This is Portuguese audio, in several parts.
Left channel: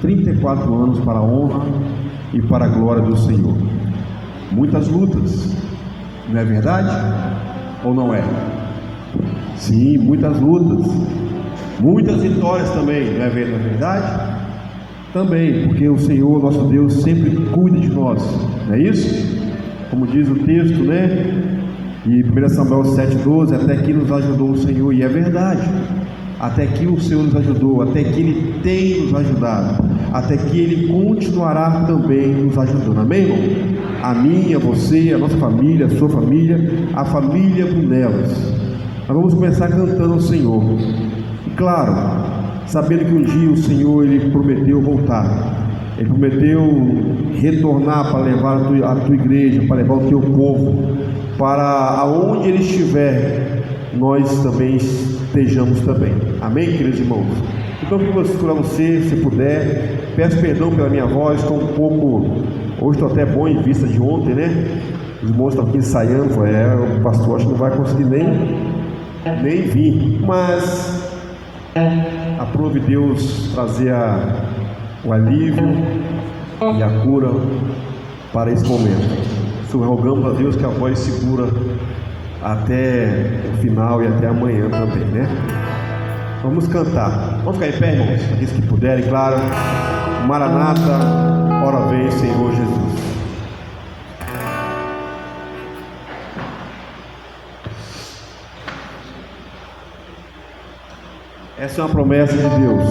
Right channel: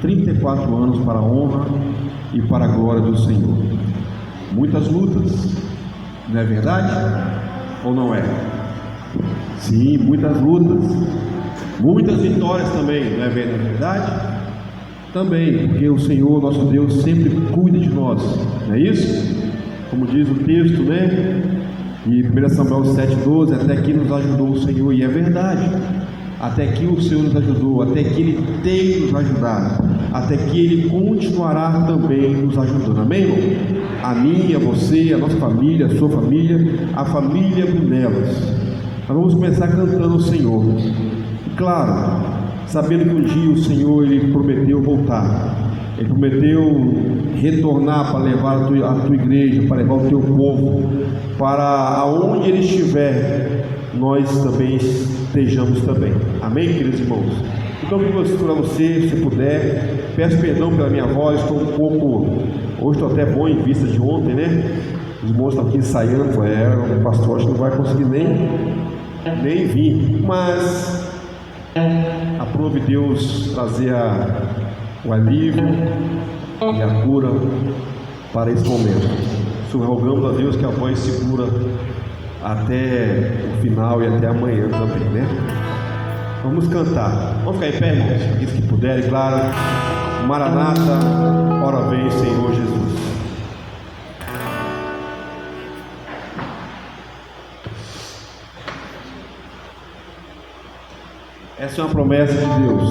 34 anos para a honra e para a glória do Senhor. Muitas lutas, não é verdade? Ou não é? Sim, muitas lutas, muitas vitórias também, não é verdade? Também, porque o Senhor, nosso Deus, sempre cuida de nós, não é isso? Como diz o texto, né? E 1 Samuel 7,12, até aqui nos ajudou o Senhor, e é verdade. Até aqui o Senhor nos ajudou, até que Ele tem nos ajudado, até que Ele continuará também nos ajudando, amém, irmão? A mim, a você, a nossa família, a sua família, a família Brunelas. Nós vamos começar cantando o Senhor, e claro, sabendo que um dia o Senhor, Ele prometeu voltar, Ele prometeu retornar para levar a tua igreja, para levar o teu povo, para aonde Ele estiver, nós também estejamos também, amém, queridos irmãos? Então, eu vou para você, se puder, peço perdão pela minha voz, estou um pouco, hoje estou até bom em vista de ontem, né? Os irmãos estão aqui ensaiando, o pastor acho que não vai conseguir nem vir, mas aprove Deus trazer o alívio e a cura para esse momento. Rogamos a Deus que a voz segura até o final e até amanhã também, né? Vamos cantar. Vamos ficar em pé, irmãos, aqueles que puderem, claro. Maranata, ora vem, Senhor Jesus. Essa é uma promessa de Deus.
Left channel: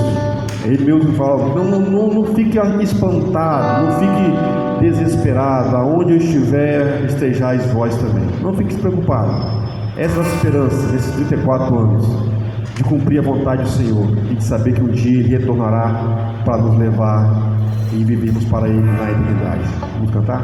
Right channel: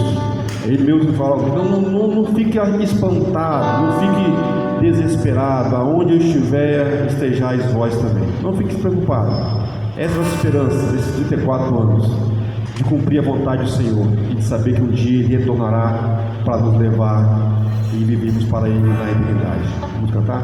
Ele mesmo fala: não fique espantado, não fique desesperado. Aonde eu estiver, estejais vós também. Não fique preocupado. Essa é a nossa esperança nesses 34 anos, de cumprir a vontade do Senhor e de saber que um dia Ele retornará para nos levar e vivermos para Ele na eternidade. Vamos cantar?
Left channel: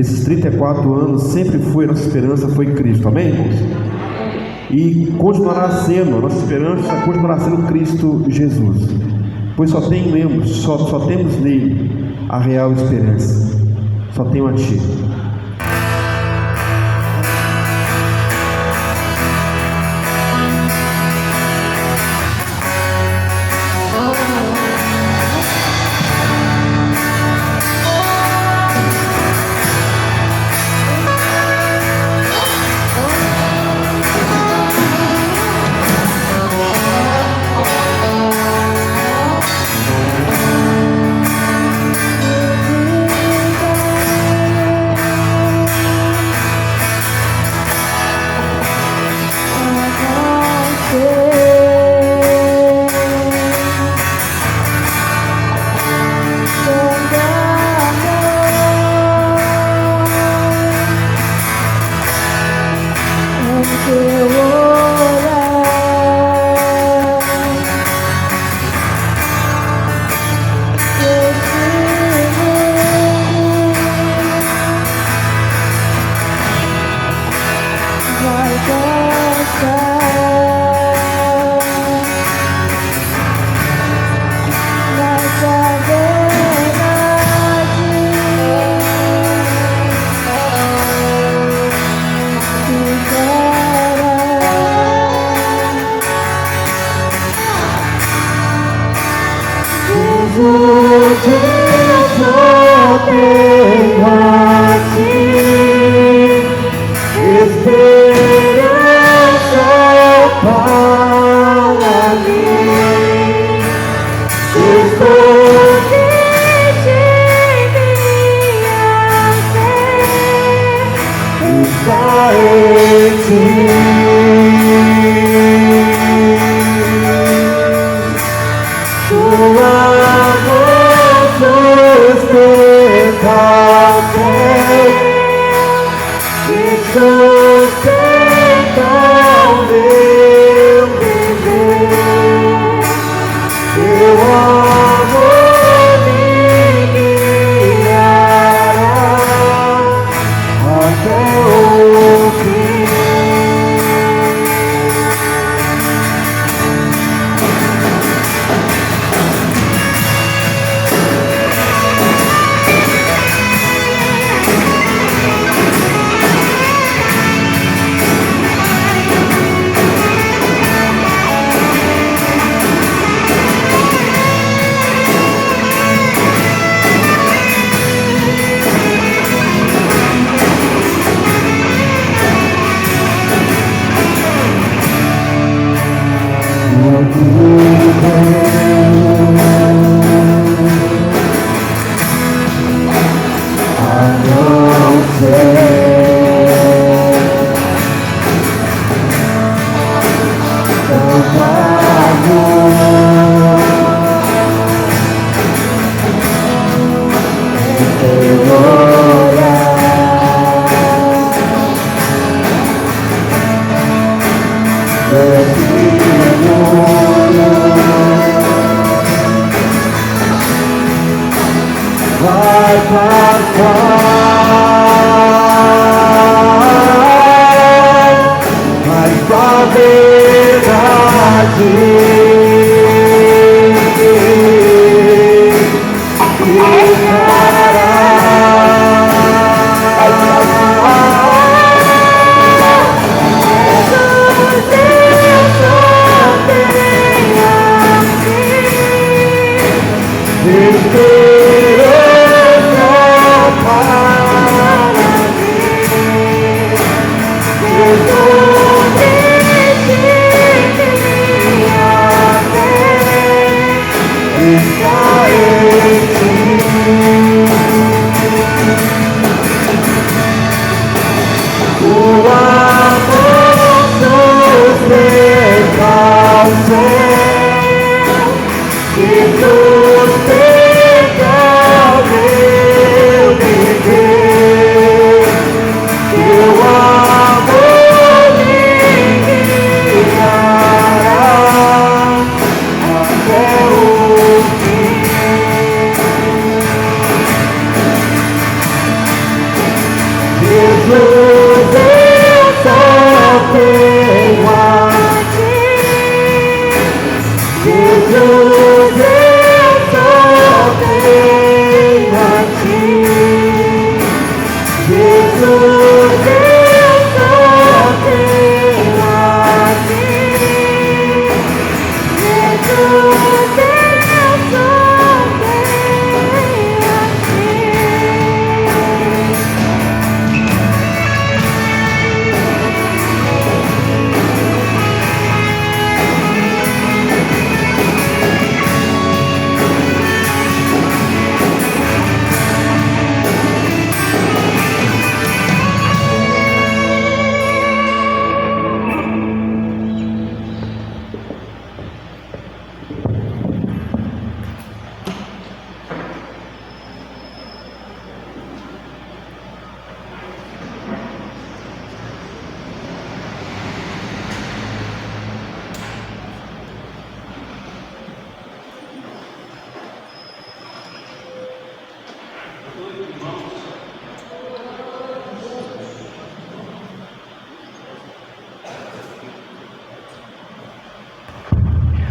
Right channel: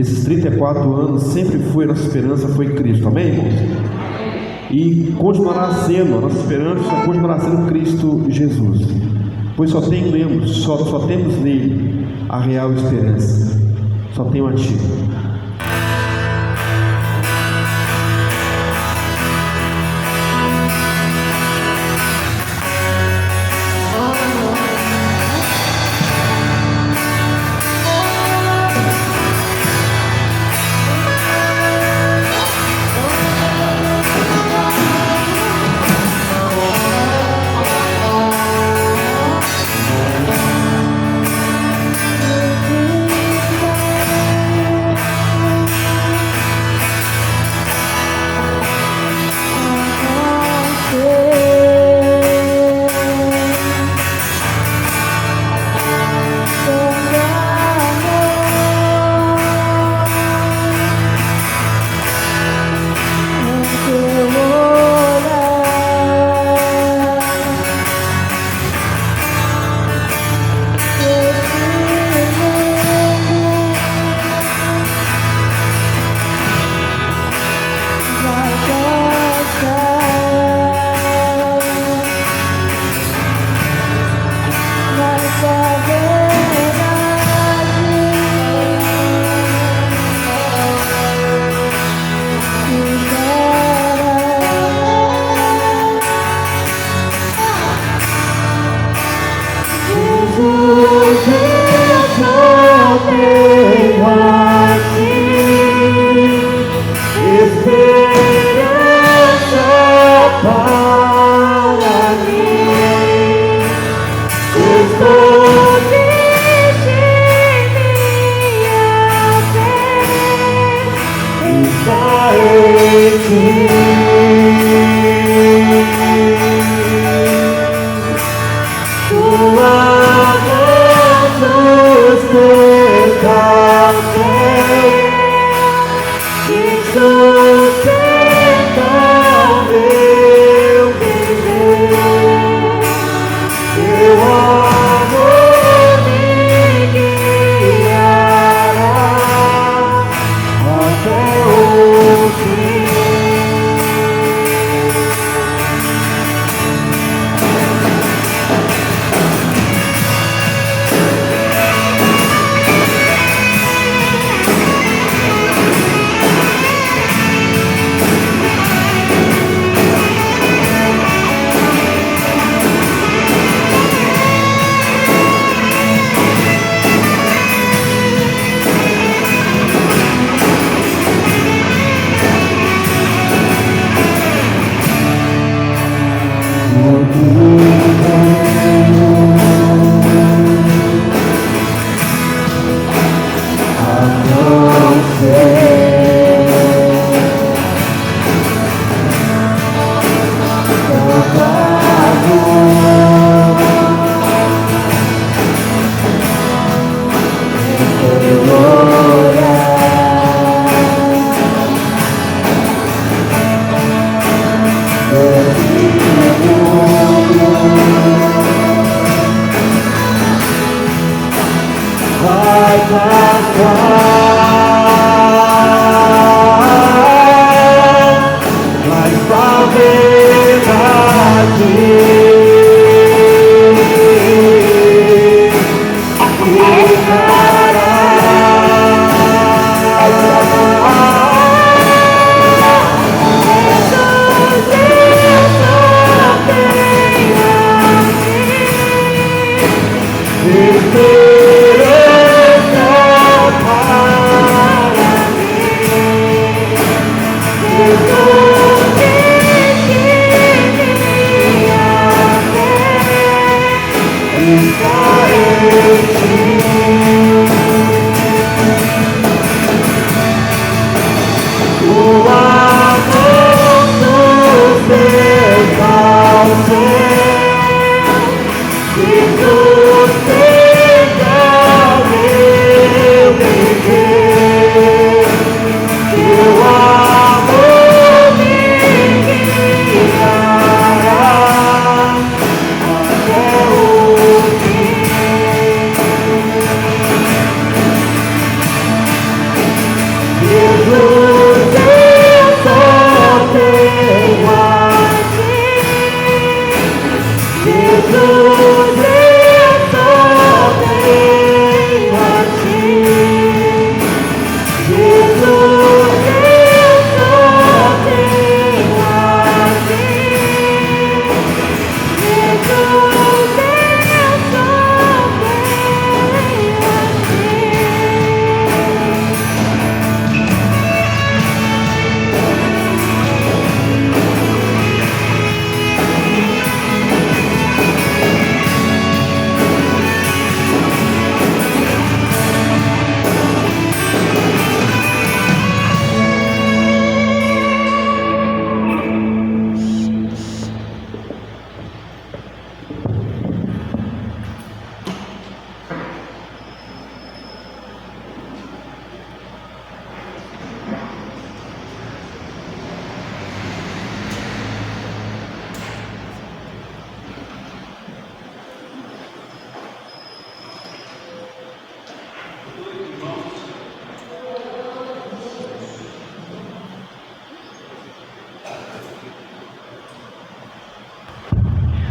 Nesses 34 anos, sempre foi, a nossa esperança foi Cristo, amém? E continuará sendo, a nossa esperança continuará sendo Cristo Jesus, pois só temos nele a real esperança, só tenho a Ti.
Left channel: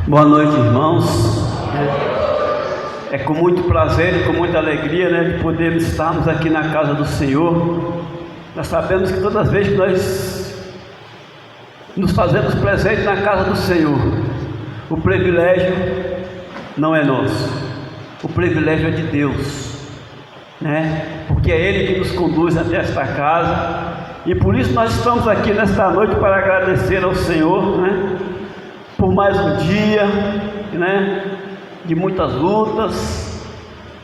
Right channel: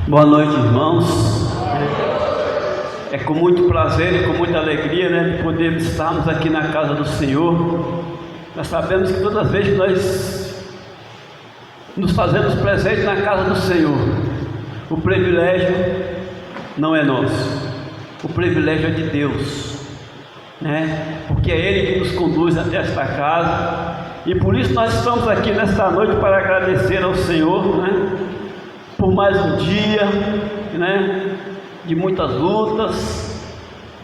Boa noite, irmãos. É com muito prazer e com muita alegria, de podermos estarmos aqui na casa do Senhor. Nós sabemos que todas as vezes que nós nos fazemos presente na casa do Senhor, o privilégio não é nosso, o privilégio é de Deus, porque é Ele que nos conduz até esta casa, e por isso nós estamos aqui nesta noite para agradecer ao Senhor, por mais um dia, de muitas lutas.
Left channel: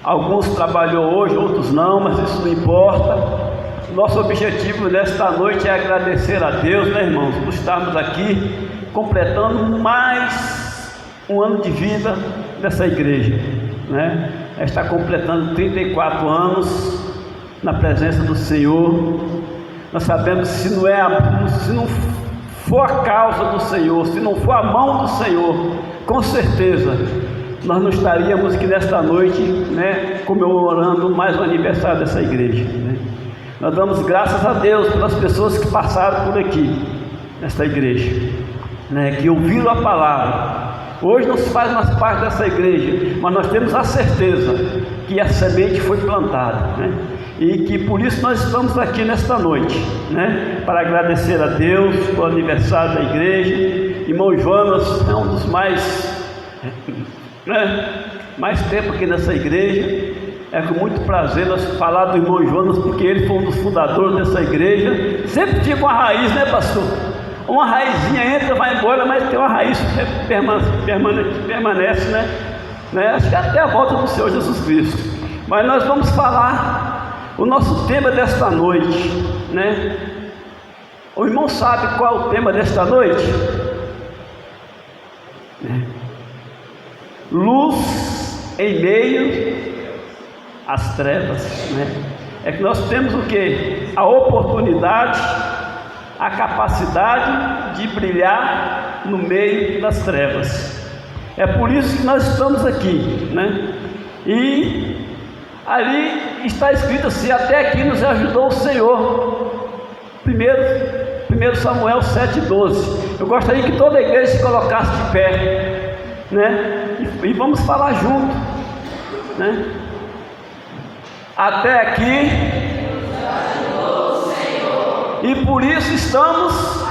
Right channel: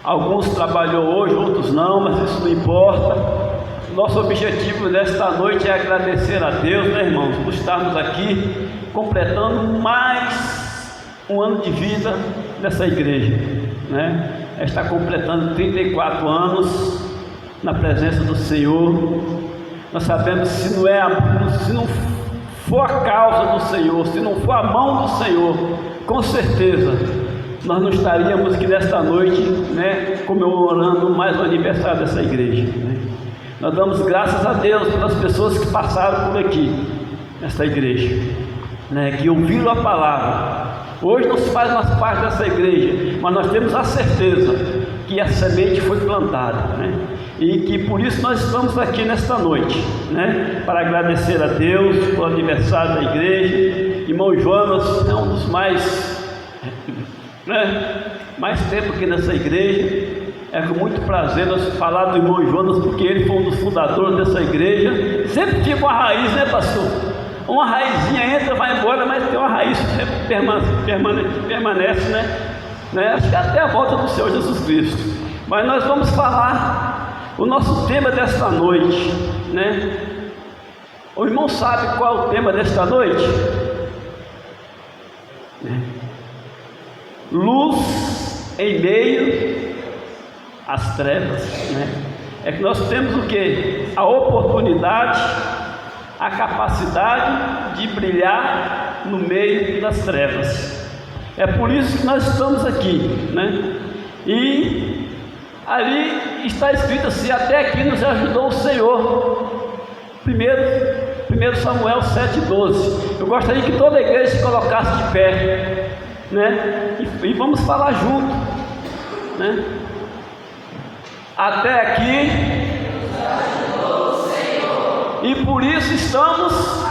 Alguns trabalhou hoje, outros não, mas isso não importa. Nosso objetivo nesta noite é agradecer a Deus, irmãos, por estarmos aqui completando mais um ano de vida dessa igreja, Está completando 34 anos na presença do Senhor. Nós sabemos que se não for a causa do Senhor, se não for a mão do Senhor, com certeza nós não estaríamos aqui nesta noite, comemorando mais um aniversário dessa igreja. Nós damos graças a Deus pelas pessoas que passaram por aqui, nesta igreja, que ouviram a palavra. Hoje nos faz mais parte dessa igreja, mas nós temos a certeza que a semente foi plantada, e que por isso nós estamos aqui nesta noite, para agradecer a Deus pelo aniversário da igreja. Irmão Jonas é um dos mais tempo aqui nessa igreja. É com muito prazer nós falar do irmão Jonas, porque ele foi um dos fundadores dessa igreja. Sempre tinha uma raiz, pastor? Uma raizinha entra, vai embora, mas tem uma raiz que permanece, acho que até a volta do Senhor Jesus Cristo. Mas nós vamos falar O nosso tema desta noite, né? O irmão sabe qual é o tema desta noite? Luz em meio às trevas, né? É que nós temos o que? A oportunidade, a capacidade de brilhar no meio das trevas. É por isso que nós estamos aqui, né? E ali está escrito assim: até aqui nos ajudou o Senhor. 1 Samuel 7,12. Eu gostaria que toda a igreja se colocasse de pé, né? E vamos falar junto, né? Até aqui nos ajudou o Senhor, e por isso estamos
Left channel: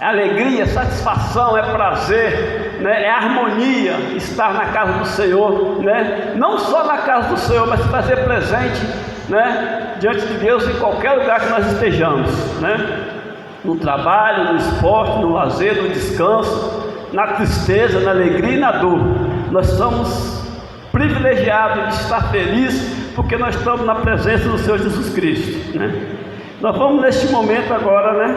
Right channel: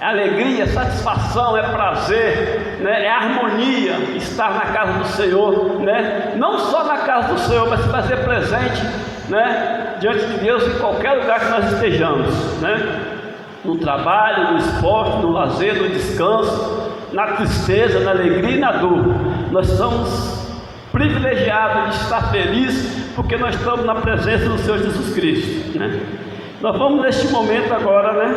é alegria, satisfação, é prazer, né? É harmonia estar na casa do Senhor, né? Não só na casa do Senhor, mas fazer presente, né? Diante de Deus em qualquer lugar que nós estejamos, né? No trabalho, no esporte, no lazer, no descanso, na tristeza, na alegria e na dor. Nós somos privilegiados de estar felizes porque nós estamos na presença do Senhor Jesus Cristo, né? Nós vamos neste momento agora, né?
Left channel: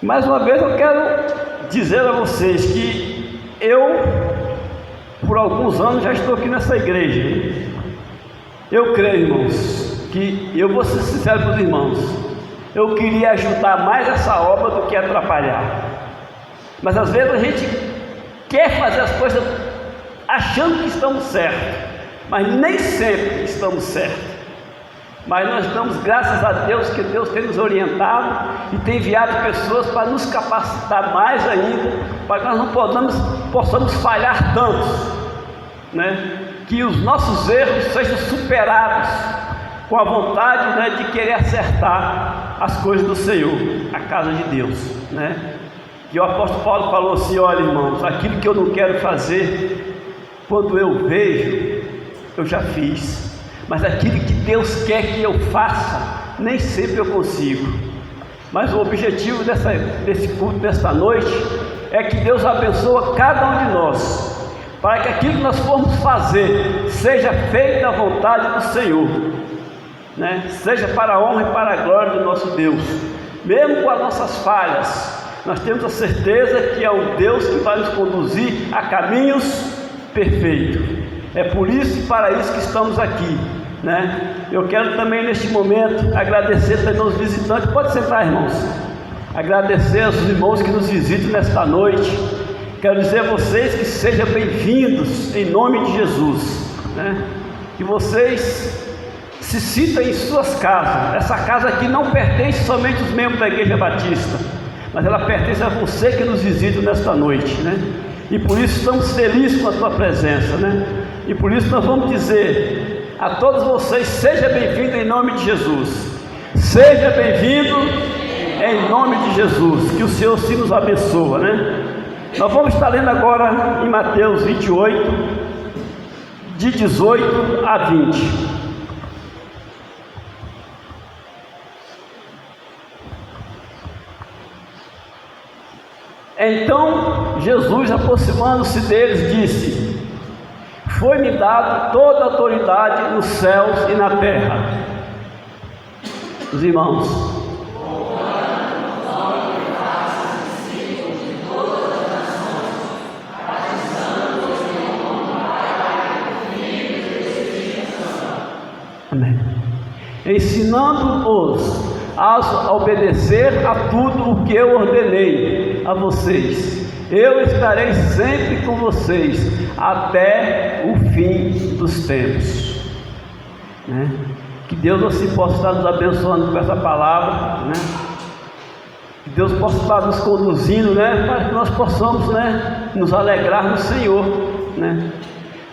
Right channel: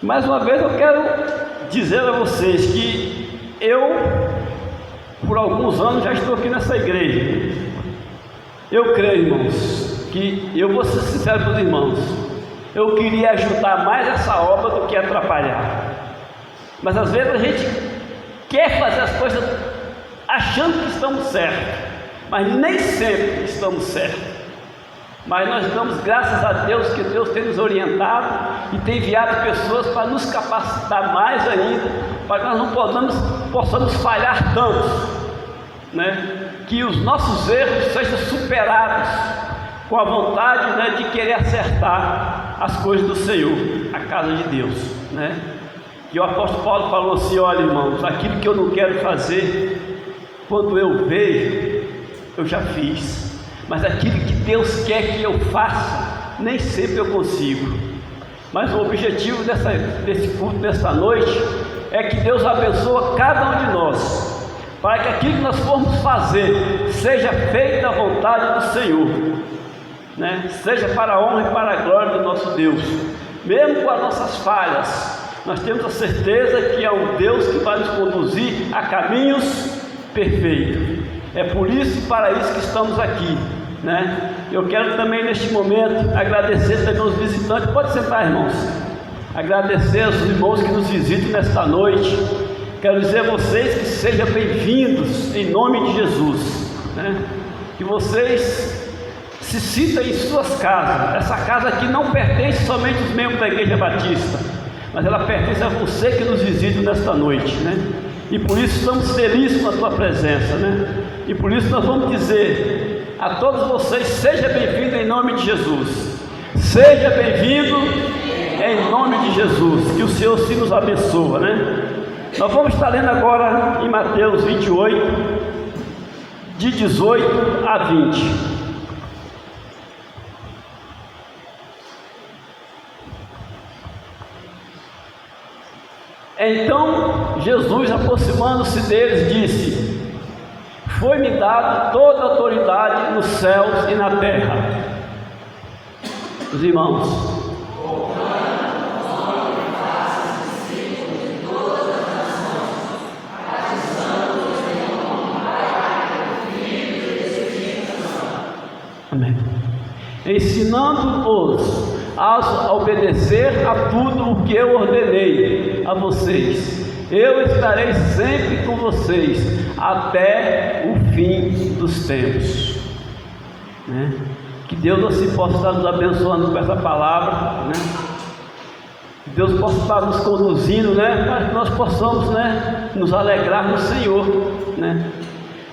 Mais uma vez eu quero dizer a vocês que eu, por alguns anos, já estou aqui nessa igreja. Eu creio, irmãos, que eu vou ser sincero com os irmãos, eu queria ajudar mais essa obra do que atrapalhar. Mas às vezes a gente quer fazer as coisas achando que estamos certos, mas nem sempre estamos certos. Mas nós damos graças a Deus que Deus tem nos orientado e tem enviado pessoas para nos capacitar mais ainda, para que nós não possamos falhar tanto, né? Que os nossos erros sejam superados com a vontade, né, de querer acertar as coisas do Senhor, a casa de Deus, né? E o apóstolo Paulo falou assim: olha, irmãos, aquilo que eu não quero fazer, quando eu vejo, eu já fiz. Mas aquilo que Deus quer que eu faça, nem sempre eu consigo. Mas o objetivo desse culto, desta noite, é que Deus abençoe cada um de nós, para que aquilo que nós formos fazer, seja feita à vontade do Senhor, né? Seja para a honra e para a glória do nosso Deus. Mesmo com as nossas falhas, nós temos a certeza que é o Deus que vai nos conduzir a caminhos perfeitos. É por isso e para isso que estamos aqui, né? Eu quero também neste momento agradecer também aos visitantes. Pode sentar, irmãos. Agradecer aos irmãos que nos visitam nesta noite. Quero dizer a vocês que sejam bem-vindos em nome de Jesus, né? Que vocês se sintam em suas casas. Essa casa aqui não pertence somente aos membros da Igreja Batista, mas ela pertence a você que nos visita nesta noite, né? E por isso estamos felizes com a tua presença, né? E por isso nós vamos dizer a todos vocês: seja bem-vindo em nome de Jesus. Seja bem-vindo em nome de Jesus. Que o Senhor se nos abençoe, né? Nós vamos estar lendo agora em Mateus 28, de 18 a 20. Então Jesus, aproximando-se deles, disse: foi-me dada toda a autoridade nos céus e na terra. Os irmãos, amém. Ensinando-os a obedecer a tudo o que eu ordenei a vocês. Eu estarei sempre com vocês até o fim dos tempos, né? Que Deus assim possa estar nos abençoando com essa palavra, né? Que Deus possa estar nos conduzindo, né? Para que nós possamos, né, nos alegrar no Senhor, né?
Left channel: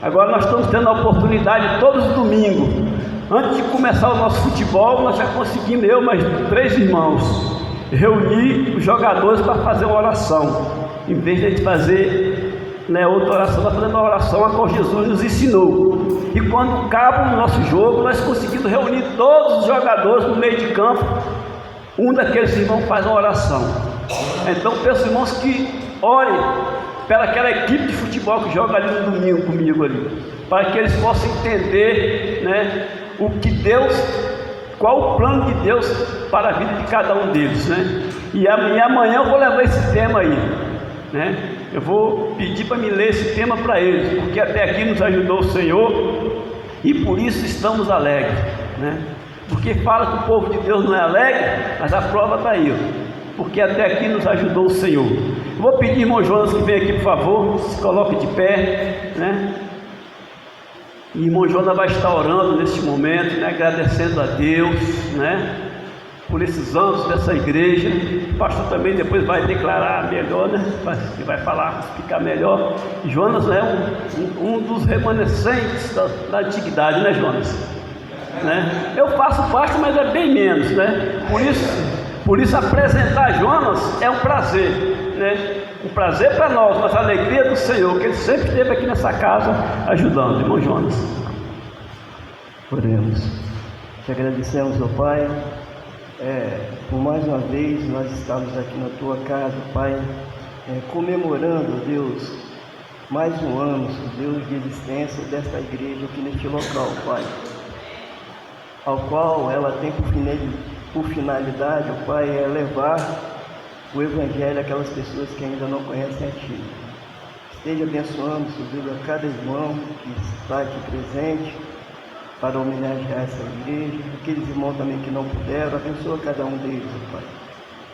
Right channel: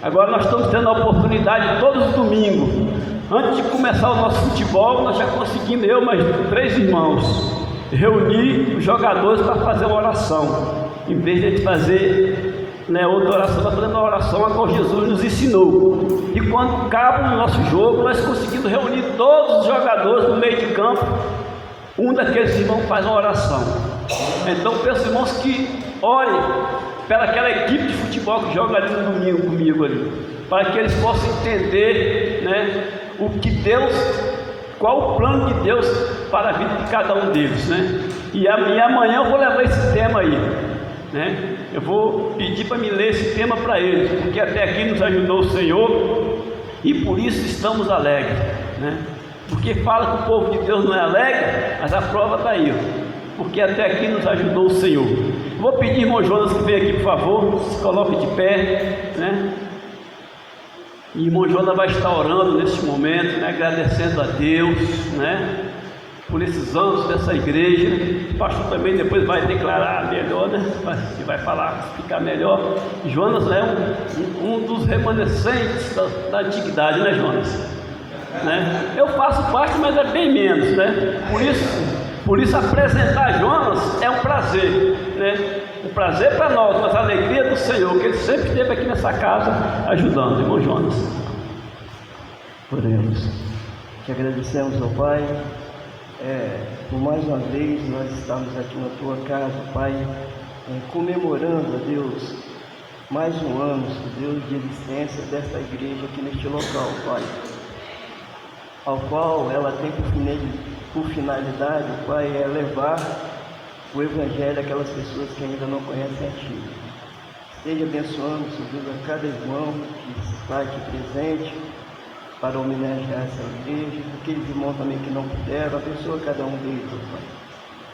Agora nós estamos tendo a oportunidade todos os domingos, antes de começar o nosso futebol, nós já conseguimos, eu e mais 3 irmãos, reunir os jogadores para fazer uma oração. Em vez de a gente fazer, né, outra oração, nós fazendo uma oração a qual Jesus nos ensinou. E quando acaba o nosso jogo, nós conseguimos reunir todos os jogadores no meio de campo. Um daqueles irmãos faz uma oração. Então peço, irmãos, que orem pela aquela equipe de futebol que joga ali no domingo comigo ali. para que eles possam entender, né, o que Deus, qual o plano de Deus para a vida de cada um deles, né? E amanhã eu vou levar esse tema aí, né? Eu vou pedir para me ler esse tema para eles, porque até aqui nos ajudou o Senhor e por isso estamos alegres, né? Porque fala que o povo de Deus não é alegre, mas a prova está aí, porque até aqui nos ajudou o Senhor. Vou pedir, irmão Jonas, que venha aqui, por favor, se coloque de pé, né? E irmão Jonas vai estar orando neste momento, né? Agradecendo a Deus, né? Por esses anos dessa igreja. O pastor também depois vai declarar melhor, né? Vai falar, explicar melhor. Jonas é um dos remanescentes da antiguidade, né, Jonas? Né? Eu faço parte, mas é bem menos, né? Por isso apresentar Jonas é um prazer, né? Um prazer para nós, mas a alegria do Senhor, que Ele sempre esteve aqui nessa casa ajudando, irmão Jonas. Oremos. Te agradecemos, ó Pai, por mais uma vez nós estamos aqui na Tua casa, Pai, comemorando, Deus, mais um ano, Deus, de existência desta igreja aqui neste local, Pai, ao qual ela tem por finalidade, Pai, é levar o Evangelho àquelas pessoas que ainda não conhecem a Ti. Esteja abençoando, Deus, a cada irmão que está aqui presente para homenagear essa igreja, aqueles irmãos também que não puderam, abençoa cada um deles, Pai.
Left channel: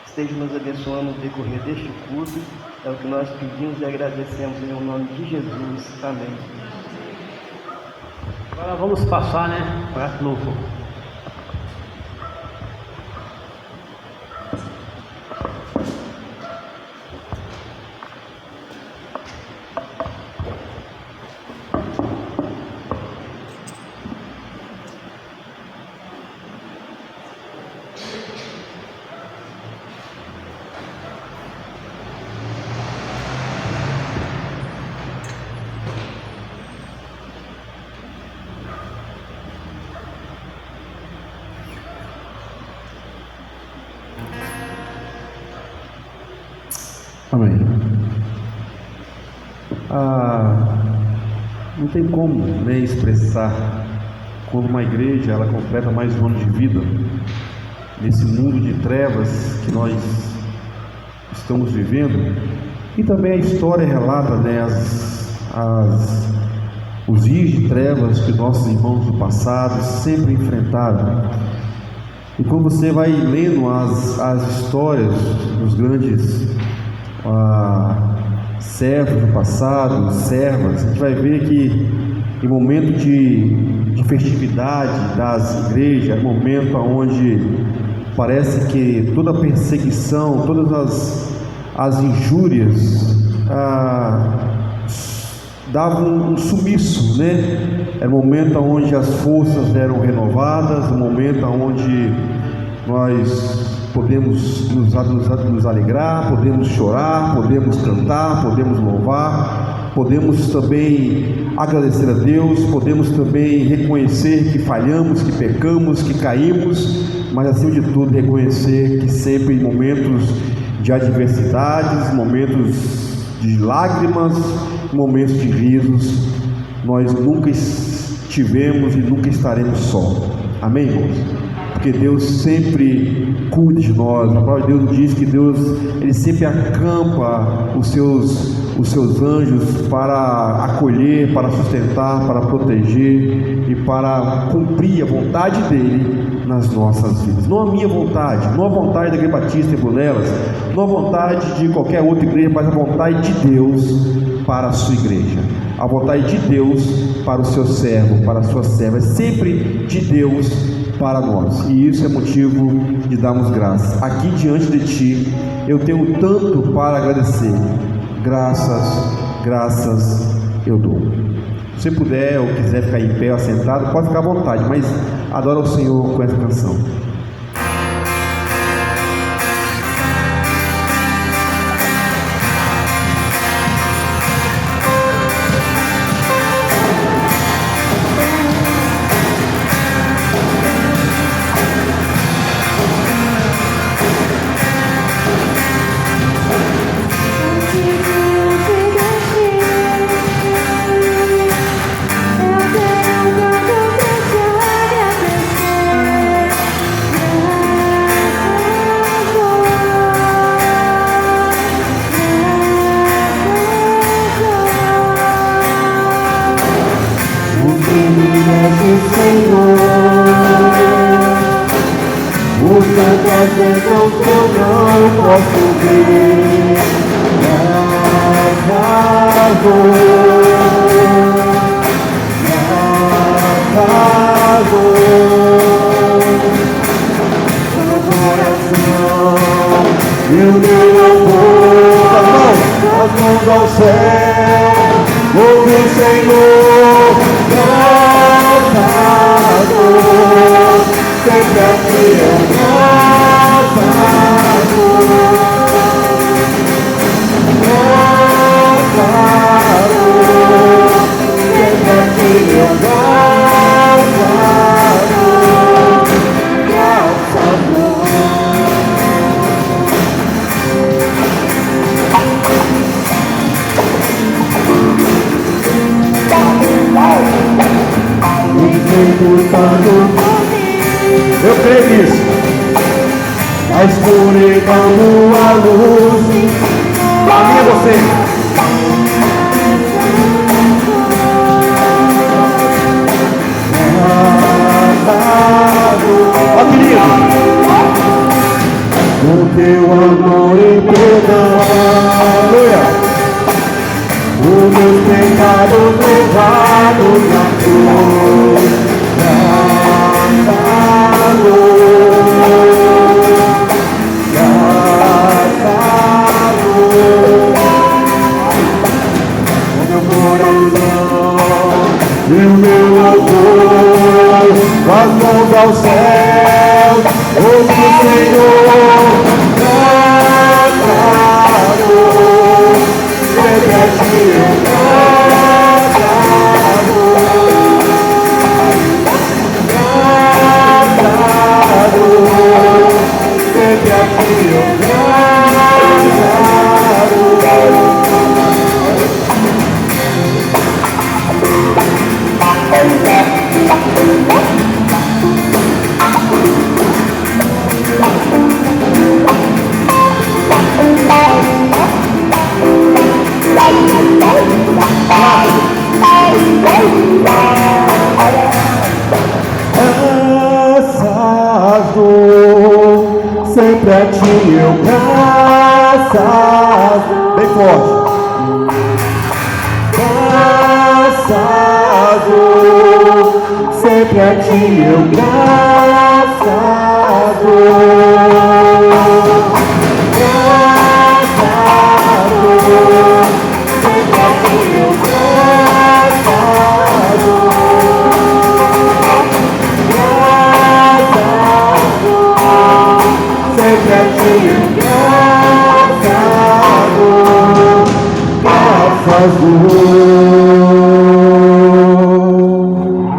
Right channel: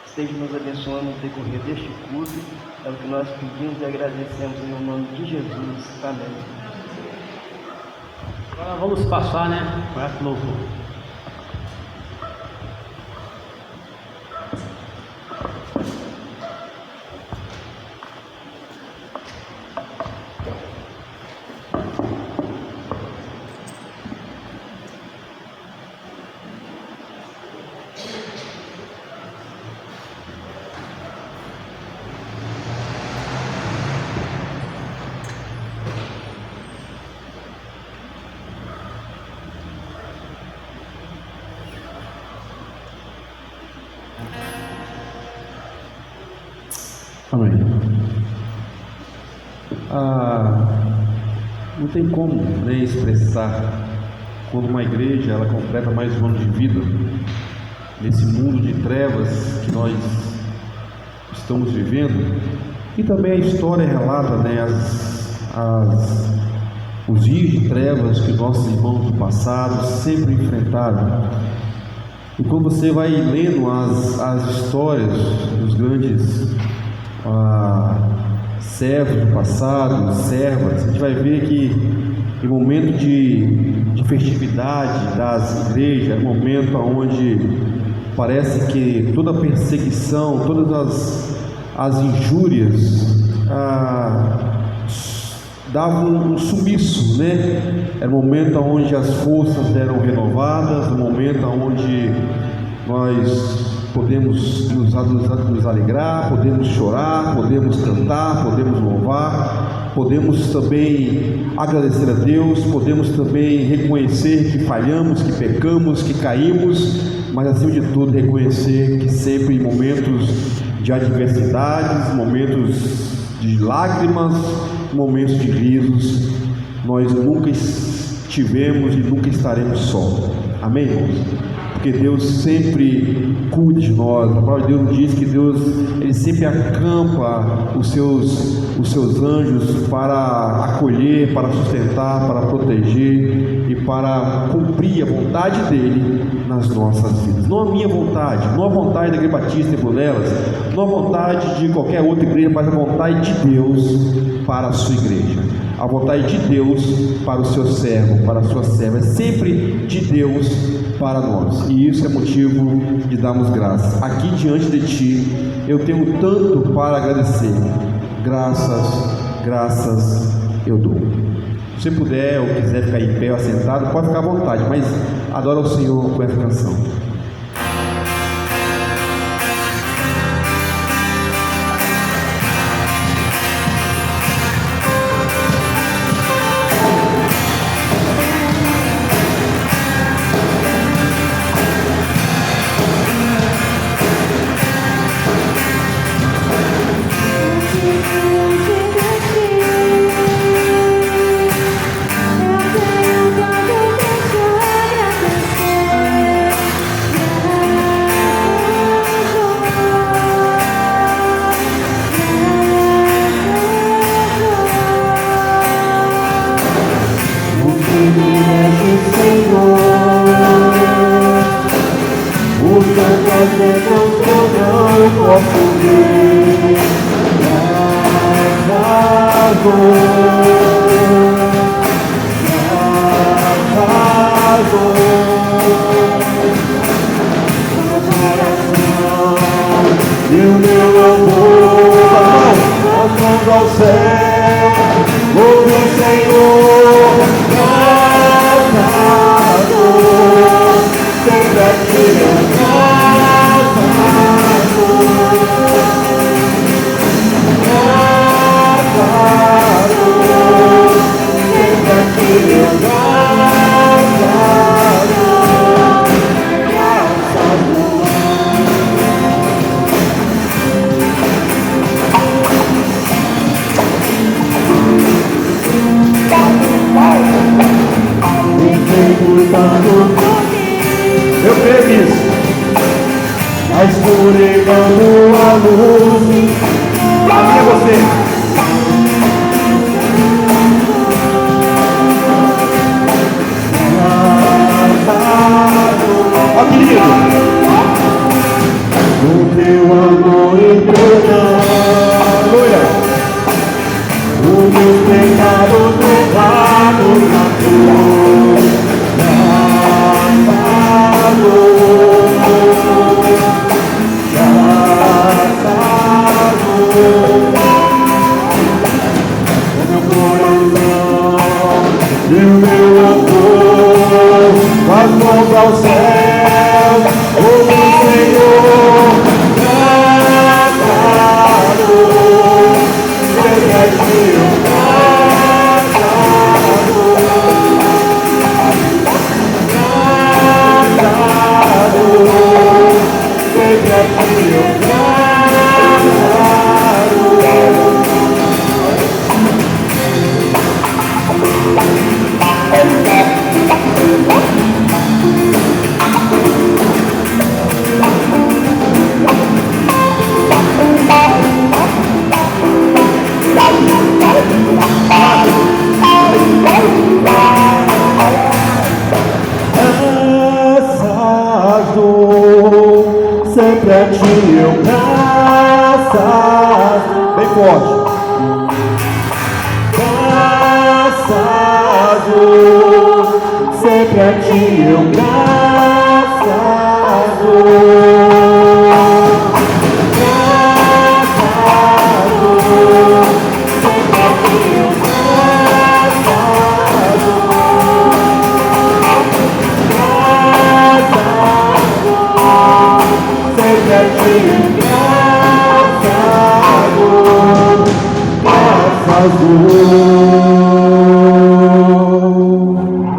Esteja nos abençoando no decorrer deste culto, é o que nós pedimos e agradecemos em nome de Jesus. Amém. Agora vamos passar, né, para a louvor. Amém. Não tem como nem expressar quando uma igreja ela completa mais um ano de vida nesse mundo de trevas que nós estamos vivendo, e também a história relata, né, os dias de trevas que nossos irmãos do passado sempre enfrentaram. E quando você vai lendo as histórias dos grandes servos do passado, servas, a gente vai ver que em momento de festividade das igrejas, momento onde parece que toda a perseguição, todas as injúrias davam um sumiço, né? É o momento onde as forças eram renovadas, o momento onde nós podemos nos alegrar, podemos chorar, podemos cantar, podemos louvar, podemos também agradecer a Deus, podemos também reconhecer que falhamos, que pecamos, que caímos, mas acima de tudo reconhecer que sempre em momentos de adversidades, momentos de lágrimas, momentos de risos, nós nunca estivemos e nunca estaremos só. Amém, irmãos? Porque Deus sempre cuida de nós. A palavra de Deus diz que Deus, Ele sempre acampa os seus anjos para acolher, para sustentar, para proteger e para cumprir a vontade dEle nas nossas vidas. Não a minha vontade, não a vontade da Igreja Batista em Brunelas, não a vontade de qualquer outra igreja, mas a vontade de Deus para a sua igreja. A vontade de Deus para o seu servo, para a sua serva, é sempre de Deus para nós, e isso é motivo de darmos graças. Aqui diante de Ti, eu tenho tanto para agradecer. Graças eu dou. Se puder ou quiser ficar em pé ou sentado, pode ficar à vontade, mas adora o Senhor com essa canção. E o meu amor, as mãos ao céu, ouve o Senhor, cantador, sempre aqui eu creio nisso. A escuridão a luz. Pra mim é você. Ó, querido. O teu amor e perdão. Aleluia. Os meus pecados levados na cruz. Sempre a ti eu graças, bem forte. Graças, sempre a ti eu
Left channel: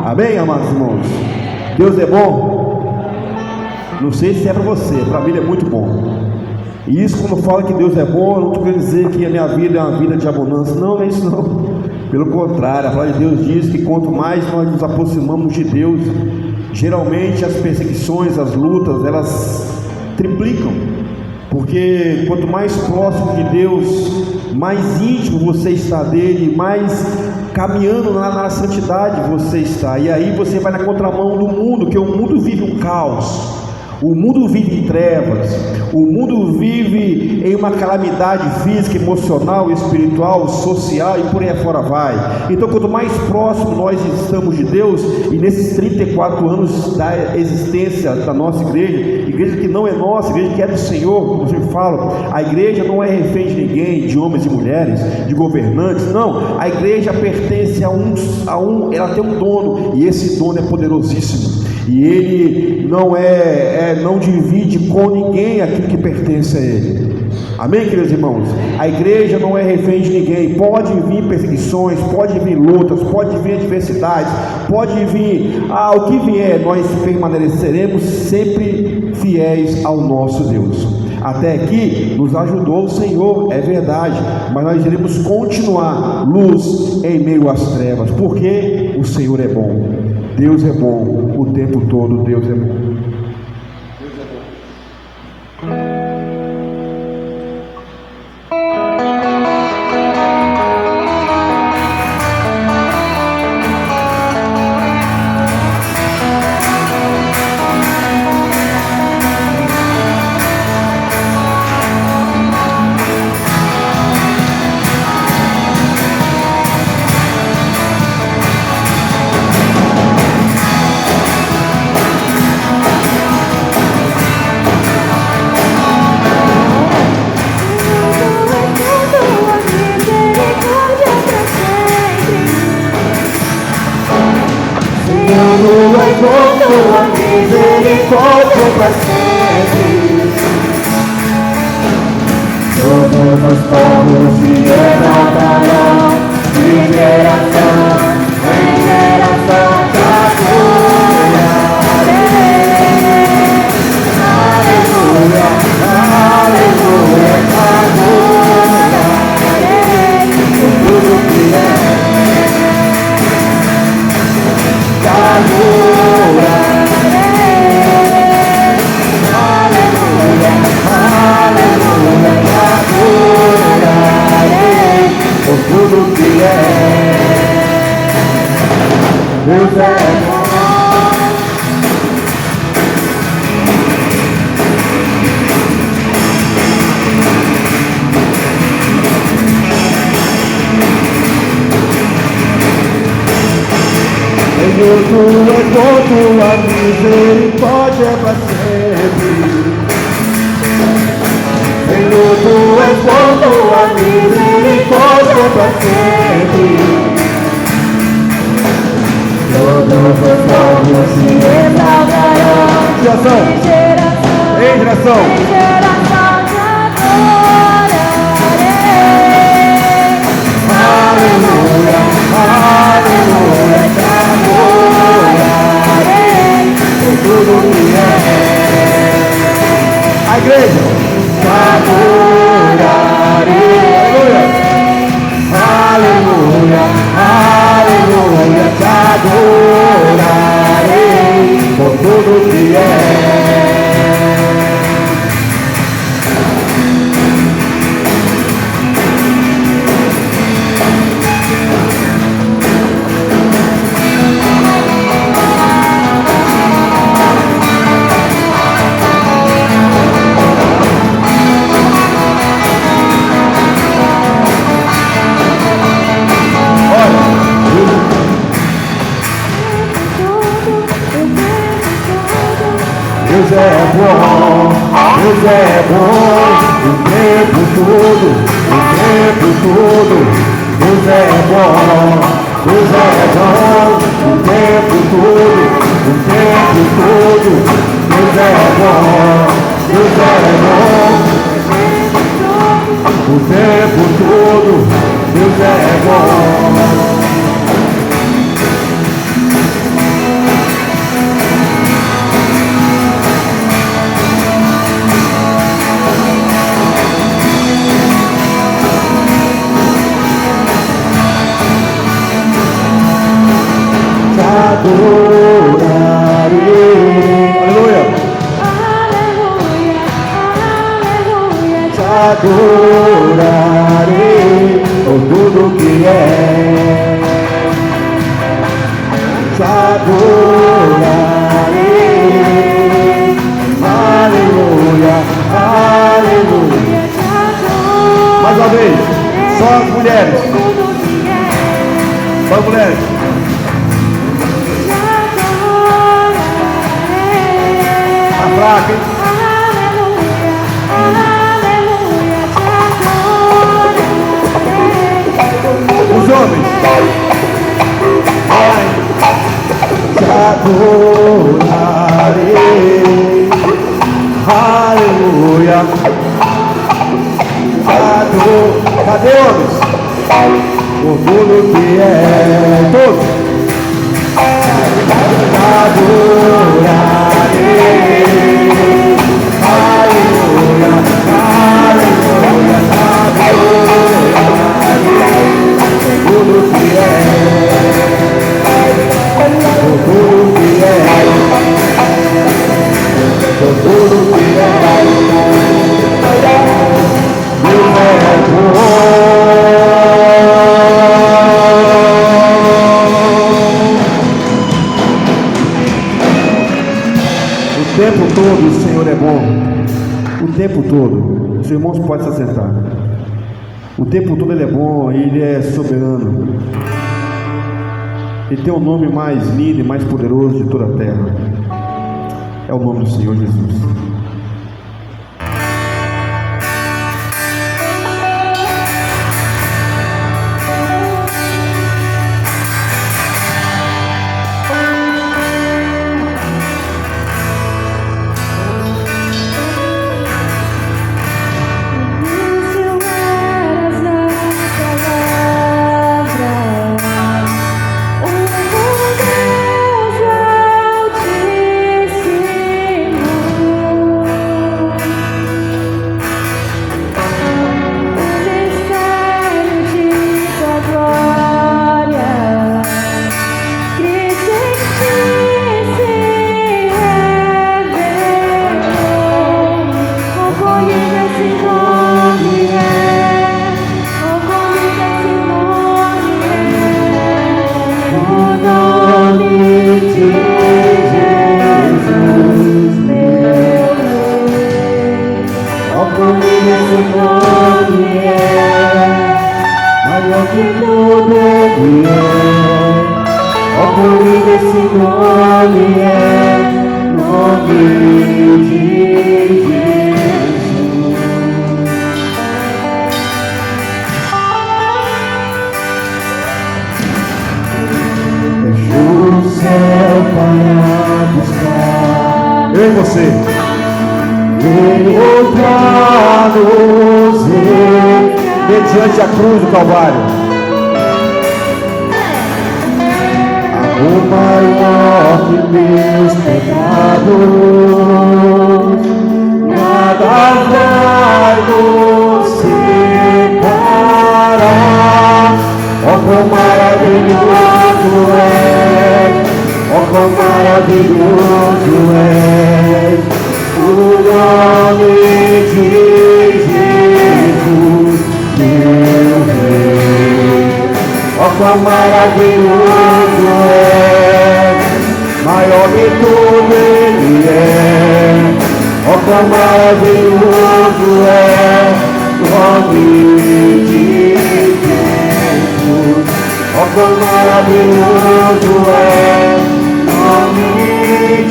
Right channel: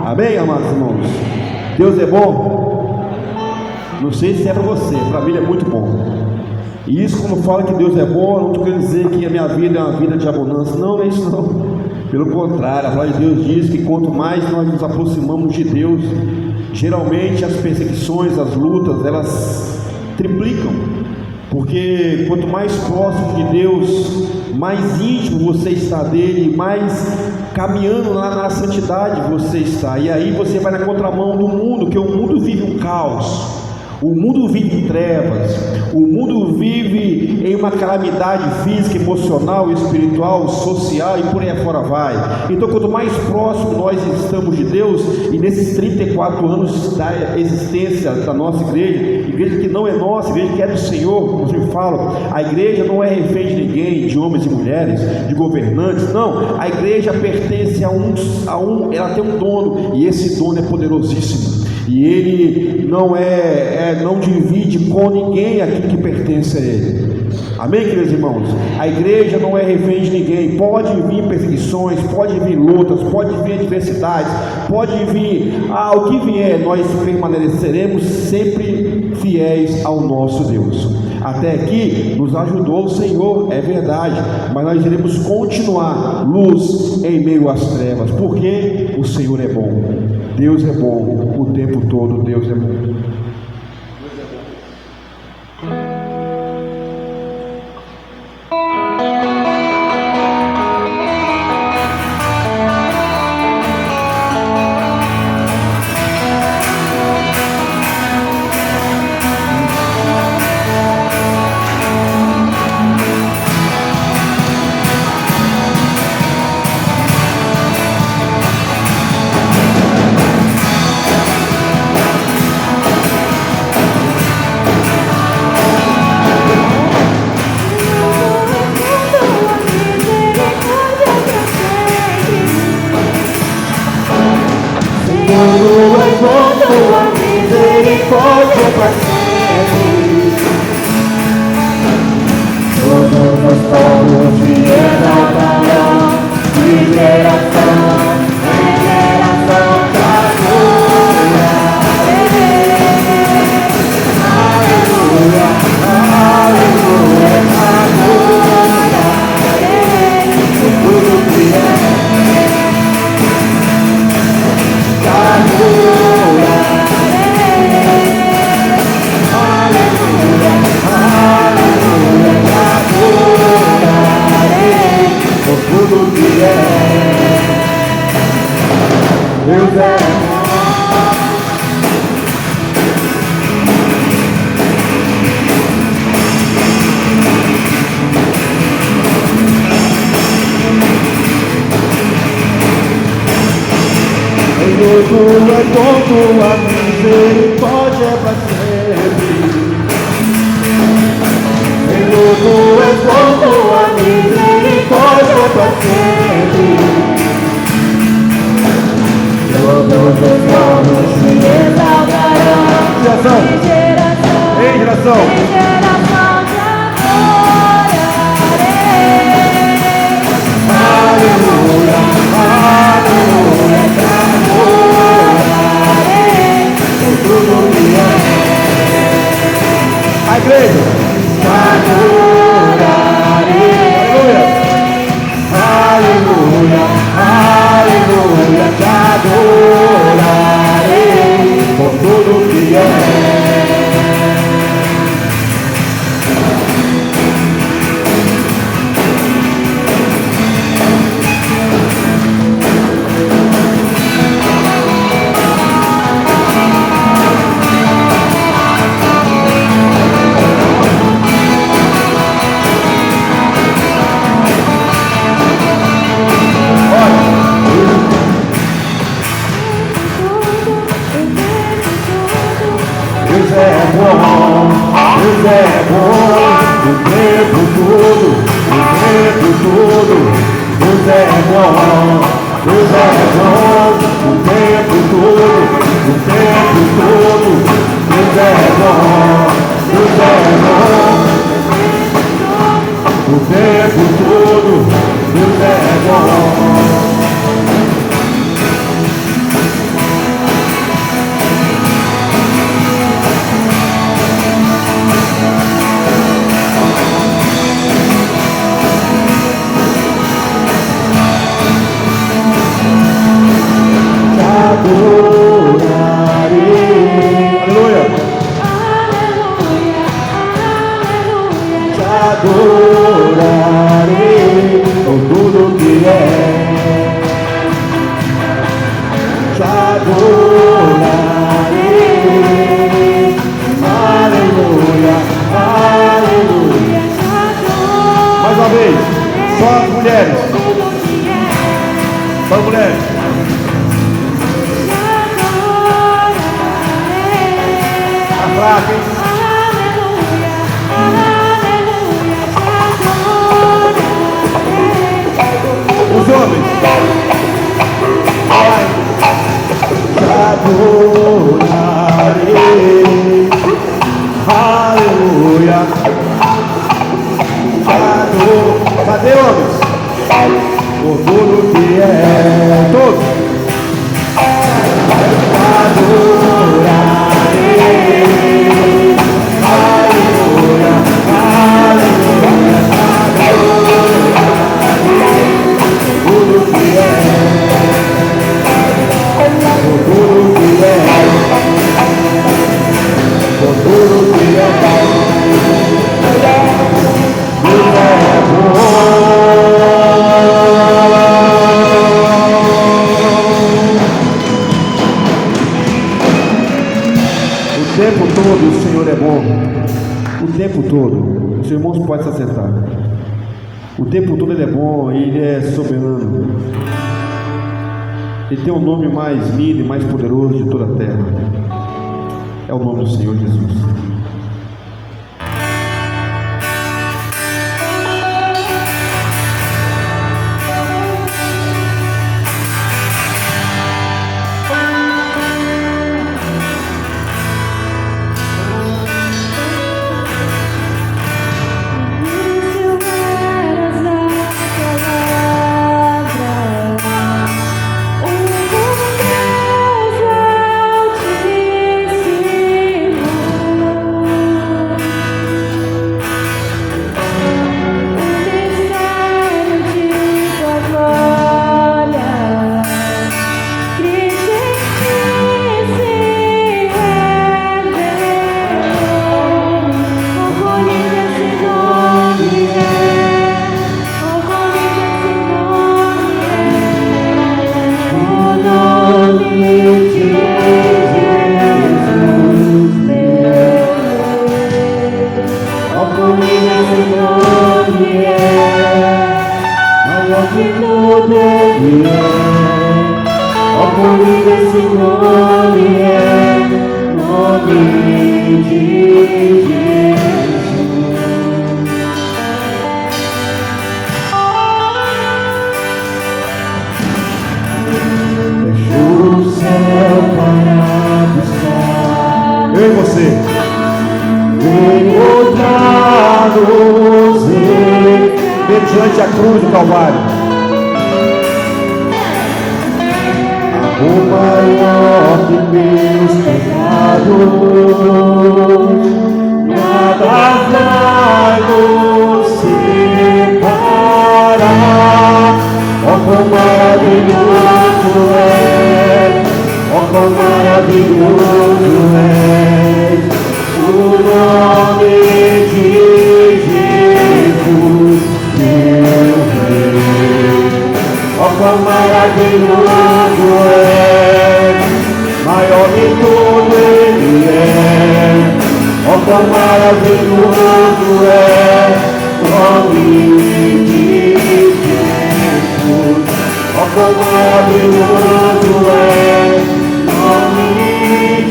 Amém, amados irmãos? Deus é bom? Não sei se é para você, para mim ele é muito bom. E isso, quando fala que Deus é bom, não estou querendo dizer que a minha vida é uma vida de abundância. Não é isso não. Pelo contrário, a palavra de Deus diz que quanto mais nós nos aproximamos de Deus, geralmente as perseguições, as lutas, elas triplicam. Porque quanto mais próximo de Deus, mais íntimo você está dele, mais caminhando na santidade você está. E aí você vai na contramão do mundo, que o mundo vive um caos, o mundo vive em trevas, o mundo vive em uma calamidade física, emocional, espiritual, social e por aí afora vai. Então quanto mais próximo nós estamos de Deus, e nesses 34 anos da existência da nossa igreja que não é nossa, igreja que é do Senhor, como eu falo, a igreja não é refém de ninguém, de homens e mulheres, de governantes, não, a igreja pertence a um, ela tem um dono, e esse dono é poderosíssimo, e ele não divide com ninguém aquilo que pertence a ele. Amém, queridos irmãos? A igreja não é refém de ninguém. Pode vir perseguições, pode vir lutas, pode vir adversidades, pode vir o que vier, nós permaneceremos sempre fiéis ao nosso Deus. Até aqui nos ajudou o Senhor, é verdade, mas nós iremos continuar luz em meio às trevas, porque o Senhor é bom. Deus é bom o tempo todo. Deus é bom. Deus é bom, Deus é bom, o tempo todo, o tempo todo. Deus é bom, Deus é bom, o tempo todo, o tempo todo. Deus é bom, Deus é bom, o tempo todo. Deus é bom. Adorarei por tudo que é. Te adorarei. Aleluia, aleluia. Mais uma vez, só as mulheres. Só as mulheres. A fraca, hein? Os homens, vai, te adorarei, aleluia, te adorarei. Cadê homens? Por tudo que é, todos, te adorarei, aleluia, aleluia, tudo que é, tudo que é, tudo que é, Deus é bom. O tempo todo o Senhor é bom. O tempo todo. Os irmãos podem se assentar. O tempo todo Ele é bom, Ele é soberano. Ele tem o nome mais lindo e mais poderoso de toda a terra. É o nome do Senhor Jesus. Eu e você. Mediante a cruz do Calvário. O maior de meus pecados, nada vai nos separar. Ó quão maravilhoso é, ó quão maravilhoso é o nome de Jesus, meu Rei. Ó quão maravilhoso é, maior de tudo Ele é. Ó quão maravilhoso é o nome de Jesus. Ó quão maravilhoso é o nome de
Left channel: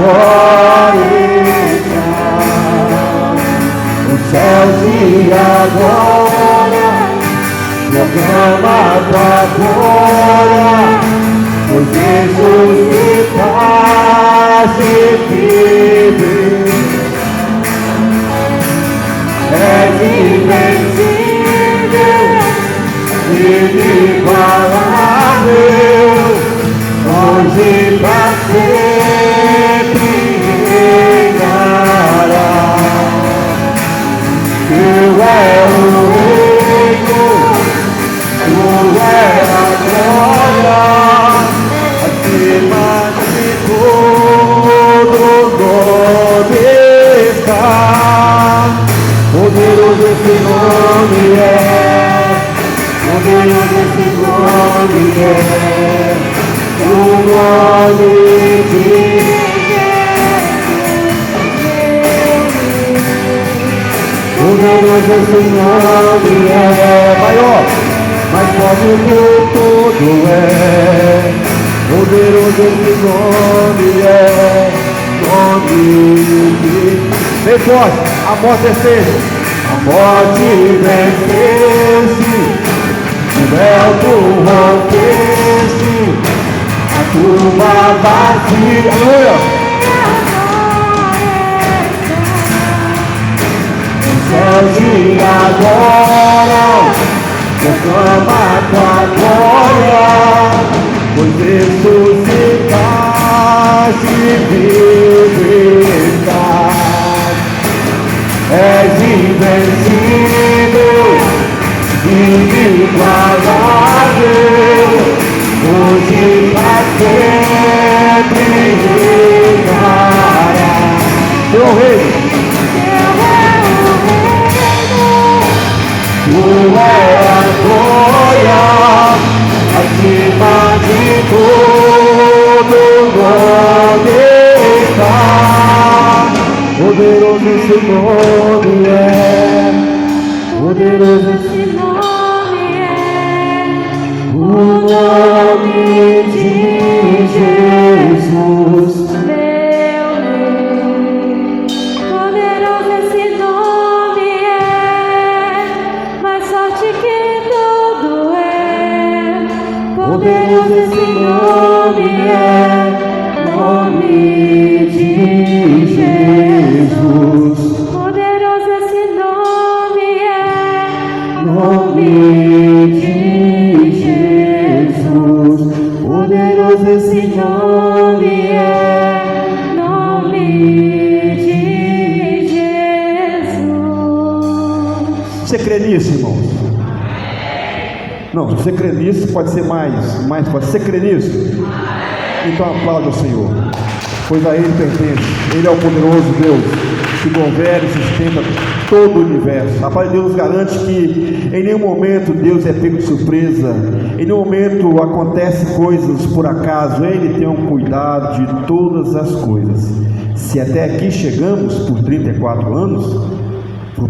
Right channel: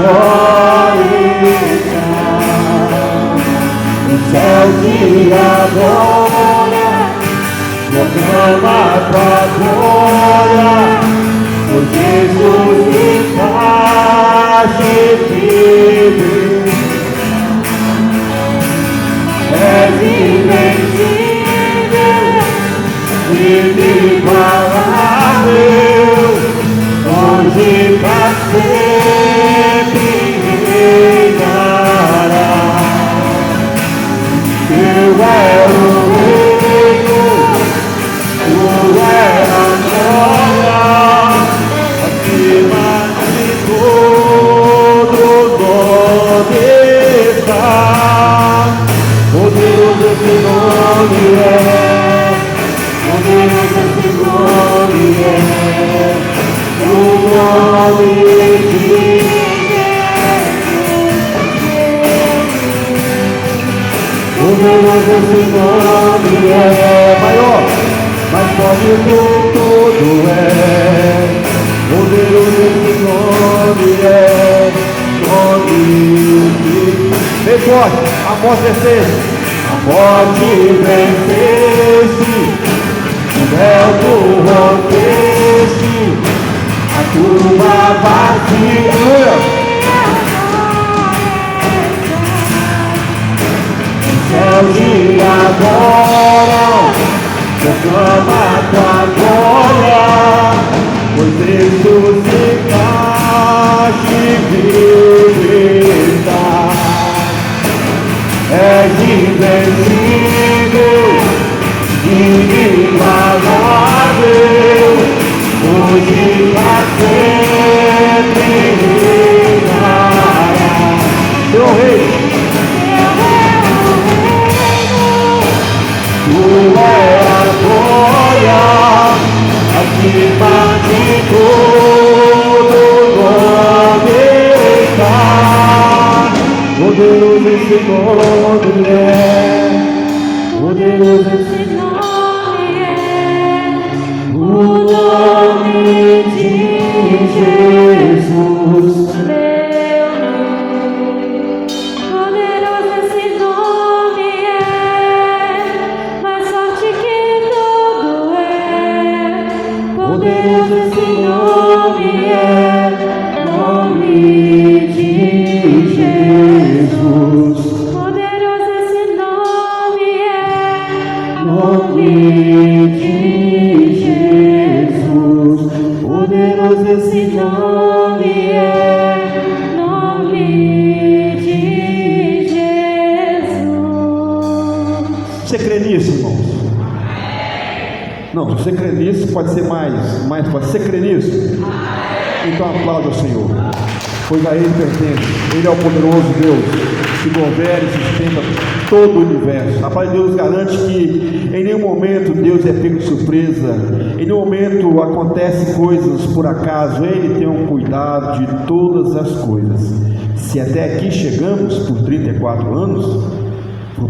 agora está nos céus e agora proclama pra glória o ressuscitaste vive. És invencível, inigualável, hoje e pra sempre reinará. Teu é o reino, tu é a glória, acima de todo nome está. Poderoso esse nome é, poderoso esse nome é, o nome de poderoso esse nome é, maior, mais forte que tudo é, poderoso esse nome é, nome de bem forte. A morte venceste, a morte venceste, o véu tu rompeste, a tumba vazia. Os céus e agora, proclama tua glória, pois ressuscitaste vivo está. És invencível, inigualável, hoje e pra sempre reinará. Teu rei, tu é a glória, acima de todo nome está. Poderoso esse nome é, poderoso esse nome é, o nome de Jesus. Poderoso esse nome é, mais forte que tudo é. Poderoso esse nome é, nome de Jesus. Poderoso esse nome é, nome de Jesus. Poderoso esse nome é, nome de Jesus. Você crê nisso, irmão? Não, se você crê nisso, pode ser mais forte. Você crê nisso? Então aplauda o Senhor, pois a Ele pertence. Ele é o poderoso Deus que governa e sustenta todo o universo. A palavra de Deus garante que em nenhum momento Deus é pego de surpresa, em nenhum momento acontecem coisas por acaso. Ele tem um cuidado de todas as coisas. Se até aqui chegamos por 34 anos,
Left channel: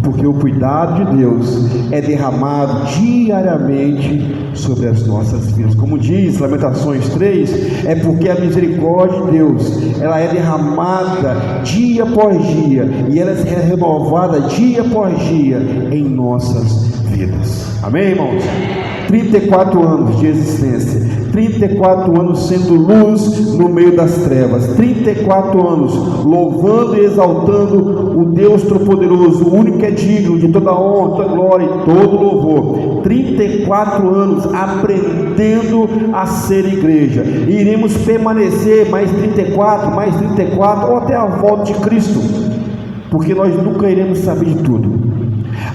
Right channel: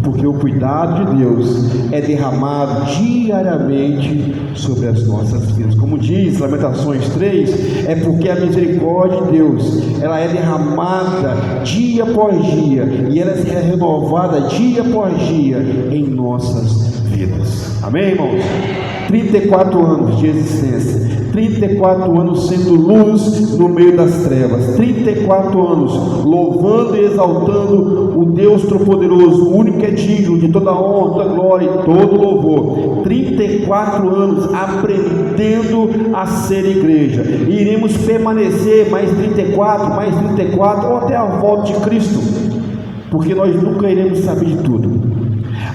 porque o cuidado de Deus é derramado diariamente sobre as nossas vidas. Como diz Lamentações 3, é porque a misericórdia de Deus, ela é derramada dia após dia, e ela é renovada dia após dia em nossas vidas. Amém, irmãos? 34 anos de existência, 34 anos sendo luz no meio das trevas, 34 anos louvando e exaltando o Deus Todo-Poderoso, o único que é digno de toda honra, toda glória e todo louvor. 34 anos aprendendo a ser igreja, e iremos permanecer mais 34 ou até a volta de Cristo, porque nós nunca iremos saber de tudo.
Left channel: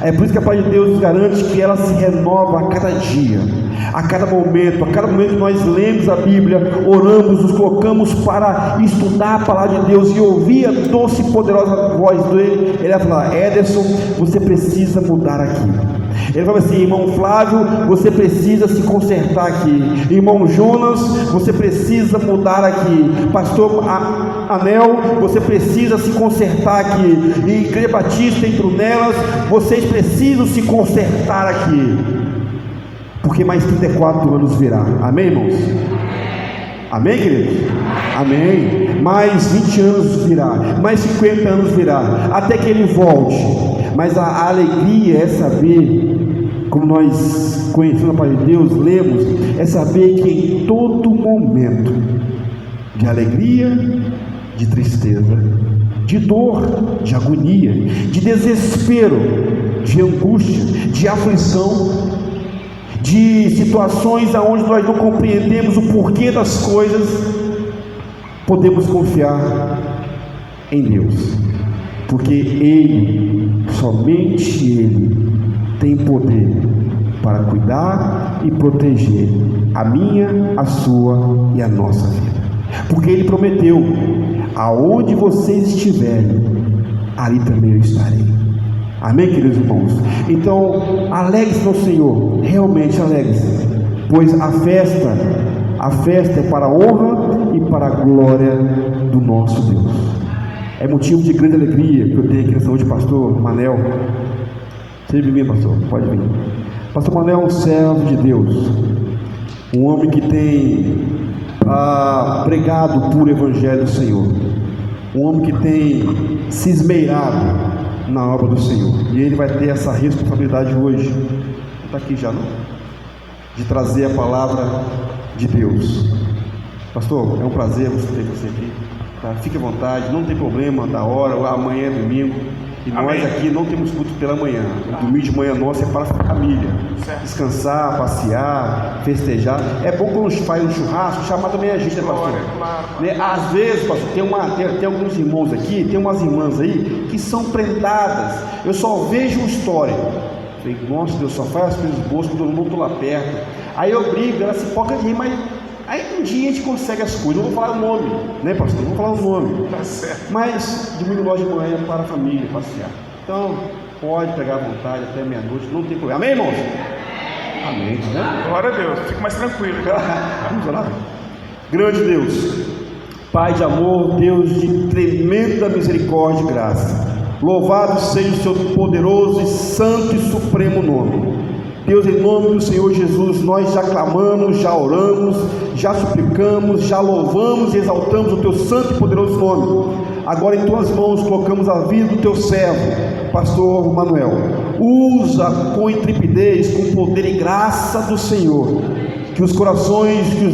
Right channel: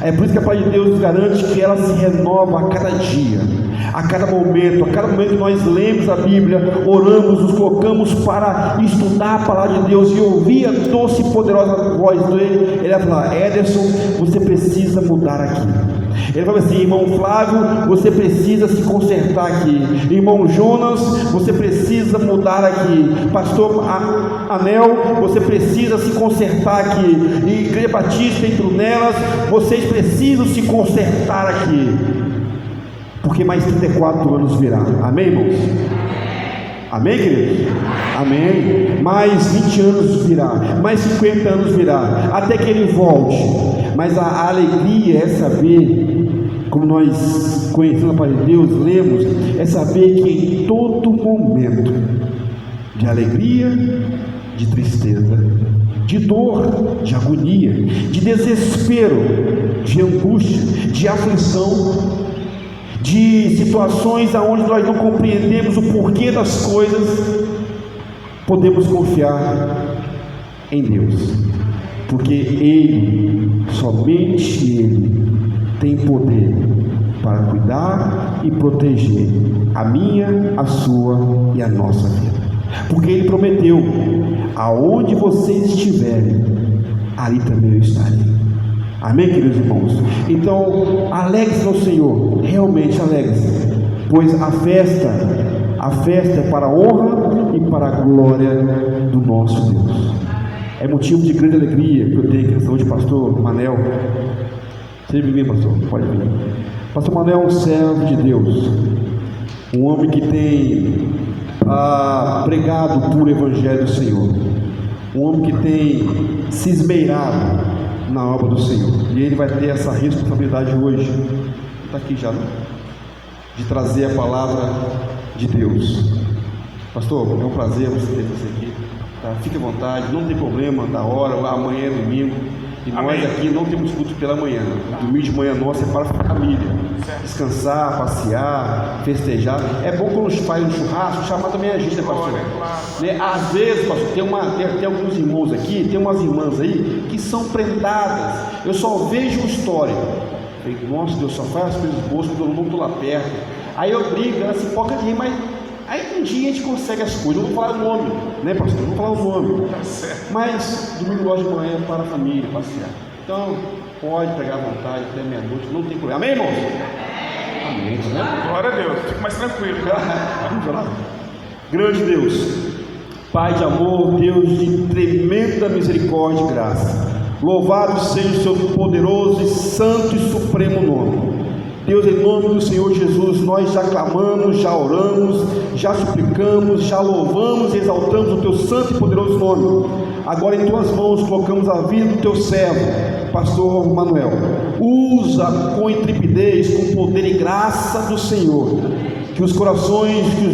É por isso que a palavra de Deus nos garante que ela se renova a cada dia, a cada momento que nós lemos a Bíblia, oramos, nos colocamos para estudar a palavra de Deus e ouvir a doce e poderosa voz dele. Ele vai falar: Ederson, você precisa mudar aqui. Ele fala assim: irmão Flávio, você precisa se consertar aqui. Irmão Jonas, você precisa mudar aqui. Pastor Anel, você precisa se consertar aqui. E Igreja Batista em Brunelas, vocês precisam se consertar aqui, porque mais 34 anos virá. Amém, irmãos? Amém, queridos? Amém. Mais 20 anos virá, mais 50 anos virá, até que Ele volte. Mas a alegria é saber, como nós conhecemos a palavra de Deus, lemos, é saber que em todo momento de alegria, de tristeza, de dor, de agonia, de desespero, de angústia, de aflição, de situações onde nós não compreendemos o porquê das coisas, podemos confiar em Deus, porque Ele, somente Ele, tem poder para cuidar e proteger a minha, a sua e a nossa vida, porque Ele prometeu: aonde vocês estiverem, ali também eu estarei. Amém, queridos irmãos? Então, alegre-se no Senhor, realmente alegre-se, pois a festa é para a honra e para a glória do nosso Deus. É motivo de grande alegria que eu tenho aqui nessa noite, pastor Manel. Seja bem-vindo, pastor, pode vir. Pastor Manel é um servo de Deus, um homem que tem pregado o puro evangelho do Senhor, um homem que tem se esmerado na obra do Senhor, e ele vai ter essa responsabilidade hoje, está aqui já, né? De trazer a palavra de Deus. Pastor, é um prazer você ter você aqui, tá? Fique à vontade, não tem problema da hora, amanhã é domingo, e nós aqui não temos culto pela manhã. Domingo de manhã nosso é para a família, descansar, passear, festejar. É bom quando os faz um churrasco, chamar também a gente, né, pastor? Né? Às vezes, pastor, tem alguns irmãos aqui, tem umas irmãs aí que são prendadas. Eu só vejo história. Falei, nossa, Deus só faz as coisas boas quando todo mundo lá perto. Aí eu brigo, ela se foca de rir, mas aí um dia a gente consegue as coisas. Não vou falar o nome, né, pastor? Não vou falar o nome. Mas domingo logo de manhã é para a família passear. Então, pode pegar à vontade até meia-noite, não tem problema. Amém, irmãos? Amém, né? Glória a Deus, fique mais tranquilo. Vamos orar. Grande Deus, Pai de amor, Deus de tremenda misericórdia e graça, louvado seja o seu poderoso e santo e supremo nome. Deus, em nome do Senhor Jesus, nós já clamamos, já oramos, já suplicamos, já louvamos e exaltamos o teu santo e poderoso nome. Agora em tuas mãos colocamos a vida do teu servo, pastor Manuel. Usa com intrepidez, com poder e graça do Senhor, que os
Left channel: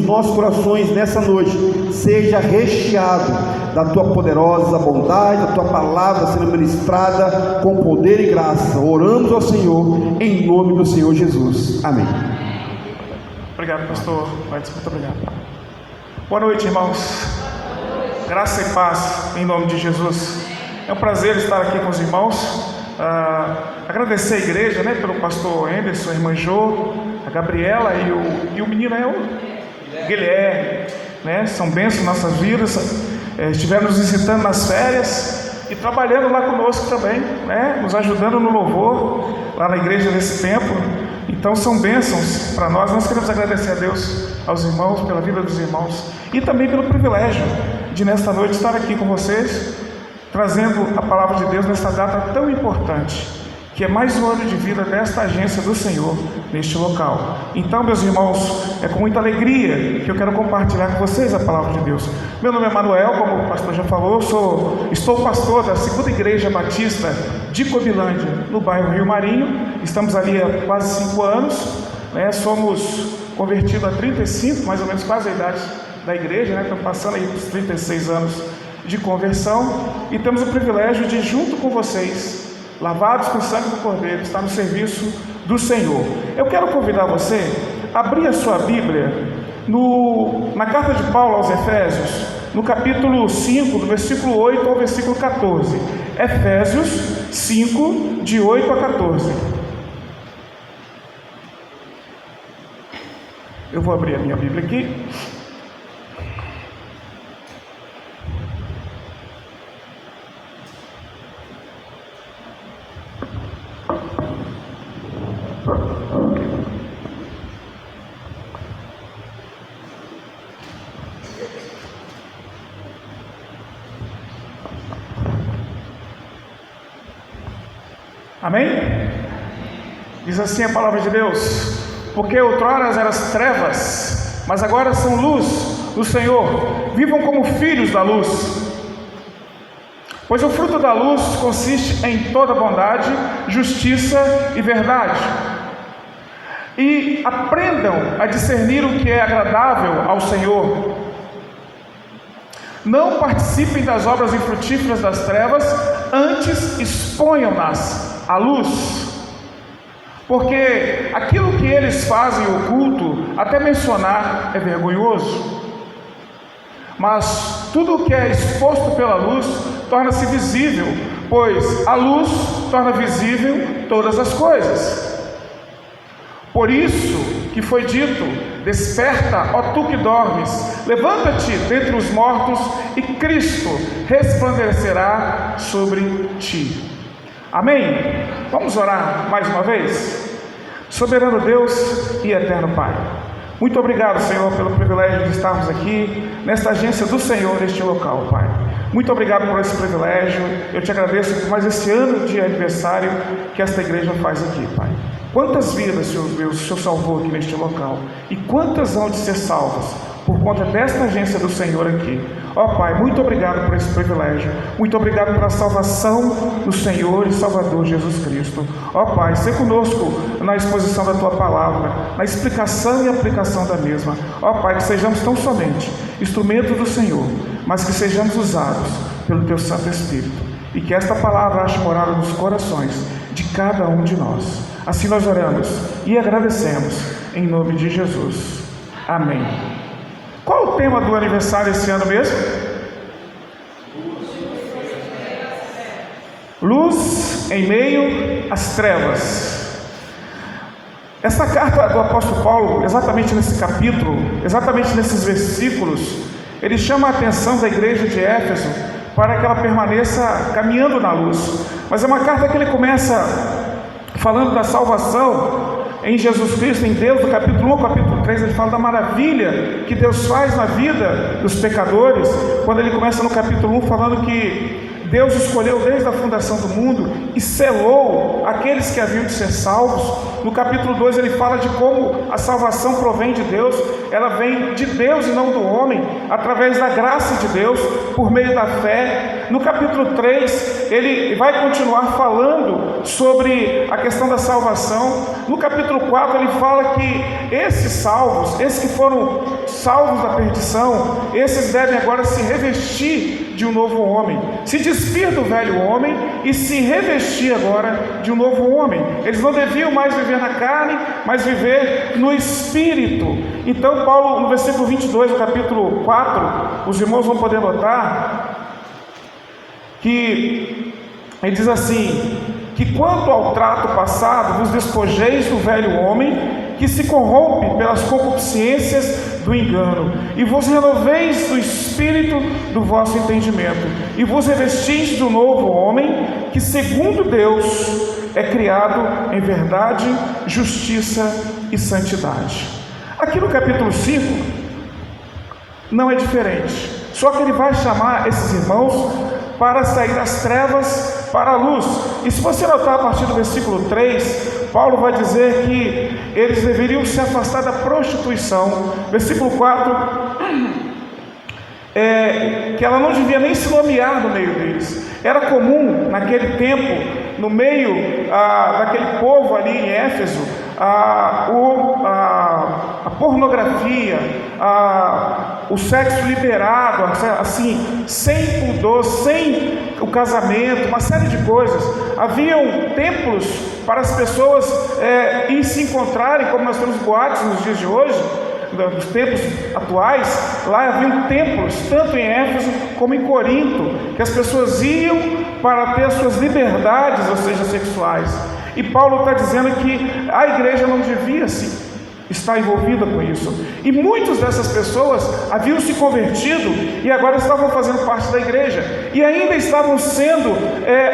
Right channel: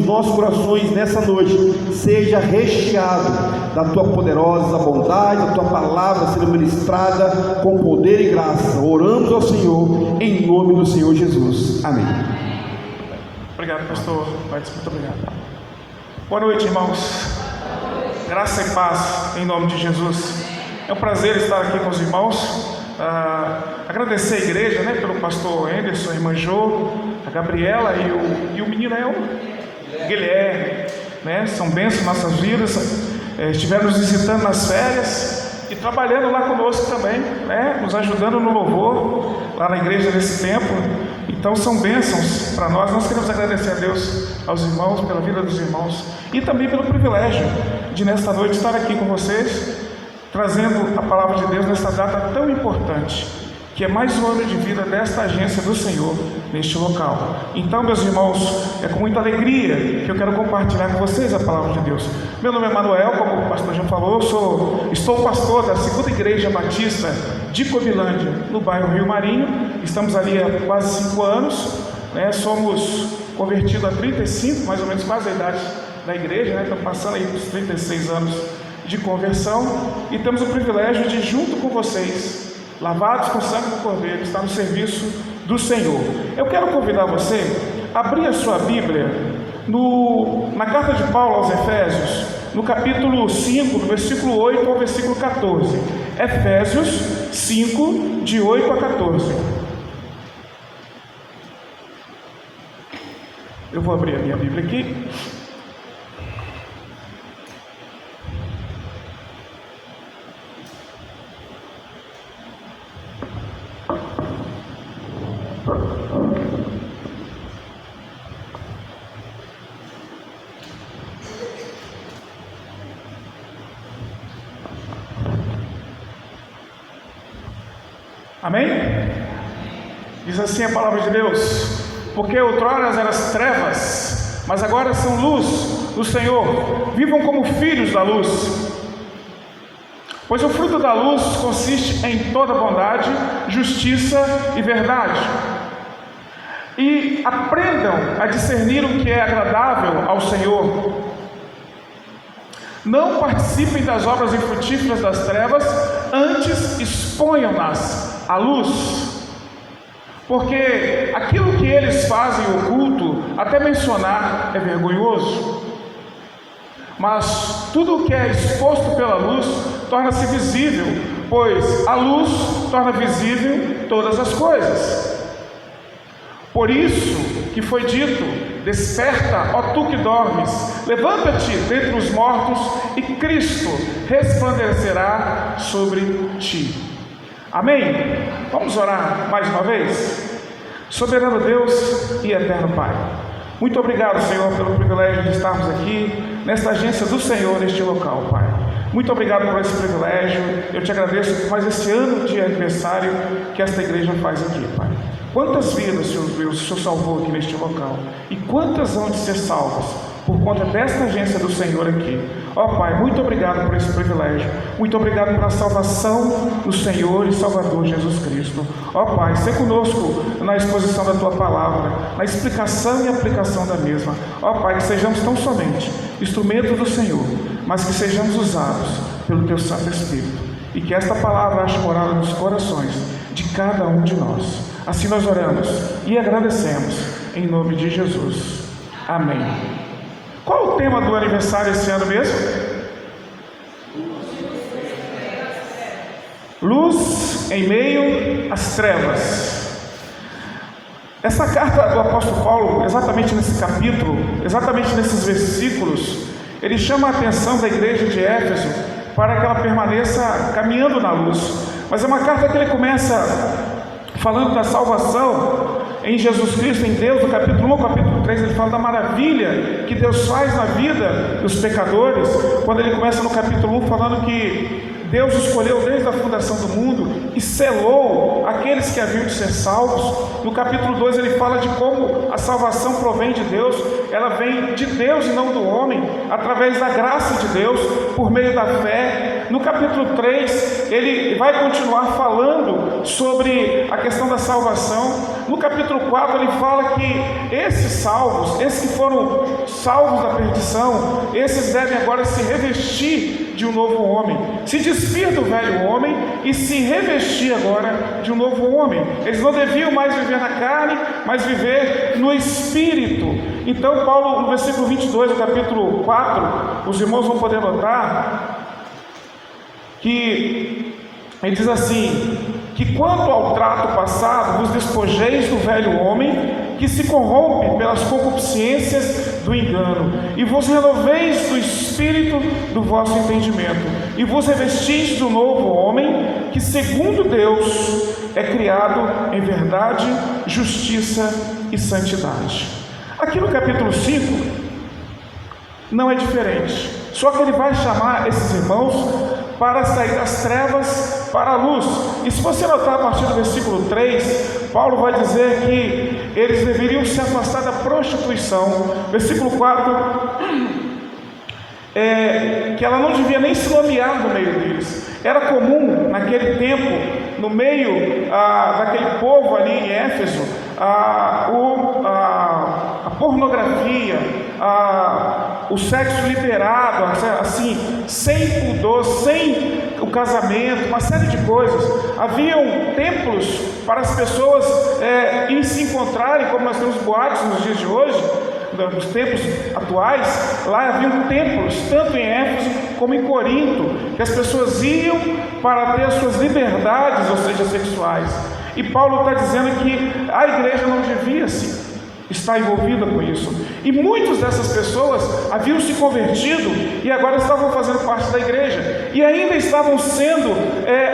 nossos corações nessa noite seja recheado da tua poderosa bondade, da tua palavra sendo ministrada com poder e graça. Oramos ao Senhor em nome do Senhor Jesus. Amém. Obrigado, pastor. Muito obrigado. Boa noite, irmãos. Graça e paz em nome de Jesus. É um prazer estar aqui com os irmãos. Agradecer a igreja, né, pelo pastor Anderson, a irmã Jo, a Gabriela e o menino Guilherme, né? São bênçãos em nossas vidas. Estiveram nos visitando nas férias e trabalhando lá conosco também, né? Nos ajudando no louvor lá na igreja nesse tempo. Então são bênçãos para nós. Nós queremos agradecer a Deus, aos irmãos, pela vida dos irmãos e também pelo privilégio de nesta noite estar aqui com vocês, trazendo a palavra de Deus nesta data tão importante, que é mais um ano de vida desta agência do Senhor neste local. Então, meus irmãos, é com muita alegria que eu quero compartilhar com vocês a palavra de Deus. Meu nome é Manuel, como o pastor já falou, estou pastor da Segunda Igreja Batista de Cobilândia, no bairro Rio Marinho. Estamos ali há quase 5 anos, né? Somos convertidos há 35, mais ou menos quase a idade da igreja, né? Estamos passando aí dos 36 anos de conversão e temos o privilégio de, junto com vocês, lavados com o sangue do Cordeiro, estar no serviço do Senhor. Eu quero convidar você a abrir a sua Bíblia na carta de Paulo aos Efésios, no capítulo 5, do versículo 8 ao versículo 14. Efésios 5, de 8 a 14. Eu vou abrir a minha Bíblia aqui. Amém? Diz assim a palavra de Deus: porque outrora eras trevas, mas agora são luz do Senhor. Vivam como filhos da luz. Pois o fruto da luz consiste em toda bondade, justiça e verdade. E aprendam a discernir o que é agradável ao Senhor. Não participem das obras infrutíferas das trevas, antes exponham-nas à luz. Porque aquilo que eles fazem oculto, até mencionar, é vergonhoso. Mas tudo o que é exposto pela luz torna-se visível, pois a luz torna visível todas as coisas. Por isso que foi dito: desperta, ó tu que dormes, levanta-te dentre os mortos, e Cristo resplandecerá sobre ti. Amém? Vamos orar mais uma vez? Soberano Deus e eterno Pai, muito obrigado, Senhor, pelo privilégio de estarmos aqui nesta agência do Senhor, neste local, Pai. Muito obrigado por esse privilégio. Eu te agradeço por mais esse ano de aniversário que esta igreja faz aqui, Pai. Quantas vidas, Senhor Deus, o Senhor salvou aqui neste local, e quantas vão de ser salvas por conta desta agência do Senhor aqui. Ó Pai, muito obrigado por esse privilégio. Muito obrigado pela salvação do Senhor e Salvador Jesus Cristo. Ó Pai, seja conosco na exposição da Tua palavra, na explicação e aplicação da mesma. Ó Pai, que sejamos tão somente instrumentos do Senhor, mas que sejamos usados pelo Teu Santo Espírito, e que esta palavra ache morada nos corações de cada um de nós. Assim nós oramos e agradecemos em nome de Jesus. Amém. Qual o tema do aniversário esse ano mesmo? Luz em meio às trevas. Essa carta do apóstolo Paulo, exatamente nesse capítulo, exatamente nesses versículos, ele chama a atenção da igreja de Éfeso para que ela permaneça caminhando na luz. Mas é uma carta que ele começa falando da salvação em Jesus Cristo, em Deus. No capítulo 1, capítulo 3, ele fala da maravilha que Deus faz na vida dos pecadores, quando ele começa no capítulo 1 falando que Deus escolheu desde a fundação do mundo e selou aqueles que haviam de ser salvos. No capítulo 2 ele fala de como a salvação provém de Deus, ela vem de Deus e não do homem, através da graça de Deus, por meio da fé. No capítulo 3 ele vai continuar falando sobre a questão da salvação. No capítulo 4 ele fala que esses salvos, esses que foram salvos da perdição, esses devem agora se revestir de um novo homem, se despir do velho homem e se revestir agora de um novo homem. Eles não deviam mais viver na carne, mas viver no Espírito. Então Paulo, no versículo 22 do capítulo 4, os irmãos vão poder notar que ele diz assim: que quanto ao trato passado, vos despojeis do velho homem, que se corrompe pelas concupiscências do engano, e vos renoveis do espírito do vosso entendimento, e vos revestis do novo homem, que segundo Deus é criado em verdade, justiça e santidade. Aqui no capítulo 5 não é diferente, só que ele vai chamar esses irmãos para sair das trevas para a luz. E se você notar a partir do versículo 3, Paulo vai dizer que eles deveriam se afastar da prostituição. Versículo 4, que ela não devia nem se nomear no meio deles. Era comum naquele tempo, no meio daquele povo ali em Éfeso, a pornografia, o sexo liberado, assim, sem pudor, sem o casamento, uma série de coisas. Haviam templos para as pessoas ir se encontrarem, como nós temos boates nos dias de hoje, nos tempos atuais. Lá haviam templos, tanto em Éfeso como em Corinto, que as pessoas iam para ter as suas liberdades, ou seja, sexuais. E Paulo está dizendo que a igreja não devia está envolvida com isso. E muitas dessas pessoas haviam se convertido e agora estavam fazendo parte da igreja, e ainda estavam sendo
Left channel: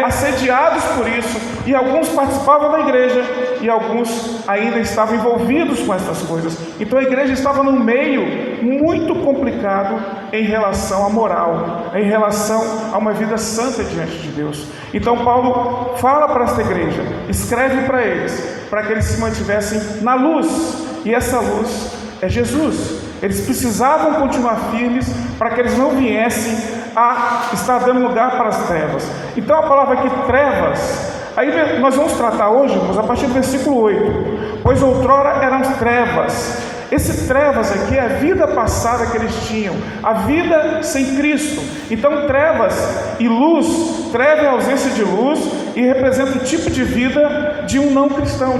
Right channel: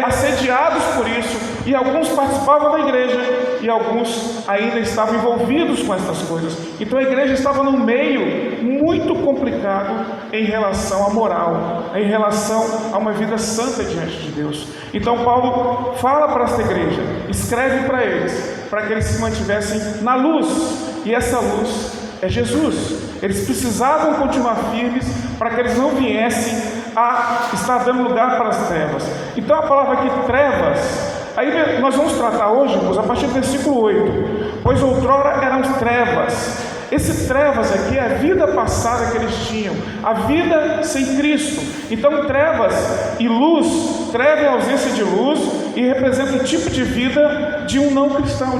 assediados por isso, e alguns participavam da igreja e alguns ainda estavam envolvidos com essas coisas. Então a igreja estava num meio muito complicado em relação à moral, em relação a uma vida santa diante de Deus. Então Paulo fala para esta igreja, escreve para eles, para que eles se mantivessem na luz. E essa luz é Jesus. Eles precisavam continuar firmes para que eles não viessem a estar dando lugar para as trevas. Então a palavra aqui, trevas, aí nós vamos tratar hoje, irmãos, a partir do versículo 8. Pois outrora eram trevas. Esse trevas aqui é a vida passada que eles tinham, a vida sem Cristo. Então trevas e luz, treva é a ausência de luz e representa o tipo de vida de um não cristão,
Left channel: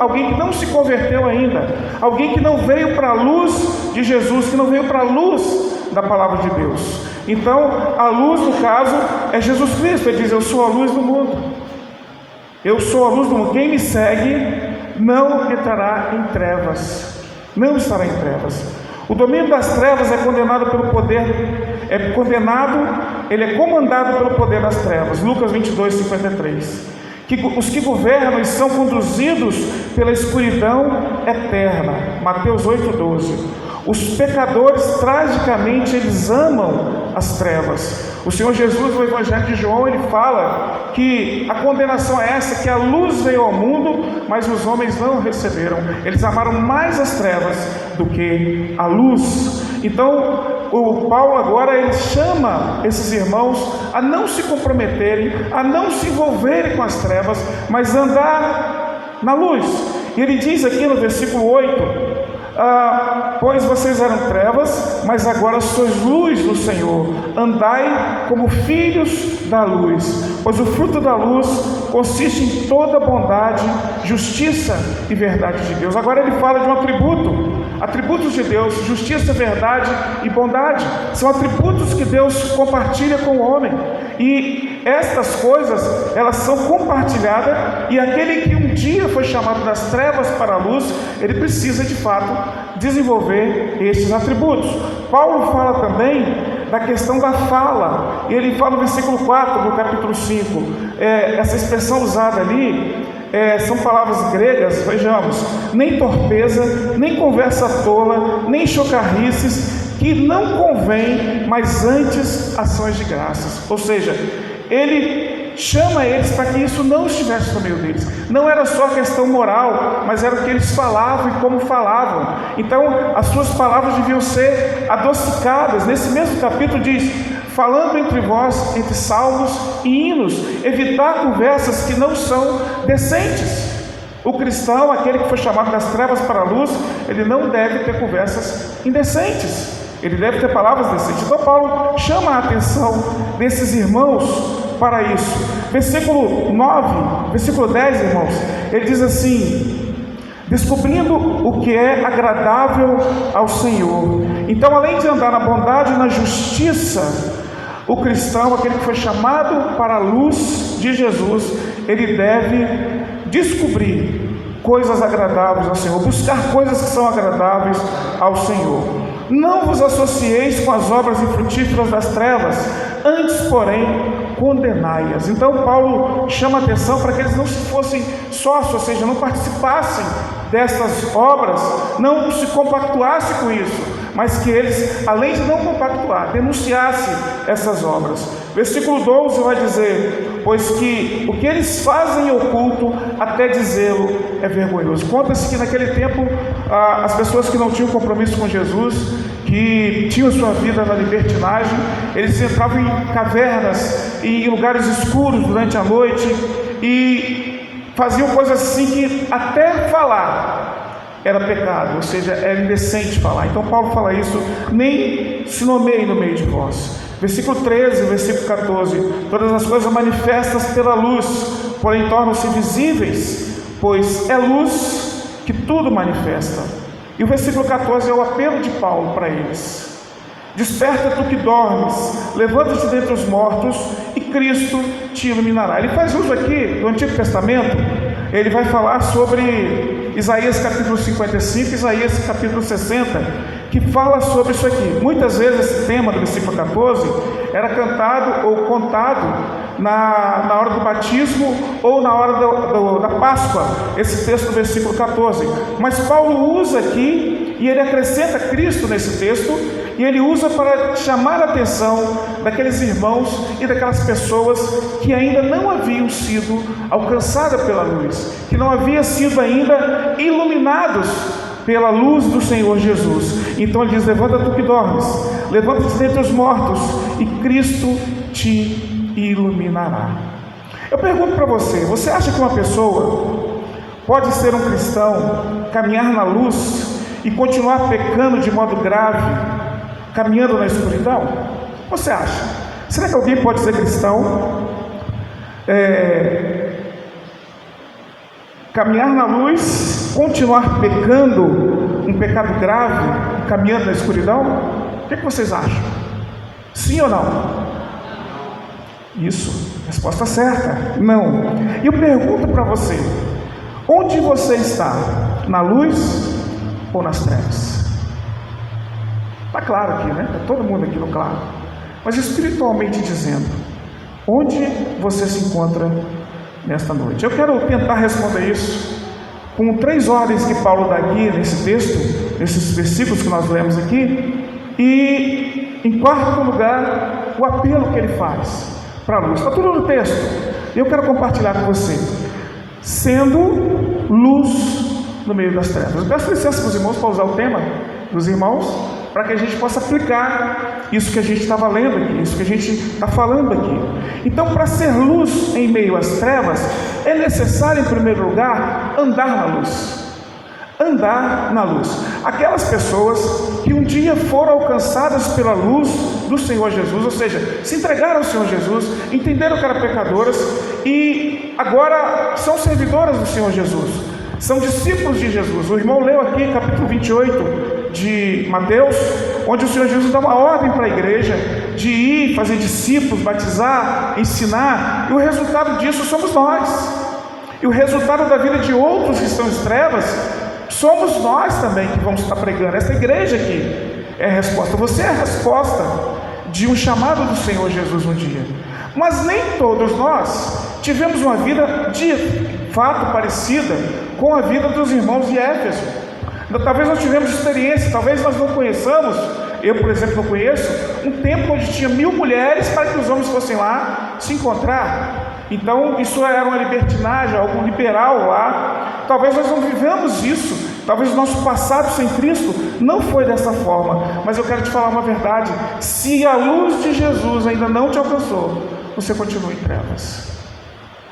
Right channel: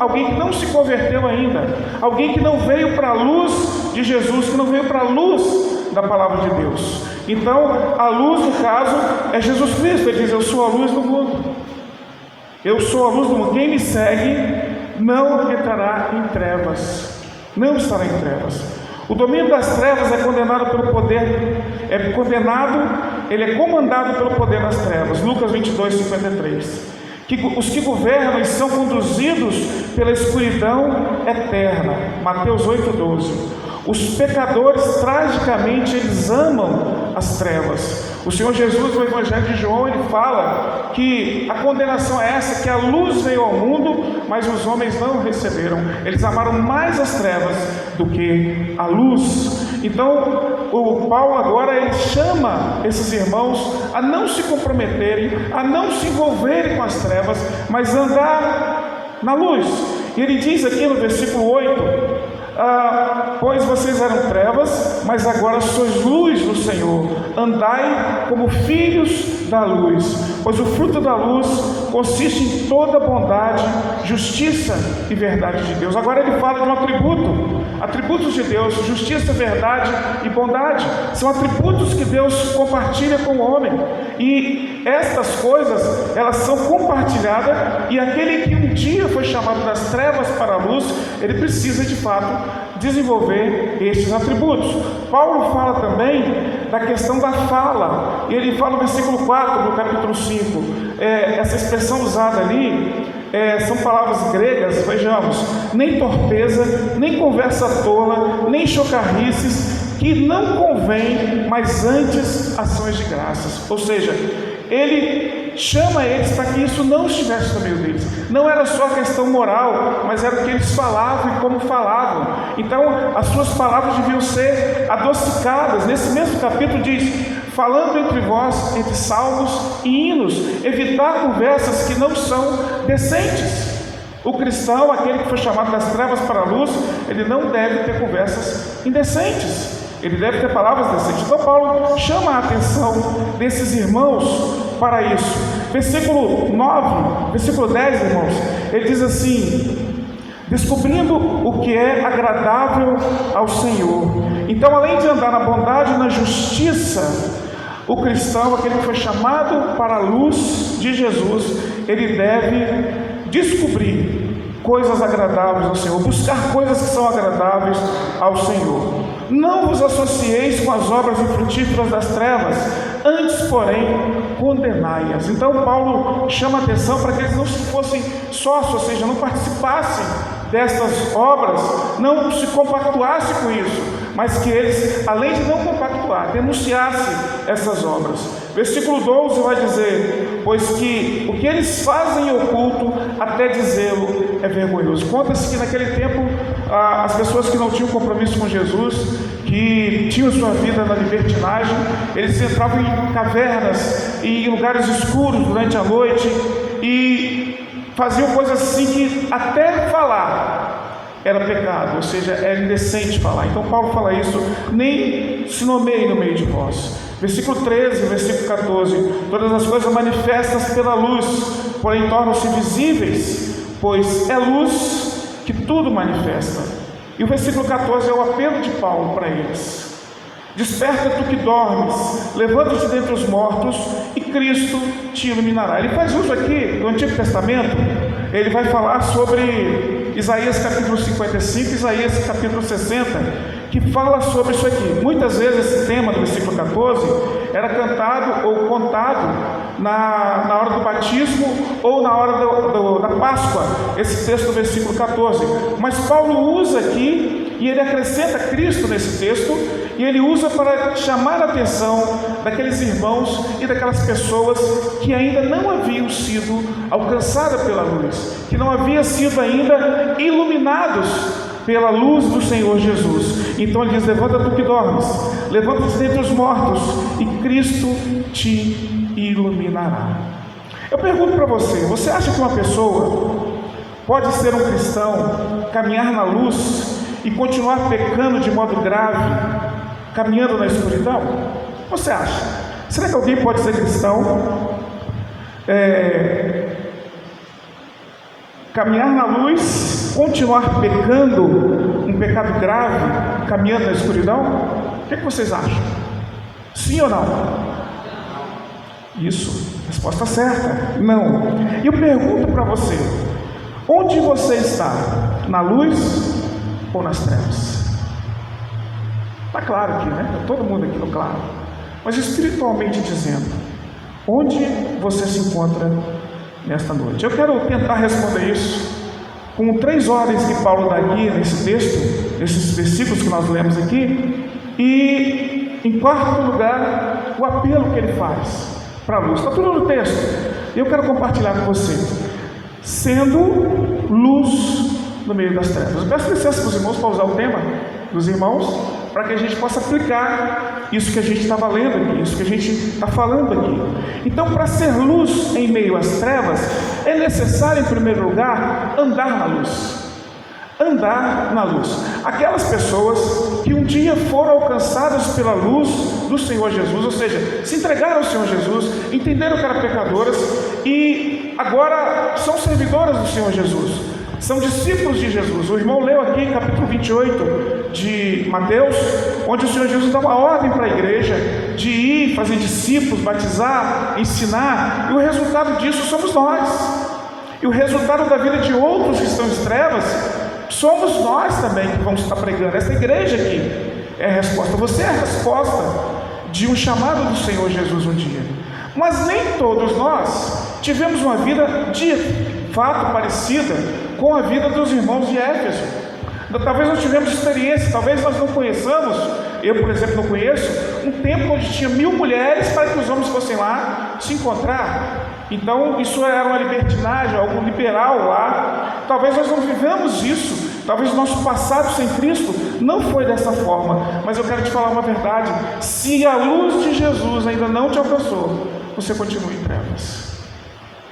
alguém que não se converteu ainda, alguém que não veio para a luz de Jesus, que não veio para a luz da palavra de Deus. Então a luz, no caso, é Jesus Cristo. Ele diz: eu sou a luz do mundo, eu sou a luz do mundo, quem me segue não entrará em trevas, não estará em trevas. O domínio das trevas é condenado pelo poder, ele é comandado pelo poder das trevas. Lucas 22, 53. Os que governam são conduzidos pela escuridão eterna. Mateus 8, 12. Os pecadores, tragicamente, eles amam as trevas. O Senhor Jesus, no Evangelho de João, ele fala que a condenação é essa, que a luz veio ao mundo, mas os homens não receberam. Eles amaram mais as trevas do que a luz. Então, o Paulo agora ele chama esses irmãos a não se comprometerem, a não se envolverem com as trevas, mas andar na luz. E ele diz aqui no versículo 8: pois vocês eram trevas, mas agora sois luz do Senhor. Andai como filhos da luz, pois o fruto da luz consiste em toda bondade, justiça e verdade de Deus. Agora ele fala de um atributos de Deus: justiça, verdade e bondade. São atributos que Deus compartilha com o homem, e estas coisas, elas são compartilhadas, e aquele que um dia foi chamado das trevas para a luz, ele precisa de fato desenvolver estes atributos. Paulo fala também da questão da fala, e ele fala no versículo 4 do capítulo 5, essa expressão usada ali, são palavras gregas, vejamos: nem torpeza, nem conversa tola, nem chocarrices, que não convém, mas antes ações de graças. Ou seja, ele chama eles para que isso não estivesse no meio deles. Não era só questão moral, mas era o que eles falavam e como falavam. Então as suas palavras deviam ser adocicadas. Nesse mesmo capítulo diz: falando entre vós, entre salmos e hinos, evitar conversas que não são decentes. O cristão, aquele que foi chamado das trevas para a luz, ele não deve ter conversas indecentes, ele deve ter palavras decentes. Então Paulo chama a atenção desses irmãos para isso. Versículo 9, versículo 10, irmãos, ele diz assim: descobrindo o que é agradável ao Senhor. Então, além de andar na bondade e na justiça, o cristão, aquele que foi chamado para a luz de Jesus, ele deve descobrir coisas agradáveis ao Senhor, buscar coisas que são agradáveis ao Senhor. Não vos associeis com as obras infrutíferas das trevas, antes, porém, condenai-as. Então Paulo chama a atenção para que eles não fossem sócios, ou seja, não participassem dessas obras, não se compactuassem com isso, mas que eles, além de não compactuar, denunciassem essas obras. Versículo 12 vai dizer: pois que o que eles fazem em oculto, até dizê-lo é vergonhoso. Conta-se que naquele tempo as pessoas que não tinham compromisso com Jesus, que tinham sua vida na libertinagem, eles entravam em cavernas e em lugares escuros durante a noite e faziam coisas assim que até falar era pecado, ou seja, era indecente falar. Então Paulo fala isso: nem se nomeie no meio de vós. Versículo 13, versículo 14: todas as coisas manifestas pela luz, porém tornam-se visíveis, pois é luz que tudo manifesta. E o versículo 14 é o apelo de Paulo para eles: desperta tu que dormes, levanta-te dentre os mortos, e Cristo te iluminará. Ele faz uso aqui do Antigo Testamento, ele vai falar sobre Isaías capítulo 55, Isaías capítulo 60, que fala sobre isso aqui. Muitas vezes esse tema do versículo 14 era cantado ou contado na hora do batismo ou na hora da Páscoa, esse texto do versículo 14. Mas Paulo usa aqui e ele acrescenta Cristo nesse texto, e ele usa para chamar a atenção daqueles irmãos e daquelas pessoas que ainda não haviam sido alcançadas pela luz, que não haviam sido ainda iluminados pela luz do Senhor Jesus. Então ele diz: levanta tu que dormes, levanta-te dentre os mortos, e Cristo te iluminará. Eu pergunto para você: você acha que uma pessoa pode ser um cristão, caminhar na luz e continuar pecando de modo grave, caminhando na escuridão? Você acha? Será que alguém pode ser cristão, caminhar na luz, continuar pecando um pecado grave, caminhando na escuridão? O que vocês acham? Sim ou não? Isso, resposta certa, não. E eu pergunto para você: onde você está? Na luz ou nas trevas? Está claro aqui, né? Está todo mundo aqui no claro. Mas espiritualmente dizendo, onde você se encontra nesta noite? Eu quero tentar responder isso com 3 ordens que Paulo dá aqui nesse texto, nesses versículos que nós lemos aqui, e em quarto lugar, o apelo que ele faz para a luz. Está tudo no texto. Eu quero compartilhar com você: sendo luz no meio das trevas. Eu peço licença para os irmãos para usar o tema dos irmãos, para que a gente possa aplicar isso que a gente estava lendo aqui, isso que a gente está falando aqui. Então, para ser luz em meio às trevas, é necessário, em primeiro lugar, andar na luz. Andar na luz. Aquelas pessoas que um dia foram alcançadas pela luz do Senhor Jesus, ou seja, se entregaram ao Senhor Jesus, entenderam que eram pecadoras e agora são servidoras do Senhor Jesus, são discípulos de Jesus. O irmão leu aqui capítulo 28 de Mateus, onde o Senhor Jesus dá uma ordem para a igreja de ir, fazer discípulos, batizar, ensinar, e o resultado disso somos nós. E o resultado da vida de outros que estão em trevas somos nós também que vamos estar pregando. Essa igreja aqui é a resposta. Você é a resposta de um chamado do Senhor Jesus um dia. Mas nem todos nós tivemos uma vida de fato parecida com a vida dos irmãos de Éfeso. Talvez não tivemos experiência, talvez nós não conheçamos. Eu, por exemplo, não conheço um templo onde tinha 1000 mulheres para que os homens fossem lá se encontrar. Então isso era uma libertinagem, algo liberal lá. Talvez nós não vivamos isso, talvez o nosso passado sem Cristo não foi dessa forma. Mas eu quero te falar uma verdade: se a luz de Jesus ainda não te alcançou, você continua em trevas.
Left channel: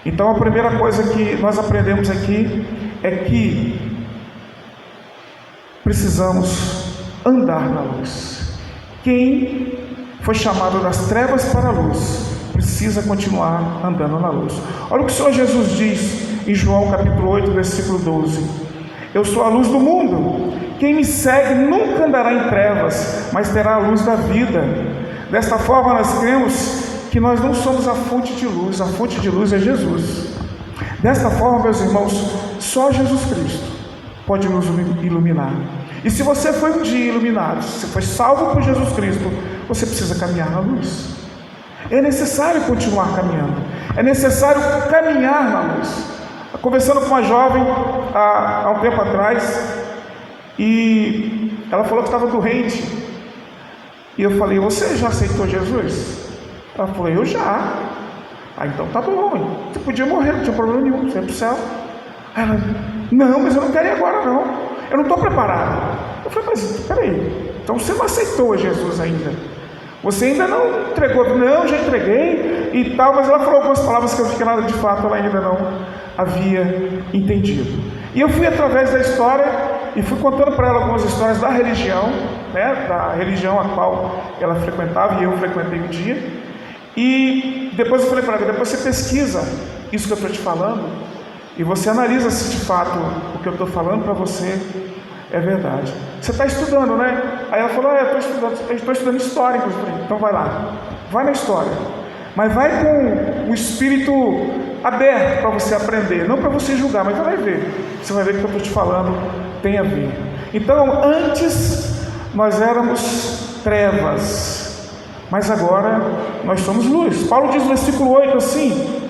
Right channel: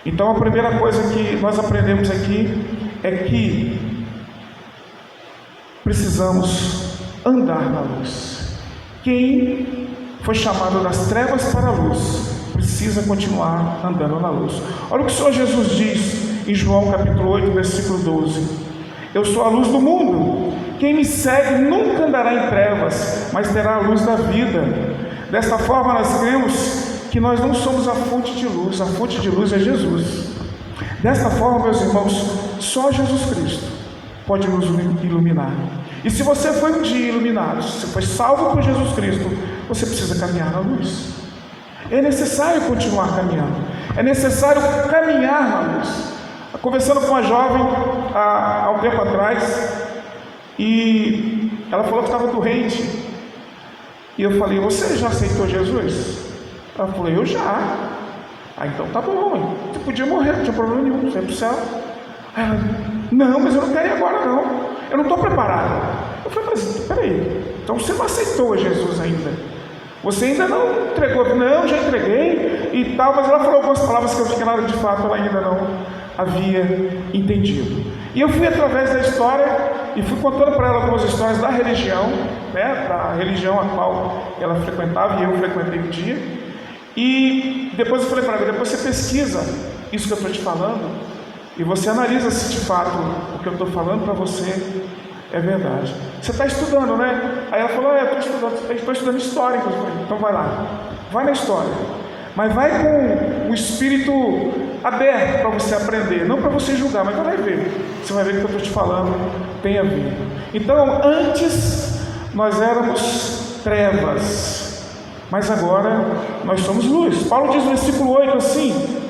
Então a primeira coisa que nós aprendemos aqui é que precisamos andar na luz. Quem foi chamado das trevas para a luz precisa continuar andando na luz. Olha o que o Senhor Jesus diz em João capítulo 8, versículo 12: eu sou a luz do mundo, quem me segue nunca andará em trevas, mas terá a luz da vida. Desta forma nós cremos que nós não somos a fonte de luz, a fonte de luz é Jesus. Desta forma, meus irmãos, só Jesus Cristo pode nos iluminar. E se você foi um dia iluminado, se você foi salvo por Jesus Cristo, você precisa caminhar na luz. É necessário continuar caminhando, é necessário caminhar na luz. Conversando com uma jovem há um tempo atrás, e ela falou que estava doente, e eu falei: você já aceitou Jesus? Ela falou: eu já. Então tá bom, você podia morrer, não tinha problema nenhum, você ia para o céu. Ela: não, mas eu não quero ir agora não, eu não estou preparada. Eu falei: mas peraí, então você não aceitou Jesus ainda? Você ainda não entregou? Não, já entreguei e tal. Mas ela falou algumas palavras que eu fiquei nada, de fato ela ainda não havia entendido. E eu fui através da história e fui contando para ela algumas histórias da religião, né, da religião a qual ela frequentava e eu frequentei um dia. E depois eu falei para ela: depois você pesquisa isso que eu estou te falando e você analisa se de fato o que eu estou falando para você é verdade. Você está estudando, né? Aí ela falou: eu estou estudando história. Então vai lá, vai na história, mas vai com o espírito aberto para você aprender, não para você julgar, mas vai ver. Você vai ver que o que eu estou te falando tem a ver. Então, antes nós éramos trevas, mas agora nós somos luz. Paulo diz no versículo 8 assim:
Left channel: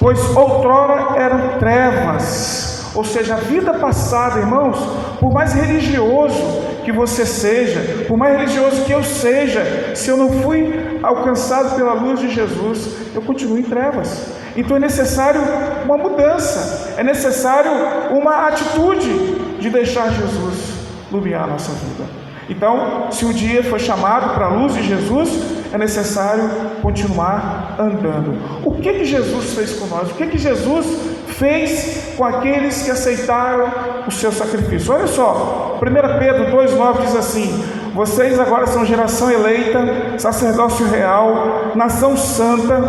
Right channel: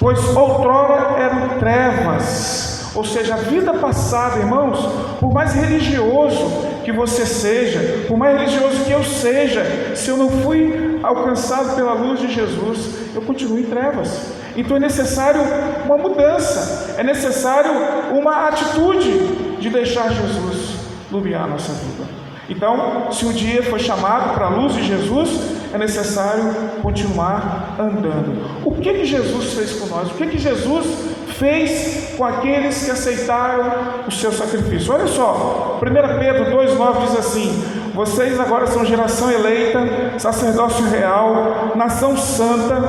pois outrora eram trevas. Ou seja, a vida passada, irmãos, por mais religioso que você seja, por mais religioso que eu seja, se eu não fui alcançado pela luz de Jesus, eu continuo em trevas. Então é necessário uma mudança, é necessário uma atitude. de deixar Jesus iluminar a nossa vida. Então, se um dia foi chamado para a luz de Jesus, é necessário continuar andando. O que Jesus fez com nós? O que Jesus fez com aqueles que aceitaram o seu sacrifício? Olha só, 1 Pedro 2,9 diz assim: vocês agora são geração eleita, sacerdócio real, nação santa,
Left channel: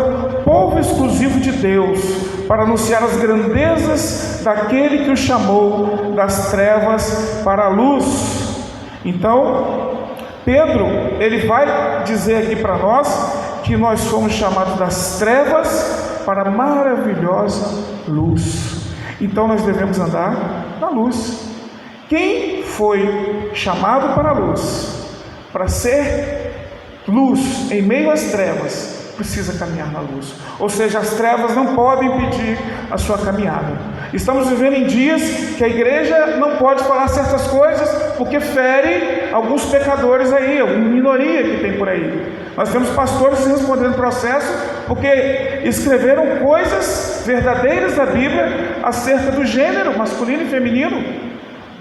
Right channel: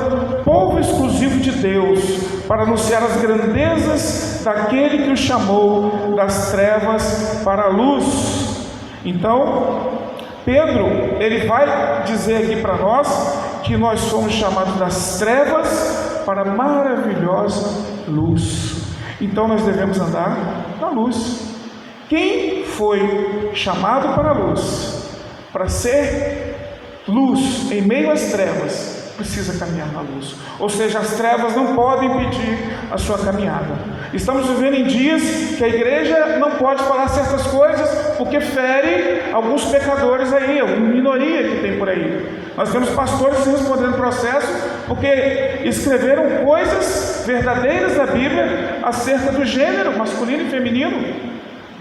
povo exclusivo de Deus, para anunciar as grandezas daquele que os chamou das trevas para a luz. Então, Pedro, ele vai dizer aqui para nós que nós somos chamados das trevas para a maravilhosa luz. Então nós devemos andar na luz. Quem foi chamado para a luz, para ser luz em meio às trevas, precisa caminhar na luz. Ou seja, as trevas não podem impedir a sua caminhada. Estamos vivendo em dias que a igreja não pode falar certas coisas porque fere alguns pecadores aí, uma minoria que tem por aí. Nós temos pastores respondendo processo porque escreveram coisas verdadeiras da Bíblia acerca do gênero masculino e feminino,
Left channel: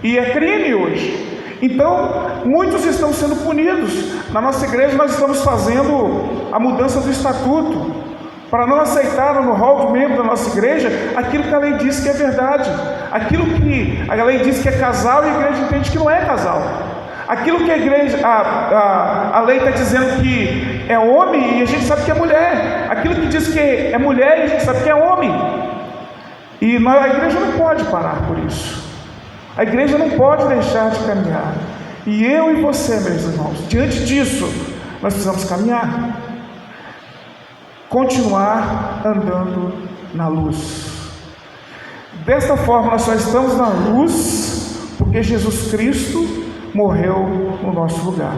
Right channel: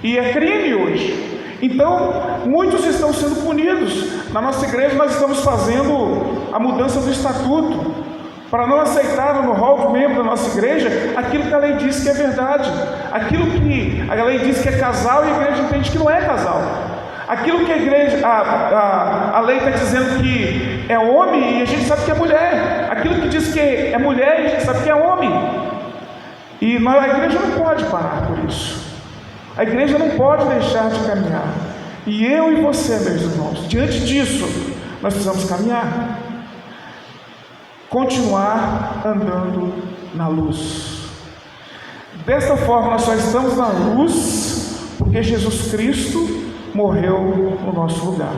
e é crime hoje. Então, muitos estão sendo punidos. Na nossa igreja nós estamos fazendo a mudança do estatuto, para não aceitar no rol de membro da nossa igreja aquilo que a lei diz que é verdade, aquilo que a lei diz que é casal e a igreja entende que não é casal, aquilo que a igreja, a lei está dizendo que é homem e a gente sabe que é mulher, aquilo que diz que é mulher e a gente sabe que é homem. E a igreja não pode parar por isso, a igreja não pode deixar de caminhar. E eu e você, meus irmãos, diante disso nós precisamos caminhar, continuar andando na luz. Desta forma nós só estamos na luz porque Jesus Cristo morreu no nosso lugar.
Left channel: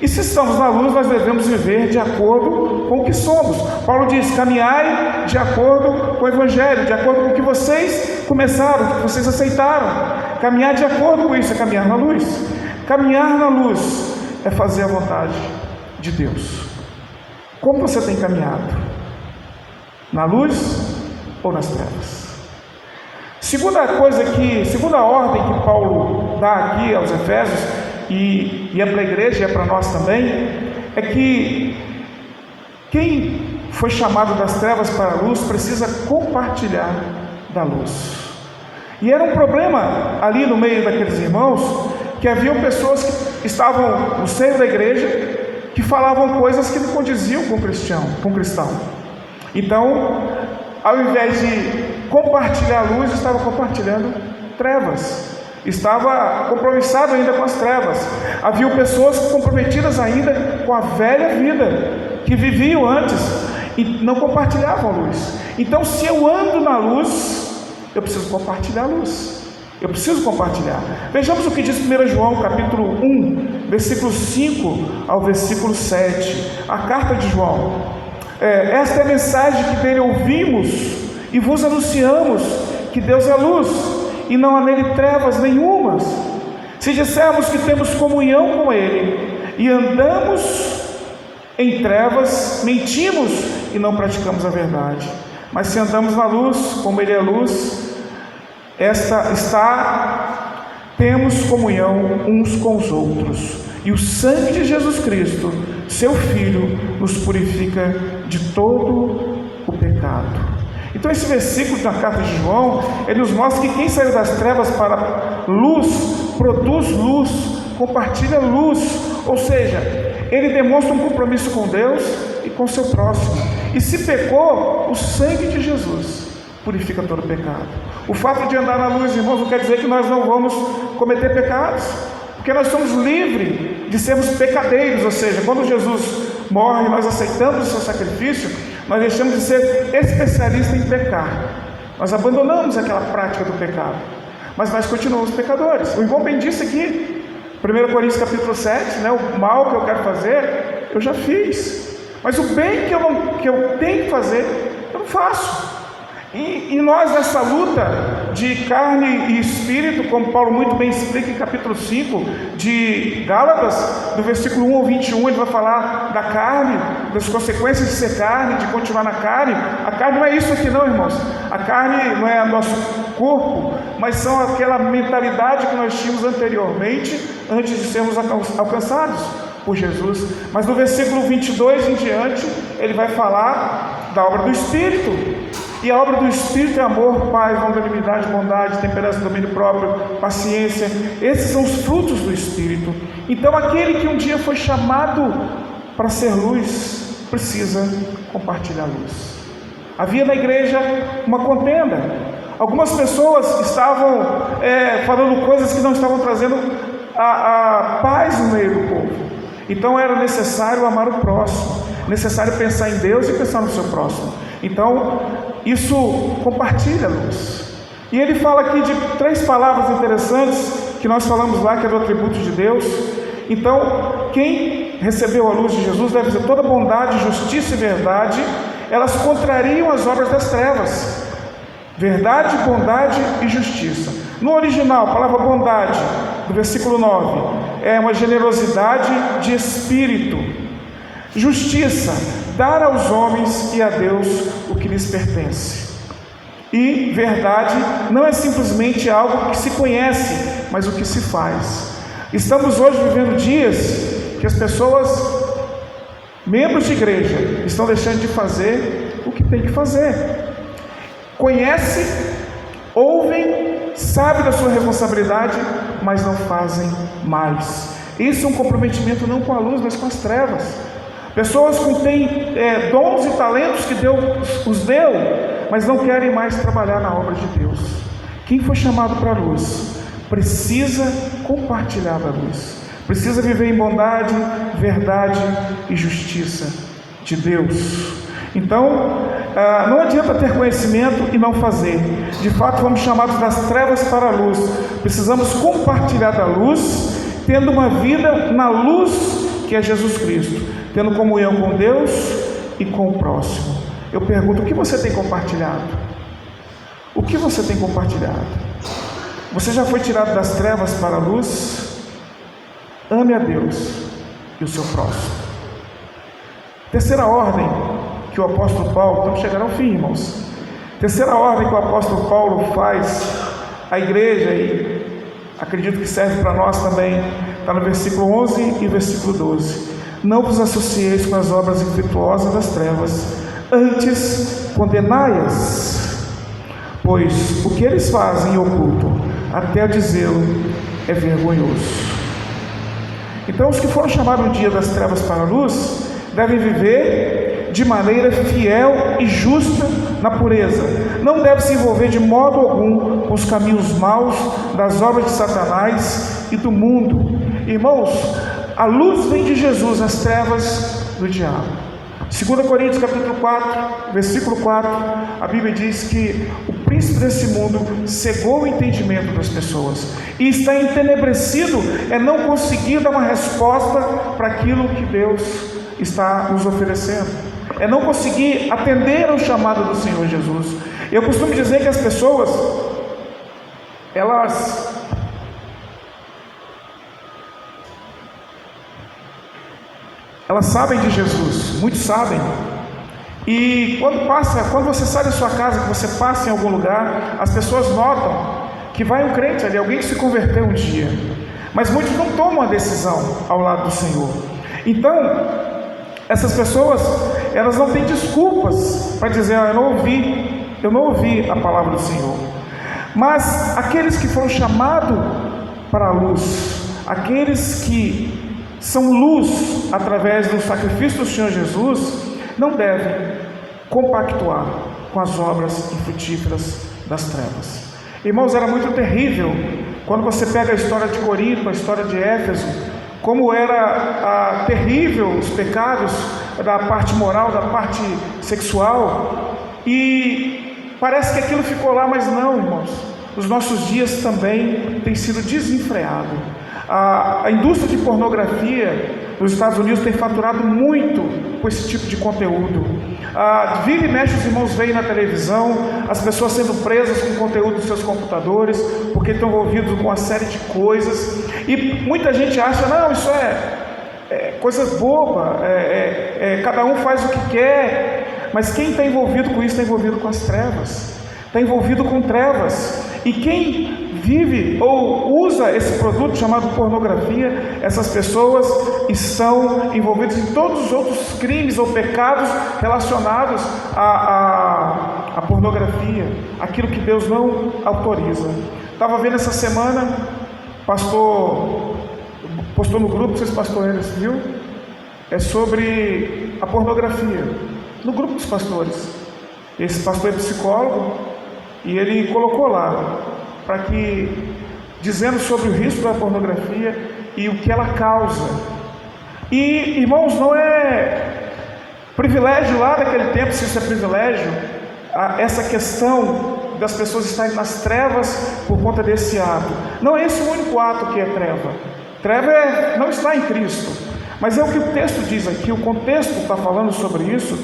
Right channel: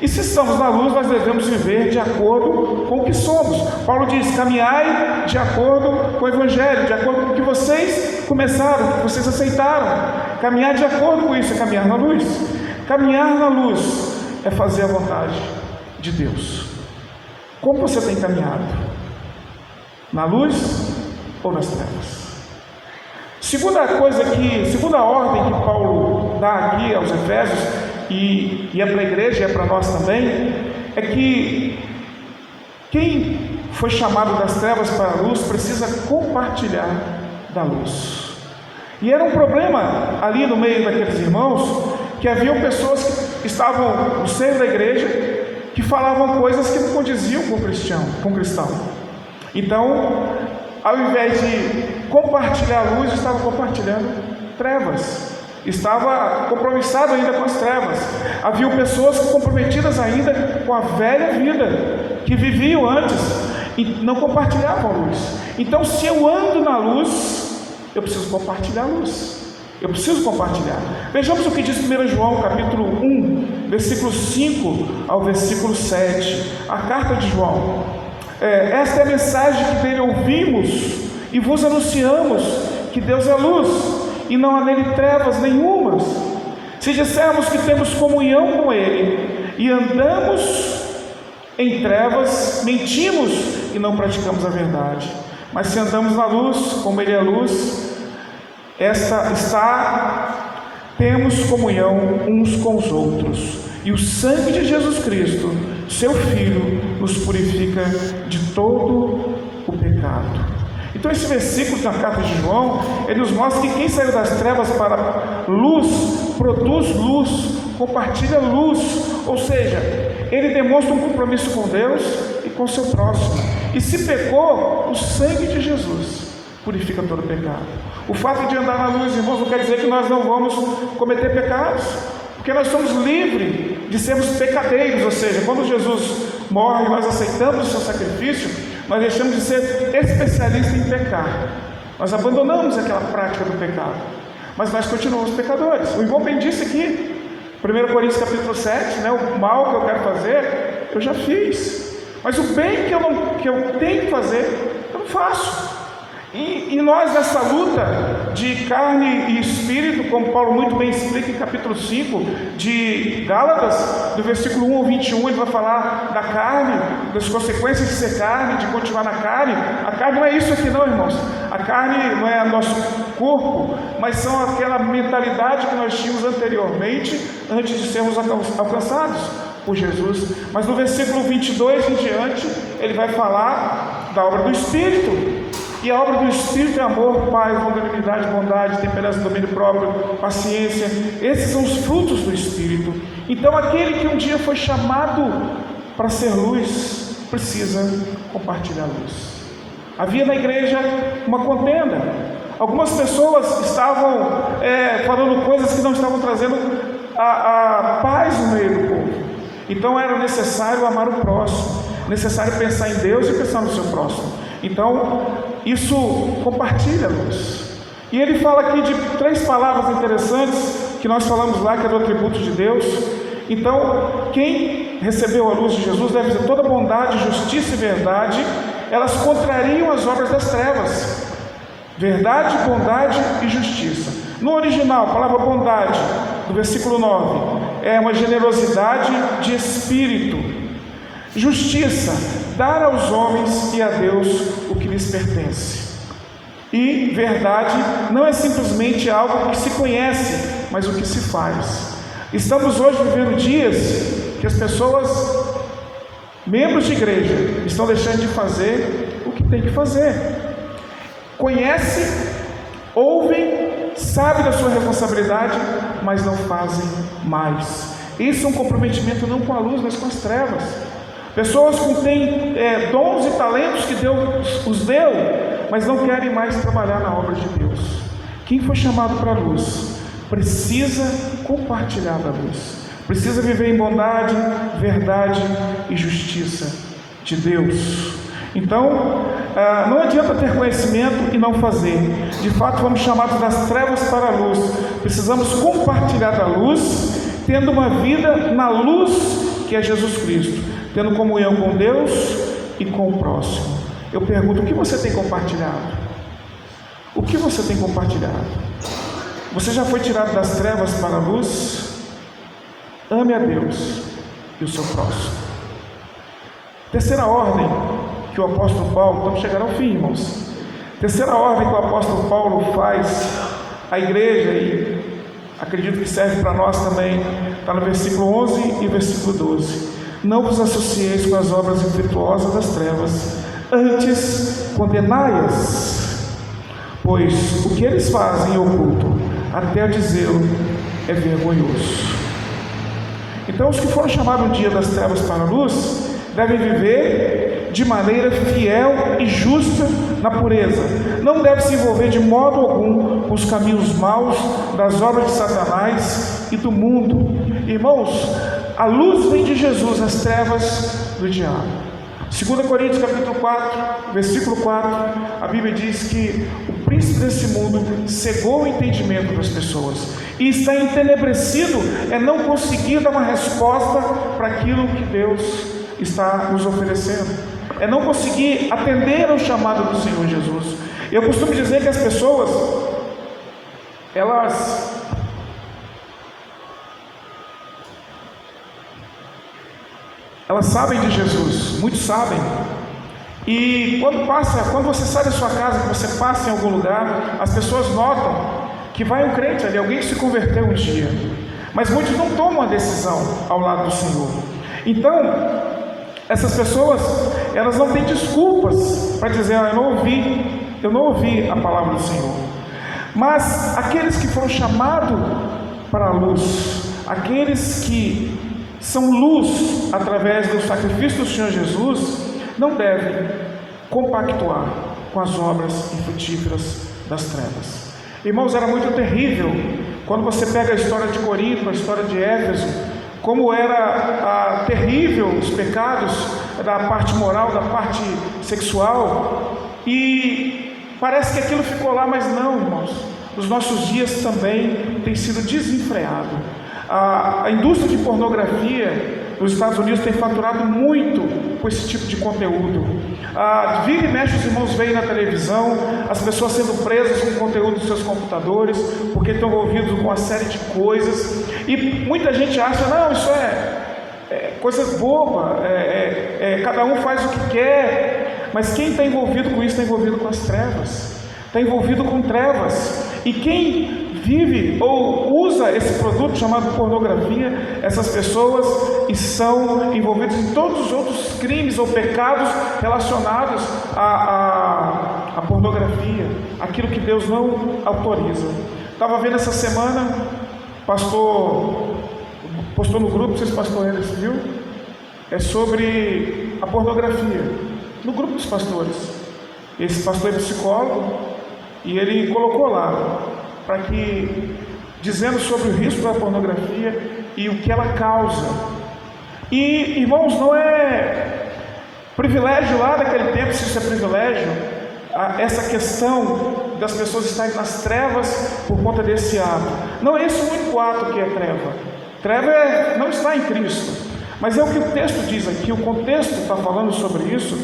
E se estamos na luz, nós devemos viver de acordo com o que somos. Paulo diz: caminhai de acordo com o Evangelho, de acordo com o que vocês começaram, o que vocês aceitaram. Caminhar de acordo com isso é caminhar na luz. Caminhar na luz é fazer a vontade de Deus. Como você tem caminhado? Na luz ou nas trevas? Segunda ordem que Paulo dá aqui aos Efésios, e é para a igreja e é para nós também, é que quem foi chamado das trevas para a luz precisa compartilhar da luz. E era um problema ali no meio daqueles irmãos, que haviam pessoas que estavam no seio da igreja, que falavam coisas que não condiziam com o cristão. Então, ao invés de compartilhar a luz, estava compartilhando trevas, estava compromissado ainda com as trevas. Havia pessoas comprometidas ainda com a velha vida, que viviam antes e não compartilhavam a luz. Então, se eu ando na luz, eu preciso compartilhar a luz. Eu preciso compartilhar. Vejamos o que diz 1 João capítulo 1, versículo 5 ao versículo 7, a carta de João. Esta é a mensagem que dele ouvimos e vos anunciamos, que Deus é luz e não há nele trevas nenhumas. Se dissermos que temos comunhão com ele e andamos em trevas, mentimos e não praticamos a verdade. Mas se andamos na luz, como ele é luz, temos comunhão uns com os outros, e o sangue de Jesus Cristo, seu Filho, nos purifica de todo o pecado. Então esse versículo da carta de João, ele nos mostra que quem saiu das trevas para luz, produz luz, compartilha luz, ou seja, ele demonstra um compromisso com Deus e com o seu próximo. E se pecou, o sangue de Jesus purifica todo o pecado. O fato de andar na luz, irmãos, não quer dizer que nós não vamos cometer pecados, porque nós somos livres de sermos pecadeiros, ou seja, quando Jesus morre e nós aceitamos o seu sacrifício, nós deixamos de ser especialistas em pecar, nós abandonamos aquela prática do pecado, mas nós continuamos pecadores. O irmão bem disse aqui, 1 Coríntios capítulo 7, o mal que eu quero fazer, eu já fiz, mas o bem que eu tenho que fazer, eu não faço. E nós nessa luta de carne e espírito, como Paulo muito bem explica em capítulo 5 de Gálatas, do versículo 1 ao 21, ele vai falar da carne, das consequências de ser carne, de continuar na carne. A carne não é isso aqui não, irmãos. A carne não é nosso corpo, mas são aquela mentalidade que nós tínhamos anteriormente, antes de sermos alcançados por Jesus. Mas no versículo 22 em diante, ele vai falar da obra do Espírito. E a obra do Espírito é amor, paz, longanimidade, bondade, temperança, domínio próprio, paciência. Esses são os frutos do Espírito. Então aquele que um dia foi chamado para ser luz, precisa compartilhar a luz. Havia na igreja uma contenda. Algumas pessoas estavam falando coisas que não estavam trazendo a paz no meio do povo. Então era necessário amar o próximo, necessário pensar em Deus e pensar no seu próximo. Então isso compartilha a luz. E ele fala aqui de 3 palavras interessantes que nós falamos lá, que é do atributo de Deus. Então quem recebeu a luz de Jesus deve dizer: toda bondade, justiça e verdade, elas contrariam as obras das trevas. Verdade, bondade e justiça. No original, a palavra bondade, do versículo 9, é uma generosidade de espírito. Justiça, dar aos homens e a Deus o que lhes pertence. E verdade não é simplesmente algo que se conhece, mas o que se faz. Estamos hoje vivendo dias que as pessoas, membros de igreja, estão deixando de fazer o que tem que fazer. Conhece, ouvem, sabe da sua responsabilidade, mas não fazem mais. Isso é um comprometimento não com a luz, mas com as trevas. Pessoas que têm dons e talentos que Deus os deu, mas não querem mais trabalhar na obra de Deus. Quem foi chamado para a luz precisa compartilhar da luz, precisa viver em bondade, verdade e justiça de Deus. Então, não adianta ter conhecimento e não fazer. De fato, fomos chamados das trevas para a luz. Precisamos compartilhar da luz, tendo uma vida na luz que é Jesus Cristo, tendo comunhão com Deus e com o próximo. Eu pergunto: o que você tem compartilhado? O que você tem compartilhado? Você já foi tirado das trevas para a luz? Ame a Deus e o seu próximo. Terceira ordem que o apóstolo Paulo, estamos chegando ao fim, irmãos. Terceira ordem que o apóstolo Paulo faz à igreja, e acredito que serve para nós também, está no versículo 11 e versículo 12. Não vos associeis com as obras infrutuosas das trevas, antes condenai-as, pois o que eles fazem em oculto, até o dizê-lo, é vergonhoso. Então os que foram chamados um dia das trevas para a luz, devem viver de maneira fiel e justa na pureza. Não deve se envolver de modo algum com os caminhos maus das obras de Satanás e do mundo. Irmãos, a luz vem de Jesus, as trevas do diabo. 2 Coríntios capítulo 4, versículo 4, a Bíblia diz que o príncipe desse mundo cegou o entendimento das pessoas, e está entenebrecido é não conseguir dar uma resposta para aquilo que Deus está nos oferecendo, é não conseguir atender ao chamado do Senhor Jesus. Eu costumo dizer que as pessoas, elas sabem de Jesus, muitos sabem, e quando você sai da sua casa, que você passa em algum lugar, as pessoas notam que vai um crente ali, alguém que se converteu um dia, mas muitos não tomam a decisão ao lado do Senhor. Então essas pessoas, elas não têm desculpas para dizer: eu não ouvi a palavra do Senhor. Mas aqueles que foram chamados para a luz, aqueles que são luz através do sacrifício do Senhor Jesus, não devem compactuar com as obras infrutíferas das trevas. Irmãos, era muito terrível quando você pega a história de Corinto, a história de Éfeso, como era terrível os pecados da parte moral, da parte sexual, e parece que aquilo ficou lá, mas não, irmãos. Os nossos dias também tem sido desenfreado. A indústria de pornografia nos Estados Unidos tem faturado muito com esse tipo de conteúdo. Vira e mexe, os irmãos veem na televisão as pessoas sendo presas com o conteúdo dos seus computadores, porque estão envolvidos com uma série de coisas, e muita gente acha, não, isso é coisa boba, cada um faz o que quer, mas quem está envolvido com isso está envolvido com as trevas, está envolvido com trevas, e quem vive ou usa esse produto chamado pornografia, essas pessoas estão envolvidas em todos os outros crimes ou pecados relacionados à pornografia, aquilo que Deus não autoriza. Estava vendo essa semana, pastor postou no grupo, vocês pastores, viu? É sobre a pornografia, no grupo dos pastores. Esse pastor é psicólogo e ele colocou lá, dizendo sobre o risco da pornografia e o que ela causa. E, irmãos, não é privilégio lá daquele tempo, se isso é privilégio, essa questão das pessoas estarem nas trevas por conta desse ato. Não é esse o único ato que é treva. Treva é não estar em Cristo, mas é o que o texto diz aqui, o contexto está falando sobre isso,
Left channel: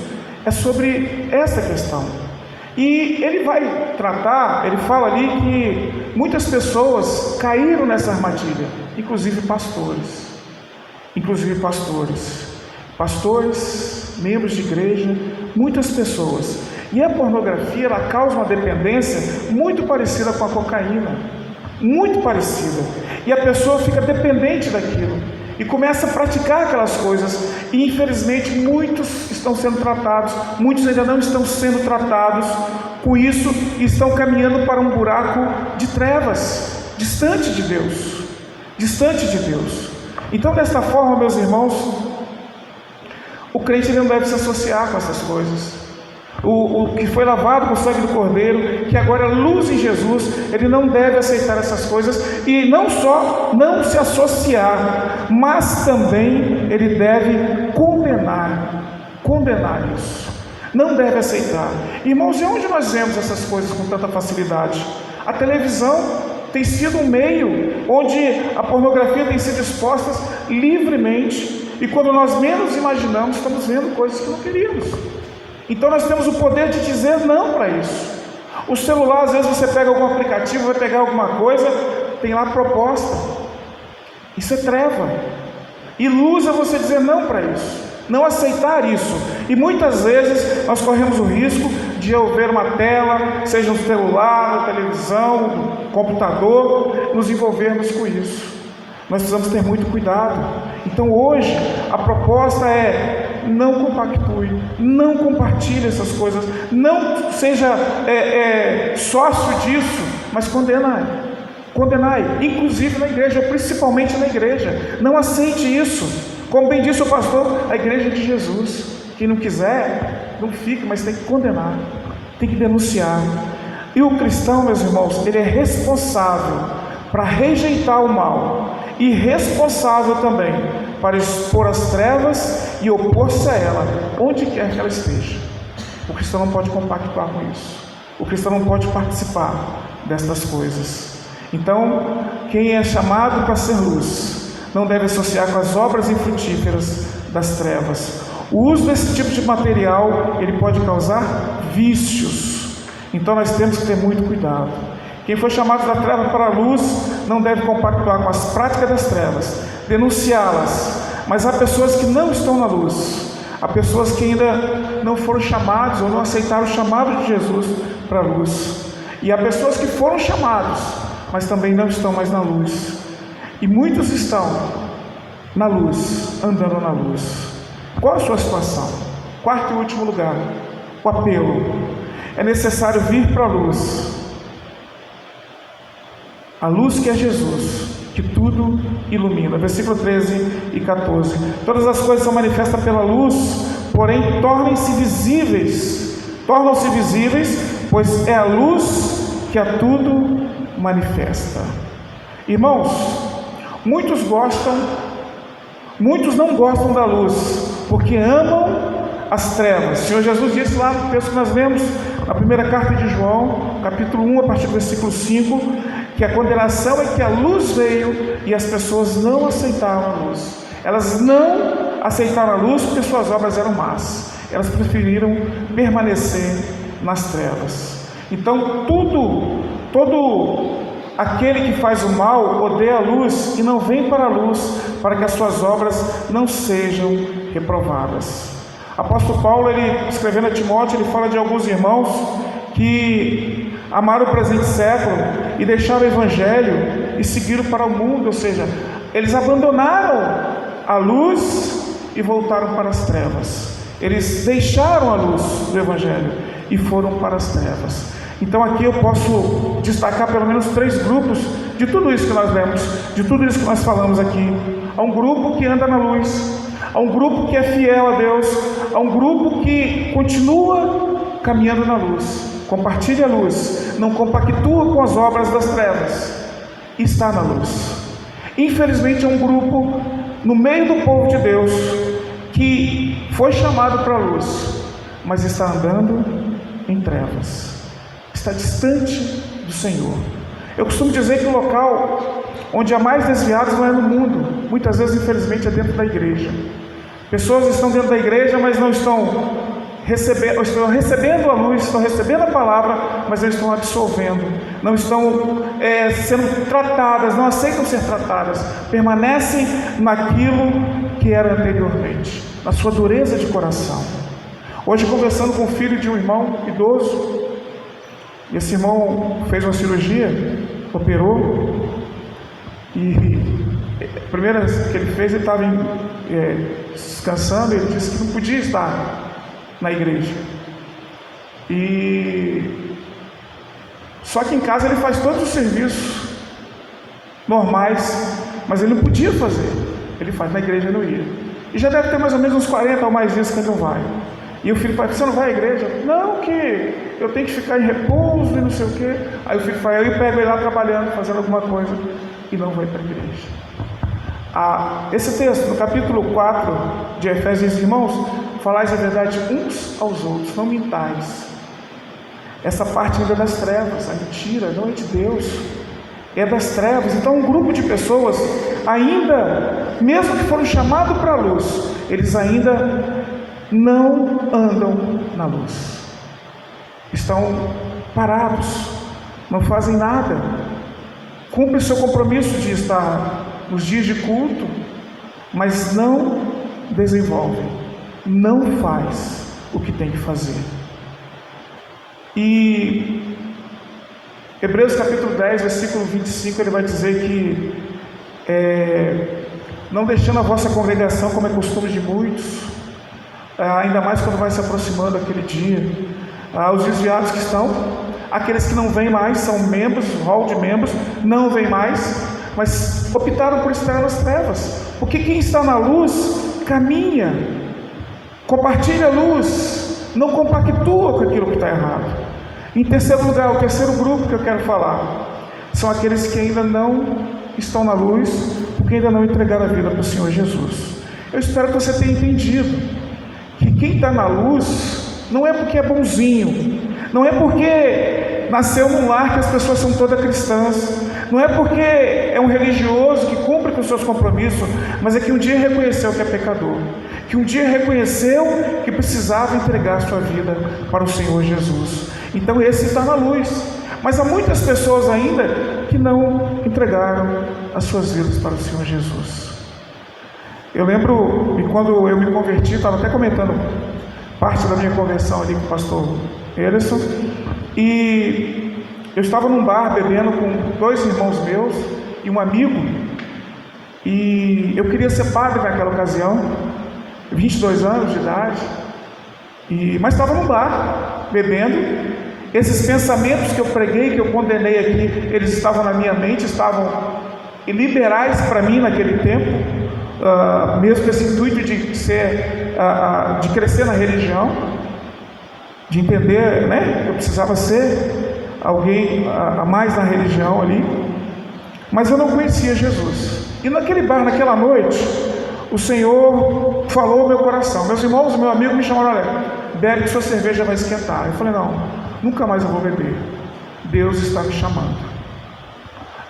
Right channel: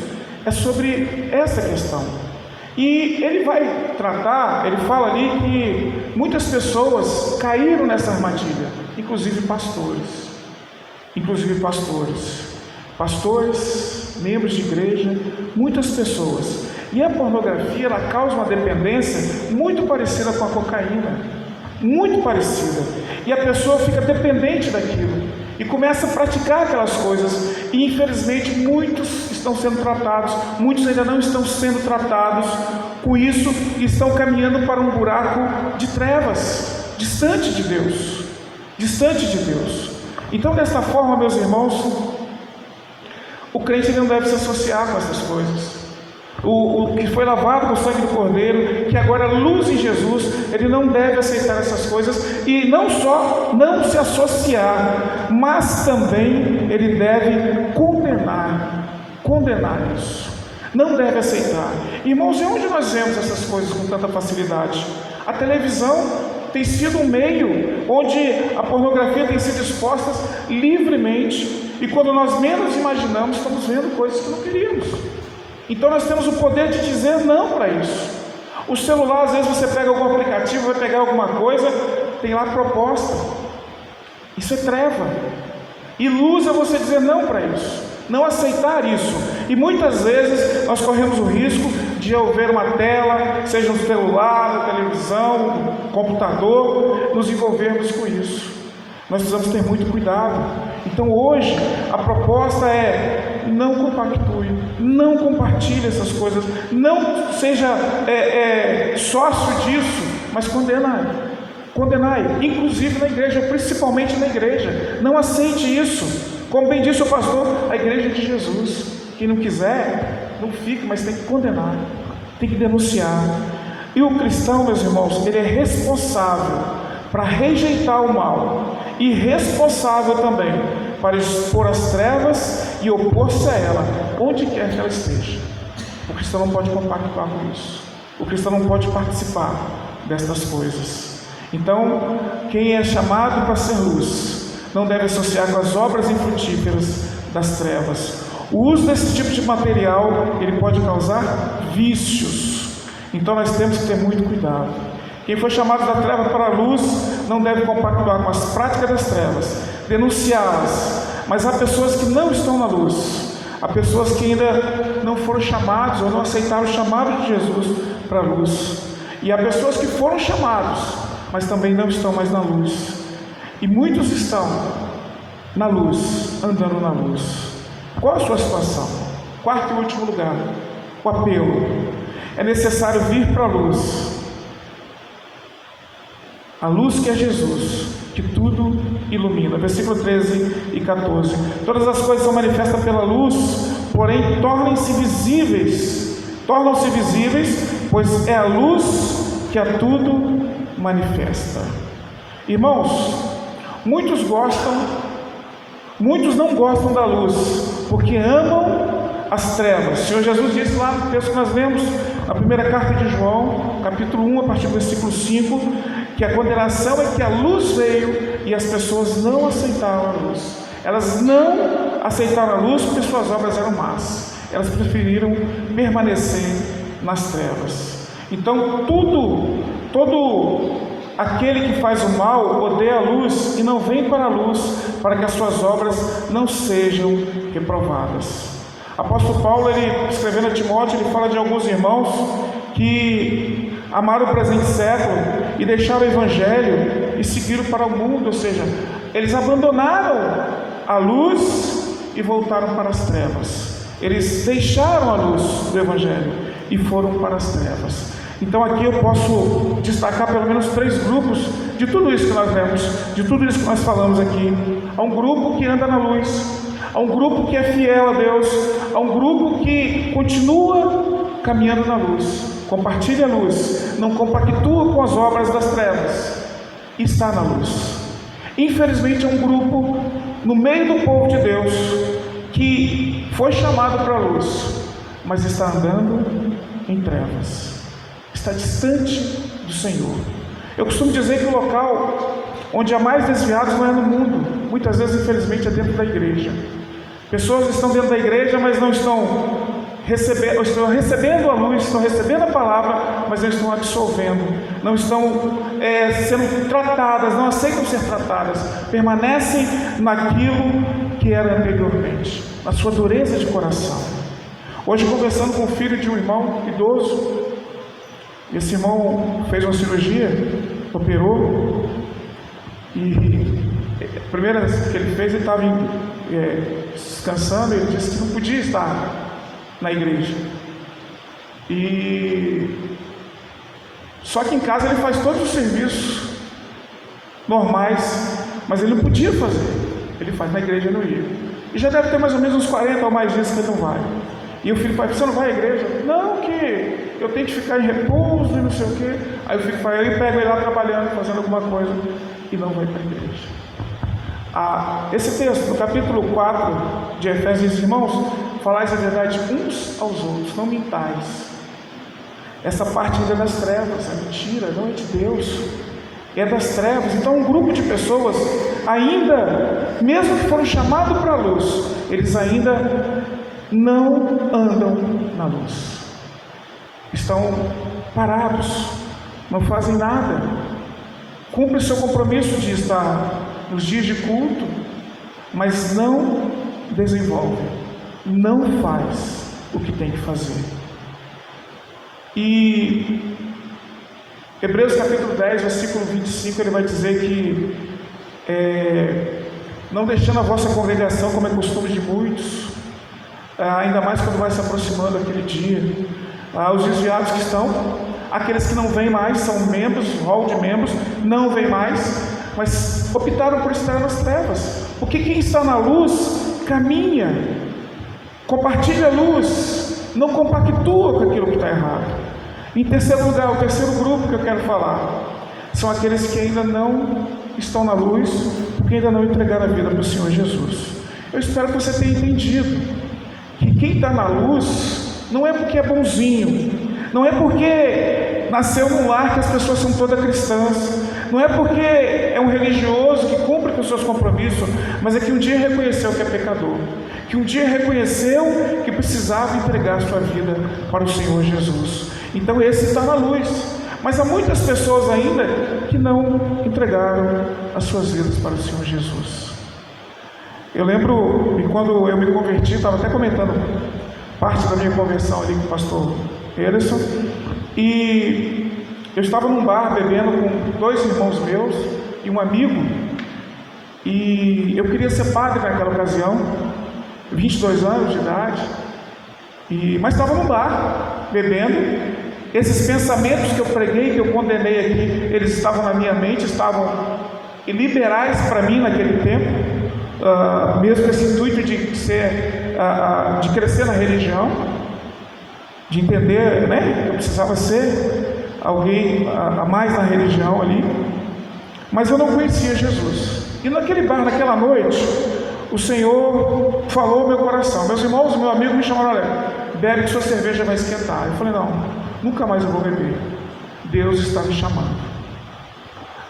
é sobre essa questão. E ele vai tratar, ele fala ali que muitas pessoas caíram nessa armadilha, inclusive pastores, membros de igreja, muitas pessoas. E a pornografia, ela causa uma dependência muito parecida com a cocaína, muito parecida, e a pessoa fica dependente daquilo e começa a praticar aquelas coisas, e infelizmente muitos estão sendo tratados, muitos ainda não estão sendo tratados com isso e estão caminhando para um buraco de trevas, distante de Deus. Então, desta forma, meus irmãos, o crente não deve se associar com essas coisas. O que foi lavado com o sangue do Cordeiro, que agora é luz em Jesus, ele não deve aceitar essas coisas, e não só não se associar, mas também ele deve condenar isso, não deve aceitar. Irmãos, e onde nós vemos essas coisas com tanta facilidade? A televisão tem sido um meio onde a pornografia tem sido exposta livremente, e quando nós menos imaginamos, estamos vendo coisas que não queríamos. Então nós temos o poder de dizer não para isso. O celular, às vezes você pega algum aplicativo, vai pegar alguma coisa, tem lá proposta. Isso é treva. E luz é você dizer não para isso, não aceitar isso. E muitas vezes nós corremos o risco de ao ver uma tela, seja no celular, na televisão, no computador, nos envolvermos com isso. Nós precisamos ter muito cuidado. Então hoje a proposta é: não compactue, não compartilhe essas coisas, não seja sócio disso, mas condenai, inclusive na igreja, principalmente na igreja. Não aceite isso. Como bem disse o pastor, a igreja de Jesus. Quem não quiser, não fica, mas tem que condenar, tem que denunciar. E o cristão, meus irmãos, ele é responsável para rejeitar o mal, e responsável também para expor as trevas e opor-se a ela, onde quer que ela esteja. O cristão não pode compactuar com isso, o cristão não pode participar destas coisas. Então, quem é chamado para ser luz, não deve associar com as obras infrutíferas das trevas. O uso desse tipo de material, ele pode causar vícios, então nós temos que ter muito cuidado. Quem foi chamado da treva para a luz não deve compactuar com as práticas das trevas, denunciá-las. Mas há pessoas que não estão na luz, há pessoas que ainda não foram chamados ou não aceitaram o chamado de Jesus para a luz, e há pessoas que foram chamados, mas também não estão mais na luz, e muitos estão na luz, andando na luz. Qual a sua situação? Quarto e último lugar, o apelo. É necessário vir para a luz que é Jesus, que tudo ilumina. Versículo 13 e 14. Todas as coisas são manifestas pela luz, porém tornam-se visíveis, pois é a luz que a tudo manifesta. Irmãos, muitos não gostam da luz, porque amam as trevas. O Senhor Jesus disse lá no texto que nós lemos, na primeira carta de João, capítulo 1, a partir do versículo 5, que a condenação é que a luz veio e as pessoas não aceitaram a luz. Elas não aceitaram a luz porque suas obras eram más. Elas preferiram permanecer nas trevas. Então, todo aquele que faz o mal odeia a luz e não vem para a luz, para que as suas obras não sejam reprovadas. Apóstolo Paulo, ele escrevendo a Timóteo, ele fala de alguns irmãos que amaram o presente século e deixaram o evangelho e seguiram para o mundo, ou seja, eles abandonaram a luz e voltaram para as trevas. Eles deixaram a luz do evangelho e foram para as trevas. Então aqui eu posso destacar pelo menos 3 grupos de tudo isso que nós vemos, de tudo isso que nós falamos aqui. Há um grupo que anda na luz, há um grupo que é fiel a Deus, há um grupo que continua caminhando na luz, compartilha a luz, não compactua com as obras das trevas, está na luz. Infelizmente há um grupo no meio do povo de Deus que foi chamado para a luz, mas está andando em trevas, está distante do Senhor. Eu costumo dizer que o local onde há mais desviados não é no mundo, muitas vezes infelizmente é dentro da igreja. Pessoas estão dentro da igreja, mas não estão recebendo a luz, estão recebendo a palavra, mas não estão absorvendo, não estão sendo tratadas, não aceitam ser tratadas, permanecem naquilo que era anteriormente, na sua dureza de coração. Hoje, conversando com o filho de um irmão idoso, esse irmão fez uma cirurgia, operou, e a primeira que ele fez, ele estava descansando, ele disse que não podia estar na igreja. Só que em casa ele faz todos os serviços normais, mas ele não podia fazer. Ele faz, na igreja não ia. E já deve ter mais ou menos uns 40 ou mais dias que ele não vai. E o filho fala, você não vai à igreja? Não, que eu tenho que ficar em repouso e não sei o quê. Aí o filho fala, eu pego ele lá trabalhando, fazendo alguma coisa, e não vai para a igreja. Esse texto, no capítulo 4 de Efésios, irmãos, falais a verdade uns aos outros, não mintais. Essa parte ainda é das trevas, a mentira não é de Deus, é das trevas. Então um grupo de pessoas ainda, mesmo que foram chamados para a luz, eles ainda não andam na luz, estão parados, não fazem nada, cumprem o seu compromisso de estar nos dias de culto, mas não desenvolvem, não faz o que tem que fazer. E Hebreus capítulo 10, versículo 25, ele vai dizer que não deixando a vossa congregação como é costume de muitos, ainda mais quando vai se aproximando aquele dia, os desviados que estão, aqueles que não vêm mais, são membros, rol de membros, não vêm mais, mas optaram por estar nas trevas, porque quem está na luz, caminha, compartilha a luz, não compactua com aquilo que está errado. Em terceiro lugar, o terceiro grupo que eu quero falar, são aqueles que ainda não estão na luz, porque ainda não entregaram a vida para o Senhor Jesus. Eu espero que você tenha entendido, que quem está na luz, não é porque é bonzinho, não é porque nasceu num lar que as pessoas são todas cristãs, não é porque é um religioso que cumpre com os seus compromissos, mas é que um dia reconheceu que é pecador, que um dia reconheceu que precisava entregar a sua vida para o Senhor Jesus. Então esse está na luz, mas há muitas pessoas ainda que não entregaram as suas vidas para o Senhor Jesus. Eu lembro que quando eu me converti, estava até comentando parte da minha conversão ali com o pastor Ederson, e eu estava num bar bebendo com 2 irmãos meus e um amigo, e eu queria ser padre naquela ocasião, 22 anos de idade, mas estava num bar bebendo. Esses pensamentos que eu preguei, que eu condenei aqui, eles estavam na minha mente, estavam liberais para mim naquele tempo, mesmo esse intuito de crescer na religião, de entender, né, eu precisava ser alguém a mais na religião ali, mas eu não conhecia Jesus. E naquele bar, naquela noite, o Senhor falou ao meu coração. Meus irmãos, meu amigo me chamaram, olha, bebe que sua cerveja vai esquentar. Eu falei, não, nunca mais eu vou beber, Deus está me chamando.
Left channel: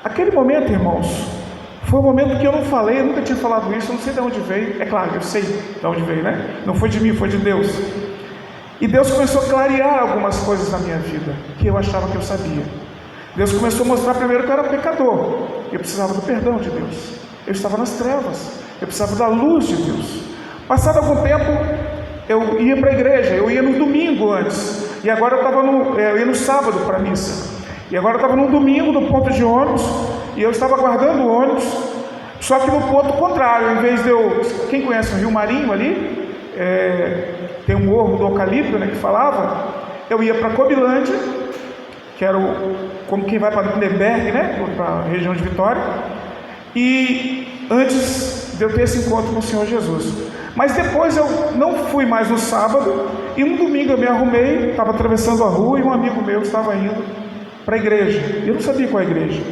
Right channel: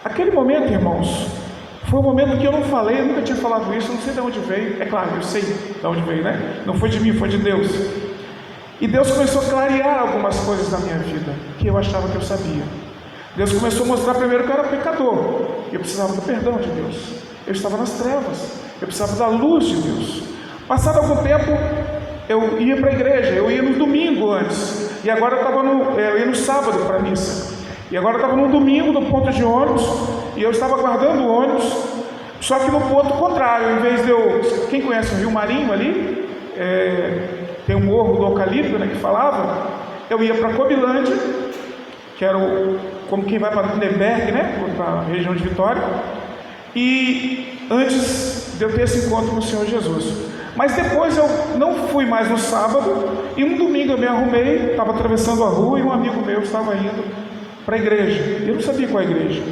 Aquele momento, irmãos, Foi um momento que eu não falei, eu nunca tinha falado isso, não sei de onde veio. É claro, eu sei de onde veio, né? Não foi de mim, foi de Deus. E Deus começou a clarear algumas coisas na minha vida, que eu achava que eu sabia. Deus começou a mostrar primeiro que eu era pecador. Eu precisava do perdão de Deus. Eu estava nas trevas. Eu precisava da luz de Deus. Passado algum tempo, eu ia para a igreja. Eu ia no domingo antes. E agora eu ia no sábado para a missa. E agora eu estava no domingo no ponto de ônibus. E eu estava aguardando o ônibus. Só que no ponto contrário, em vez de eu... Quem conhece o Rio Marinho ali? Tem um morro do Eucalipto, né, que falava. Eu ia para Cobilândia, que era como quem vai para Lindenberg, né, para a região de Vitória, e antes de eu ter esse encontro com o Senhor Jesus. Mas depois eu não fui mais no sábado, e no domingo eu me arrumei, estava atravessando a rua, e um amigo meu estava indo para a igreja. Eu não sabia qual é a igreja.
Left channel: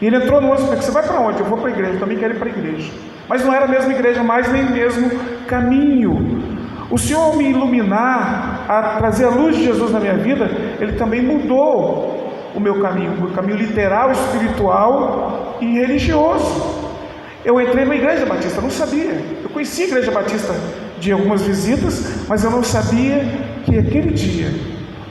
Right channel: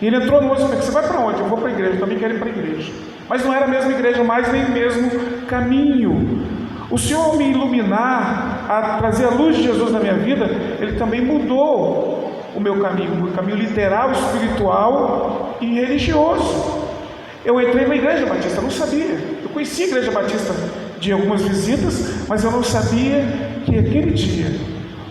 E ele entrou no ônibus e falou: você vai para onde? Eu vou para a igreja, eu também quero ir para a igreja. Mas não era a mesma igreja mais, nem o mesmo caminho. O Senhor me iluminar, a trazer a luz de Jesus na minha vida, Ele também mudou o meu caminho literal, espiritual e religioso. Eu entrei na Igreja Batista, não sabia. Eu conhecia a Igreja Batista de algumas visitas, mas eu não sabia que aquele dia,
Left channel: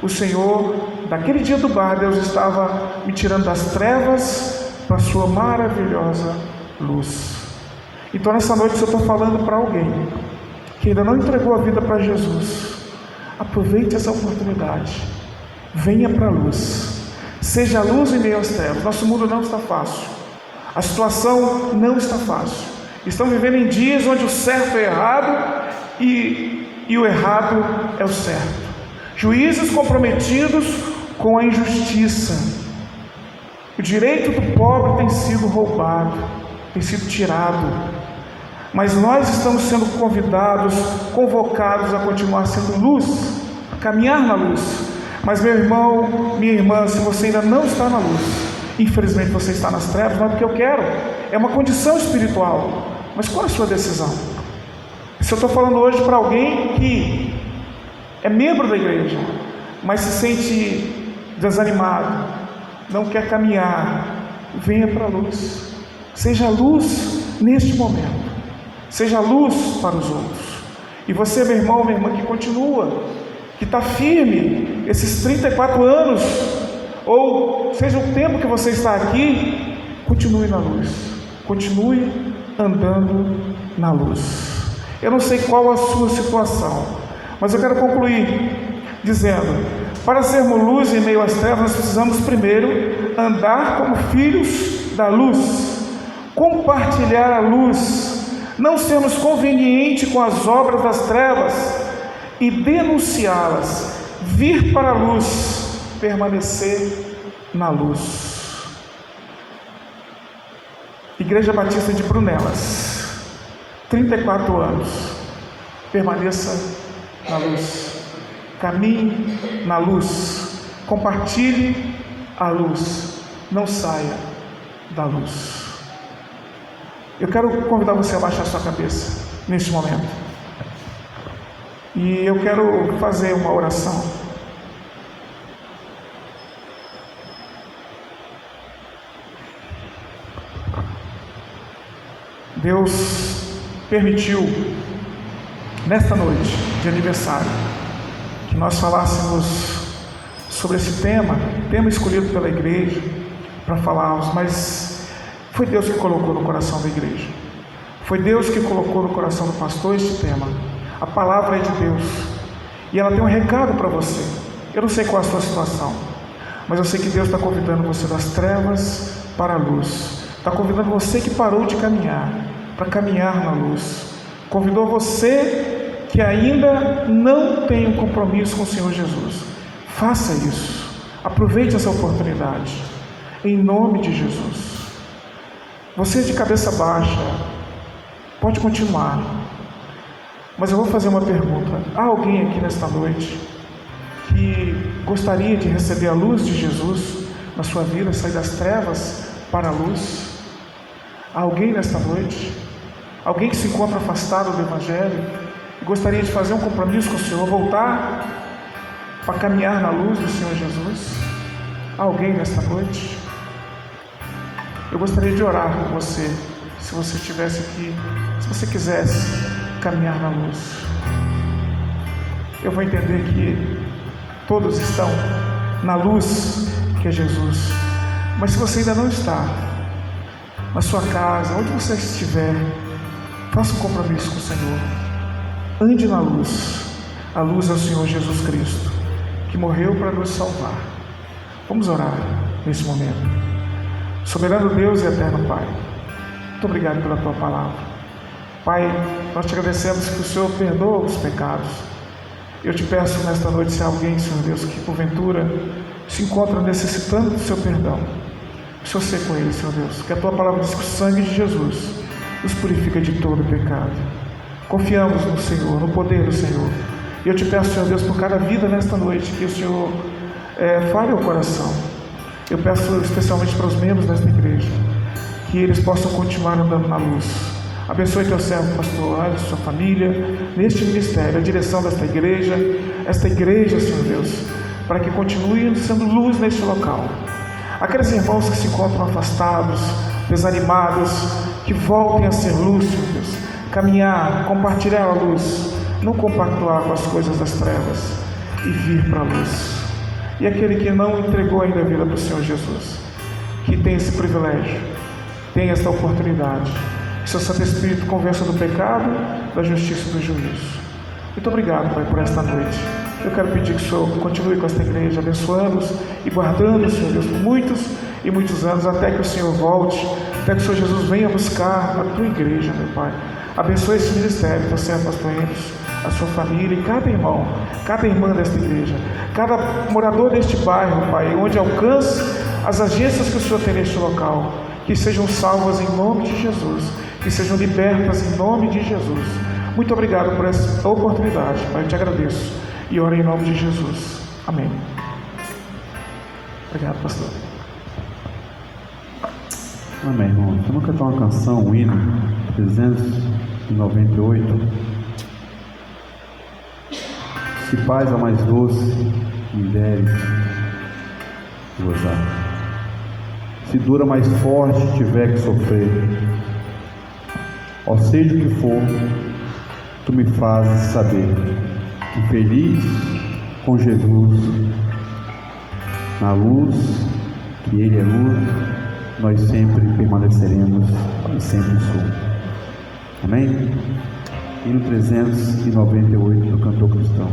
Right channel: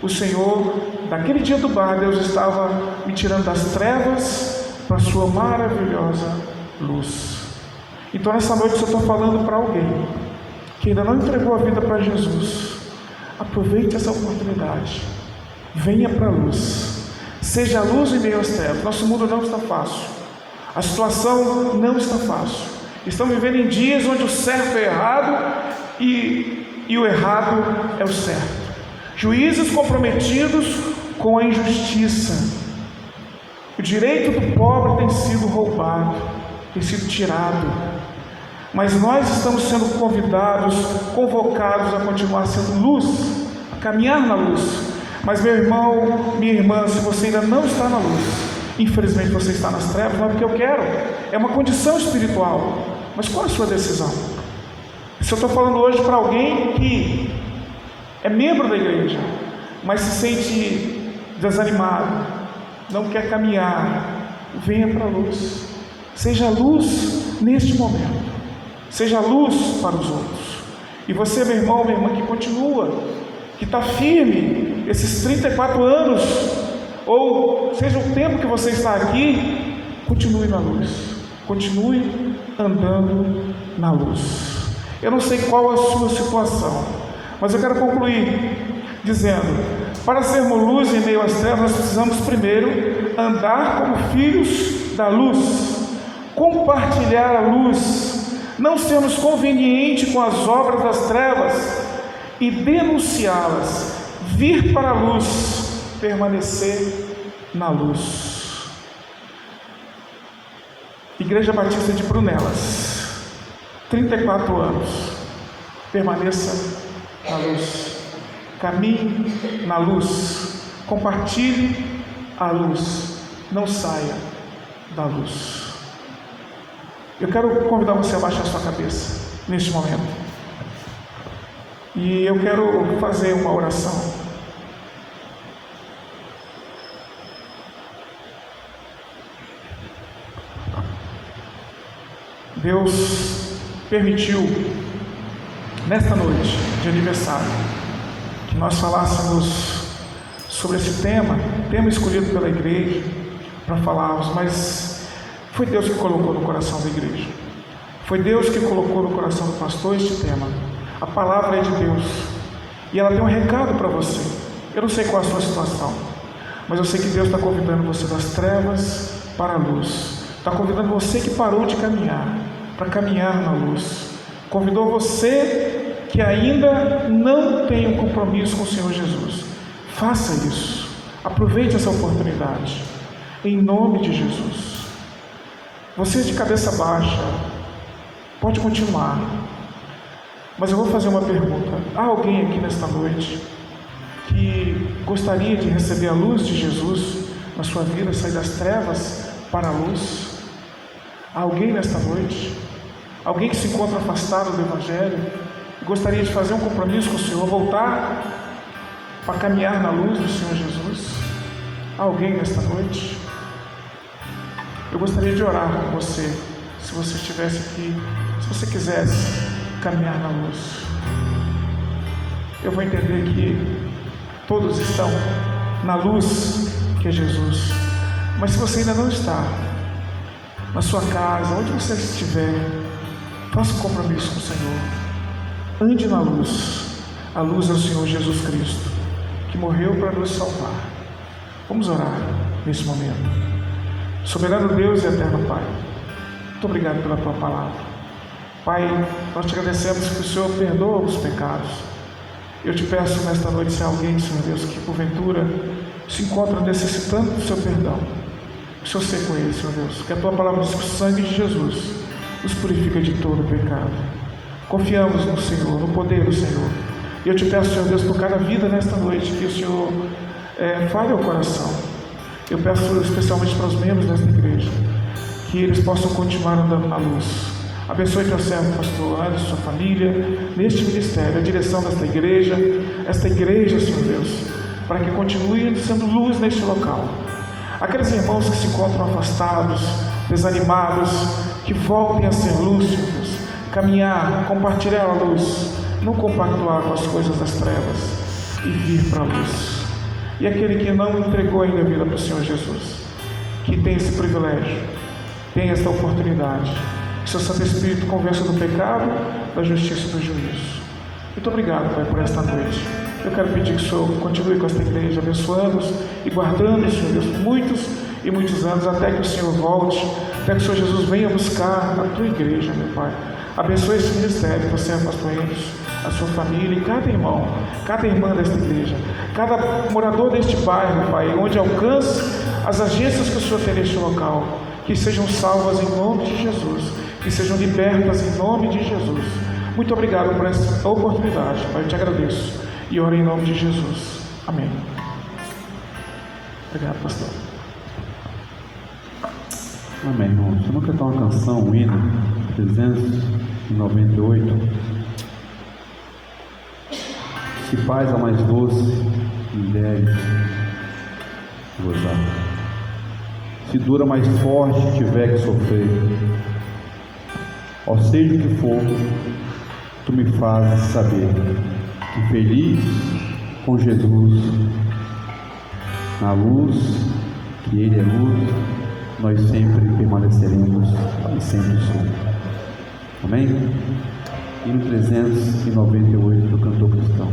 o Senhor, naquele dia do bar, Deus estava me tirando das trevas para a sua maravilhosa luz. Então nessa noite eu estou falando para alguém que ainda não entregou a vida para Jesus. Aproveite essa oportunidade, venha para a luz, seja a luz em meio às trevas. Nosso mundo não está fácil, a situação não está fácil. Estamos vivendo em dias onde o certo é errado e o errado é o certo. Juízes comprometidos com a injustiça. O direito do pobre tem sido roubado, tem sido tirado. Mas nós estamos sendo convidados, convocados a continuar sendo luz, a caminhar na luz. Mas meu irmão, minha irmã, se você ainda não está na luz, infelizmente você está nas trevas, não é porque eu quero, é uma condição espiritual. Mas qual é a sua decisão? Se eu estou falando hoje para alguém que é membro da igreja, mas se sente desanimado, não quer caminhar, venha para a luz. Seja luz neste momento. Seja luz para os outros. E você, meu irmão, minha irmã, que continua, que está firme esses 34 anos, ou seja o tempo que você está aqui, continue na luz, continue andando na luz. Eu não sei qual a sua situação, mas eu quero concluir dizendo: para sermos luz em meio às trevas, nós precisamos primeiro andar como filhos da luz, compartilhar a luz, não sermos convenientes com as obras das trevas e denunciá-las, vir para a luz, permanecer na luz. Igreja Batista de Brunelas, 34 anos, permaneça na luz, caminhe na luz, compartilhe a luz, não saia da luz. Eu quero convidar você a baixar sua cabeça neste momento. E eu quero fazer uma oração. Deus permitiu, nesta noite de aniversário, que nós falássemos sobre esse tema escolhido pela igreja para falarmos, mas foi Deus que colocou no coração da igreja. Foi Deus que colocou no coração do pastor este tema. A palavra é de Deus. E ela tem um recado para você. Eu não sei qual é a sua situação, mas eu sei que Deus está convidando você das trevas para a luz. Está convidando você que parou de caminhar, para caminhar na luz. Convidou você que ainda não tem um compromisso com o Senhor Jesus. Faça isso. Aproveite essa oportunidade. Em nome de Jesus. Você de cabeça baixa, pode continuar, mas eu vou fazer uma pergunta. Há alguém aqui nesta noite que gostaria de receber a luz de Jesus na sua vida, sair das trevas para a luz? Há alguém nesta noite? Alguém que se encontra afastado do Evangelho e gostaria de fazer um compromisso com o Senhor, voltar para caminhar na luz do Senhor Jesus? Há alguém nesta noite? Eu gostaria de orar com você, se você estivesse aqui, se você quisesse caminhar na luz. Eu vou entender que todos estão na luz que é Jesus. Mas se você ainda não está, na sua casa, onde você estiver, faça um compromisso com o Senhor. Ande na luz. A luz é o Senhor Jesus Cristo, que morreu para nos salvar. Vamos orar nesse momento. Soberano Deus e eterno Pai, muito obrigado pela Tua palavra. Pai, nós te agradecemos que o Senhor perdoa os pecados. Eu te peço nesta noite, se há alguém, Senhor Deus, que porventura se encontra necessitando do Seu perdão, que o Senhor seja com ele, Senhor Deus, que a Tua palavra diz que o sangue de Jesus nos purifica de todo o pecado. Confiamos no Senhor, no poder do Senhor. E eu te peço, Senhor Deus, por cada vida nesta noite, que o Senhor fale ao coração. Eu peço especialmente para os membros desta igreja, que eles possam continuar andando na luz. Abençoe teu servo, pastor Anderson, sua família, neste ministério, a direção desta igreja, Senhor Deus, para que continue sendo luz neste local. Aqueles irmãos que se encontram afastados, desanimados, que voltem a ser luz, Senhor Deus, caminhar, compartilhar a luz, não compactuar com as coisas das trevas e vir para a luz. E aquele que não entregou ainda a vida para o Senhor Jesus, que tem esse privilégio, tem esta oportunidade, que seu Santo Espírito convença do pecado, da justiça e do juízo. Muito obrigado, Pai, por esta noite. Eu quero pedir que o Senhor continue com esta igreja, abençoando-os e guardando-os, Senhor Deus, por muitos e muitos anos, até que o Senhor volte, até que o Senhor Jesus venha buscar a tua igreja, meu Pai. Abençoe esse ministério, você, pastor Enos, a sua família e cada irmão, cada irmã desta igreja, cada morador deste bairro, Pai, onde alcance as agências que o Senhor tem neste local, que sejam salvas em nome de Jesus, que sejam libertas em nome de Jesus. Muito obrigado por essa oportunidade, Pai, eu te agradeço e oro em nome de Jesus. Amém. Obrigado, pastor. Amém, irmãos. Vamos cantar uma canção, um hino 398. Se paz a mais doce me deres gozar, se dura mais forte tiver que sofrer, ó seja o que for, tu me fazes saber que feliz com Jesus, na luz, que Ele é luz, nós sempre permaneceremos e sempre somos. Amém? Hino 398 do cantor cristão.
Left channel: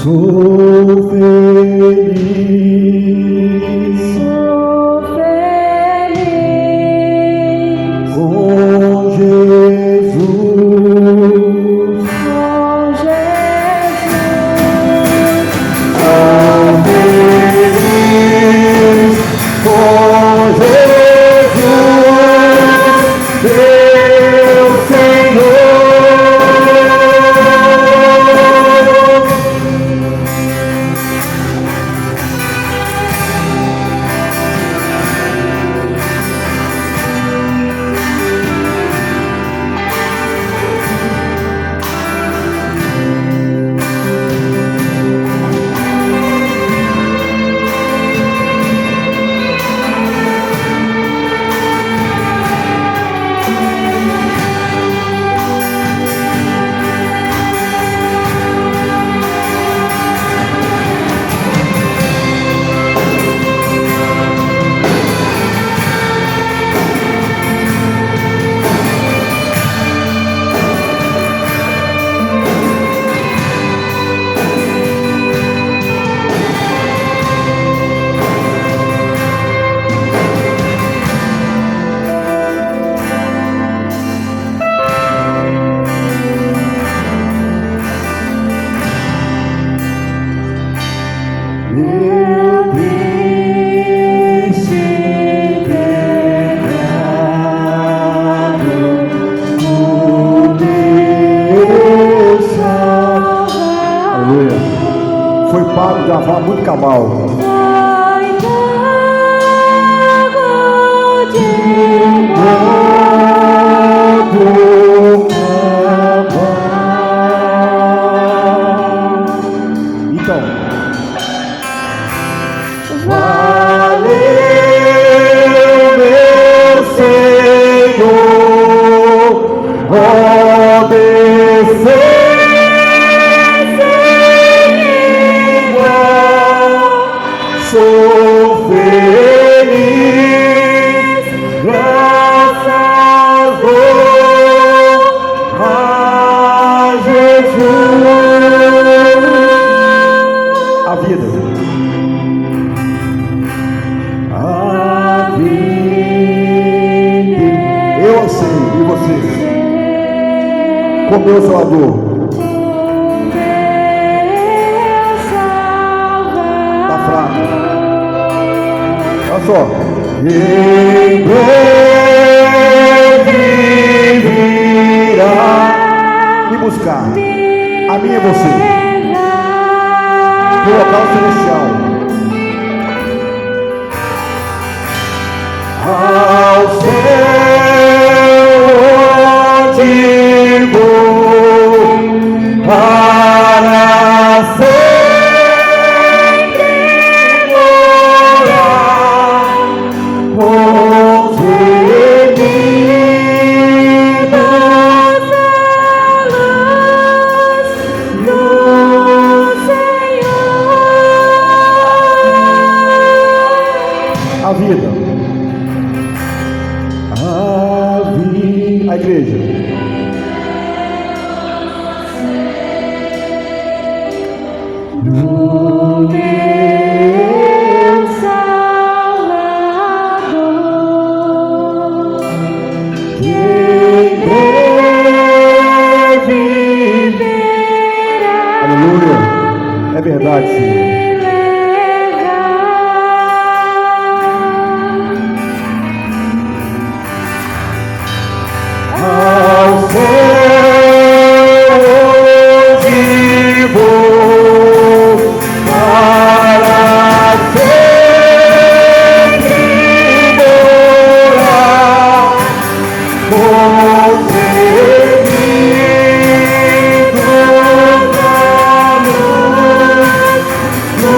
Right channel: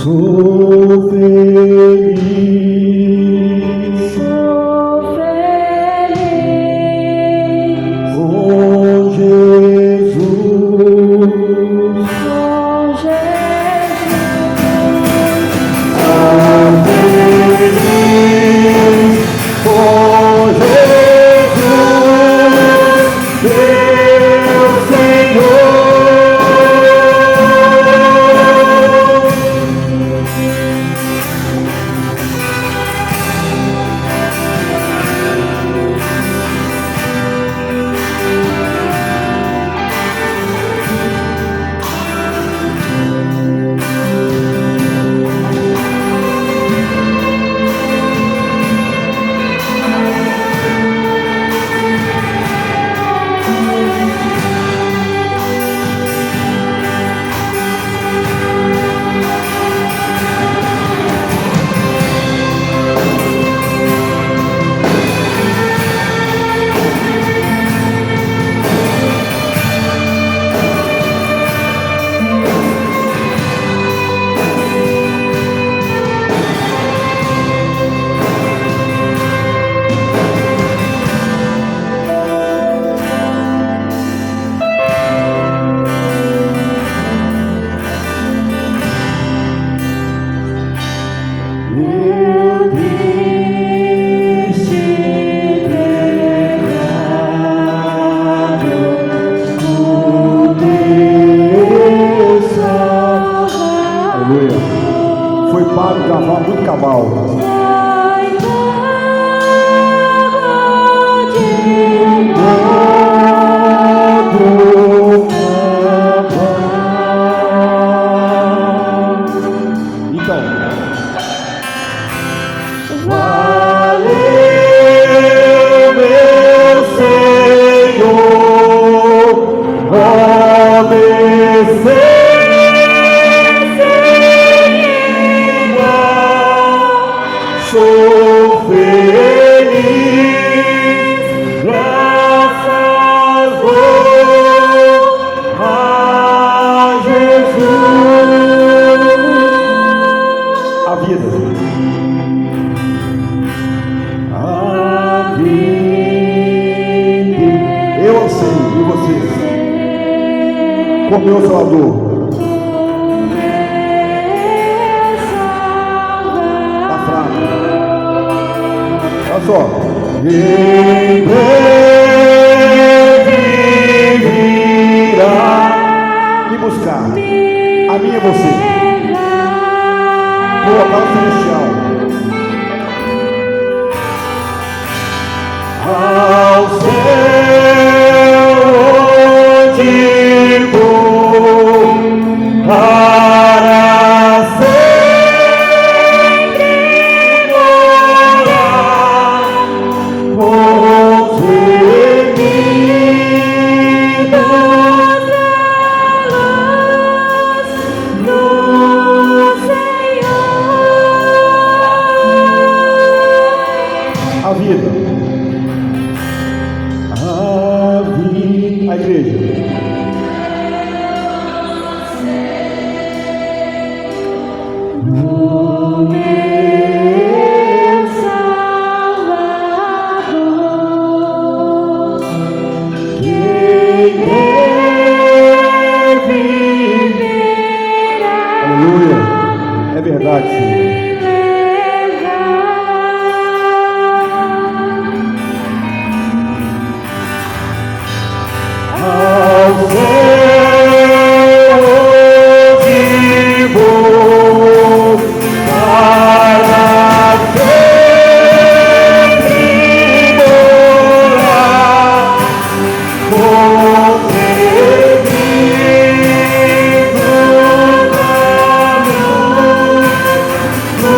Sou feliz Sou feliz com Jesus. com Jesus. Sou feliz com Jesus, meu Senhor. Eu disse pecado, o Deus aleluia, foi pago da vaga do cabal. Então, valeu, meu Senhor, sou feliz, graças a Jesus. A vida. Eu sei, e você? Como eu Salvador. Está fraco. Olha só. Em breve virá me buscar. A mim é você. Por local celestial. Ao céu onde vou para sempre morar, a vida. A igreja. No meu Salvador, Quem deve viverá. aleluia. É verdade, Senhor. Ao céu onde vou para sempre morar, concebido na luz do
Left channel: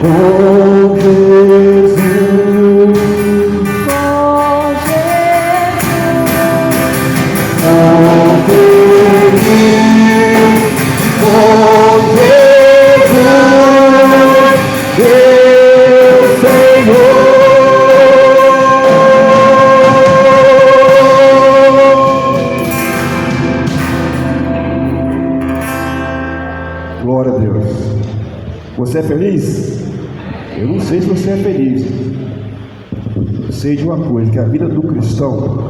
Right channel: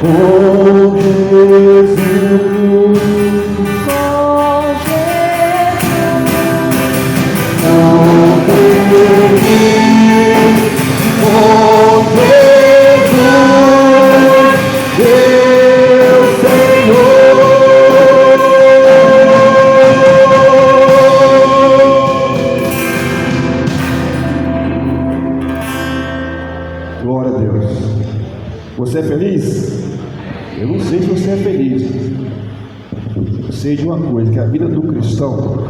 com Jesus. Glória a Deus. Você é feliz? Eu não sei se você é feliz. Eu sei de uma coisa, que a vida do cristão,